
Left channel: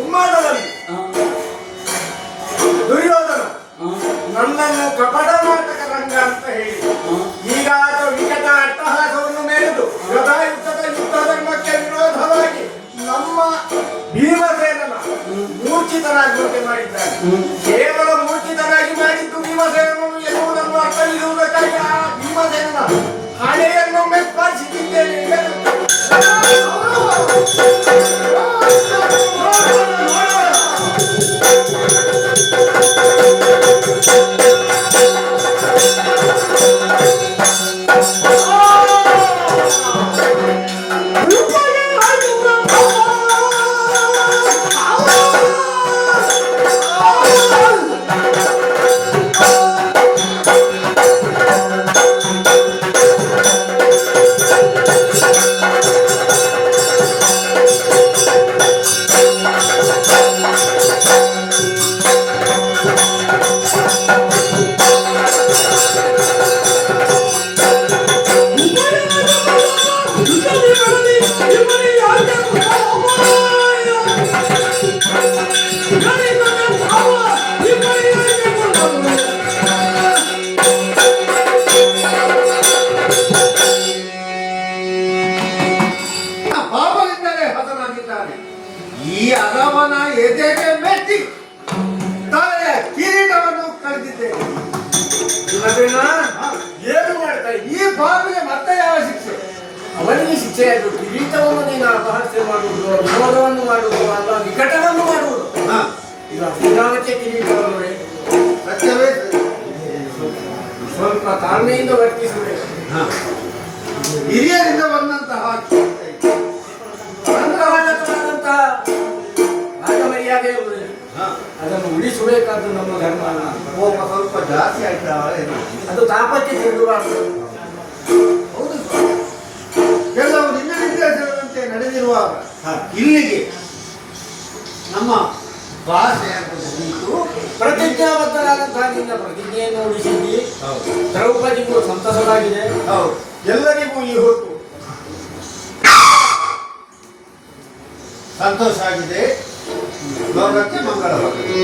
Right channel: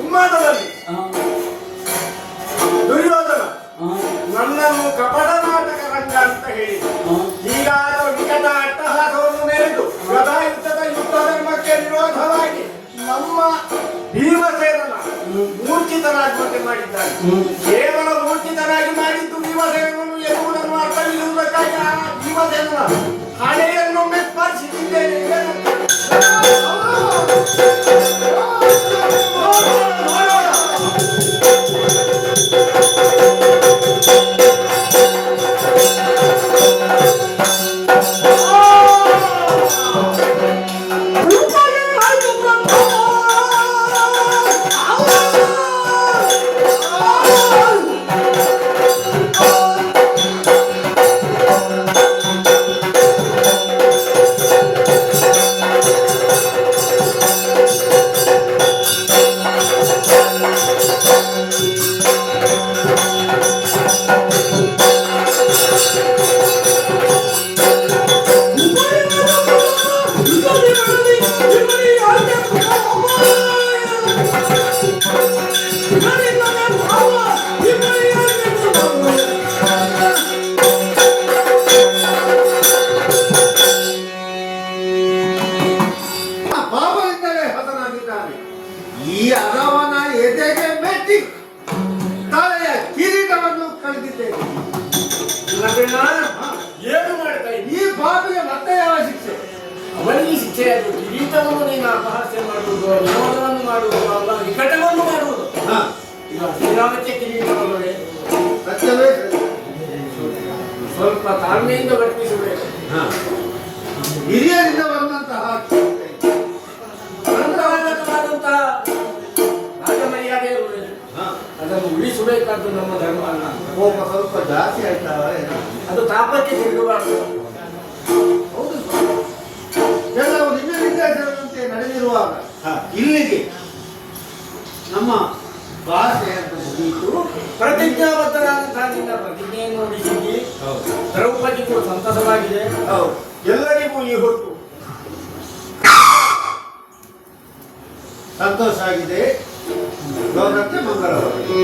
ಉನ್ಮಾದದಲ್ಲಿ ದುರ್ಯೋಧನ ನನ್ನನ್ನು ಕಪಟ ನಾಟಕ ರಂಗ ಅಂತ ಹೇಳಿದ. ಈಗಾದರೂ ವಿಕಟ ಅಟ್ಟಹಾಸವನ್ನು ಮೆರೆದು ಗದಾಯುದ್ಧದ ಯುದ್ಧ ಧರ್ಮಕ್ಕೆ ವಿರೋಧವಾಗಿ ನಮ್ಮ ಭೀಮಸೇನನ ಮೂರ್ಛಿತನಾಗುವಂತೆ ಮಾಡಿದ್ದಾನೆ. ಕೇವಲ ಮೂರ್ಛಿತನಾಗಿ ಮಾಡಿದ್ದು ಭೀಮಸೇನನು ಎನ್ನುವುದನ್ನು ಅರ್ಥವಿರುವುದಕ್ಕಾಗಿ ಆ ಭೀಮಸೇನನ ಹಣೆಯನ್ನೊಮ್ಮೆ ಸ್ಪರ್ಶಿಸಿದ್ದೇನೆ. ಪಾಪದಿಂದಲೇ ಹತನಾಗಿದ್ದಾನೆ. ಈ ಅಗವನ ಎದೆಗೆ ಮೆಚ್ಚಿ ತಲೆಯ ಕಿರೀಟವನ್ನು ಕಳೆದಿದ್ದೇನೆ. ಏನು ಮಾಡ್ತಾ ಈ ಪಾಪಿಗೆ ಮತ್ತೆ ಯಾವ ಶಿಕ್ಷೆ? ಅವನಿಗೆ ಶಿಕ್ಷೆಯಾದ ಕಿರೀಟವನ್ನು ನೀನು ಅಪಹಾಸ್ಯ ಮಾಡುವುದು, ವಿನೋದವನ್ನು ಮಾಡುವುದು, ಅಥವಾ ನಿಕಟವನ್ನು ಮಾಡುವುದು. ಈಗ ಶ್ರೀರಾಮಕ್ಕೆ ಕಿರೀಟವನ್ನು ಸತ್ಯವೇ ಸ್ವಲ್ಪ ತಾಳ್ಮೆಯಿಂದ ವರ್ತಿಸಬೇಕು. ಹಿರಿಯರಿಂದ ಬಂದಂತಹ ಅಂತಹವಾದಂತಹ ರಾಜಮರ್ಯಾದೆ ಅದನ್ನು ಉಳಿಸಬೇಕಾದ್ದು ನಮ್ಮ ಧರ್ಮ ಅಲ್ಲ. ಕೋಪ ಸ್ವಲ್ಪ ಜಾಸ್ತಿ ಆಗ್ತಾವ. ಅದು ತಾಪಕ್ಕೆ ತಿರುಗಬಾರದು. ಹೌದು, ಕೆಲವು ನಿಮ್ಮ ನಿರ್ದೇಶನದಂತೆ ನಡೆದಿರುವಾಗ ಇಲ್ಲಿಗೆ ನಮ್ಮ ಭಾಷೆ ಅಂತ ಮುಗಿಯಿತು. ಪ್ರತಿಜ್ಞಾಬದ್ಧರಾದಂತಹ ನಿನ್ನ ಪ್ರತಿಜ್ಞೆಯನ್ನು ನೋಡಿಸಿದ್ದಿ. ದ್ರೌಪದಿಗೂ ಸಂತಸವಾಗಿದೆ, ಹೌದು, ಎಲ್ಲರಿಗೂ ಈ ಹೊತ್ತು ಸಂತೋಷ ಆಗಿದೆ. ಲೋಕಕ್ಕೆ ಮಂಗಳವಾಗಲಿ.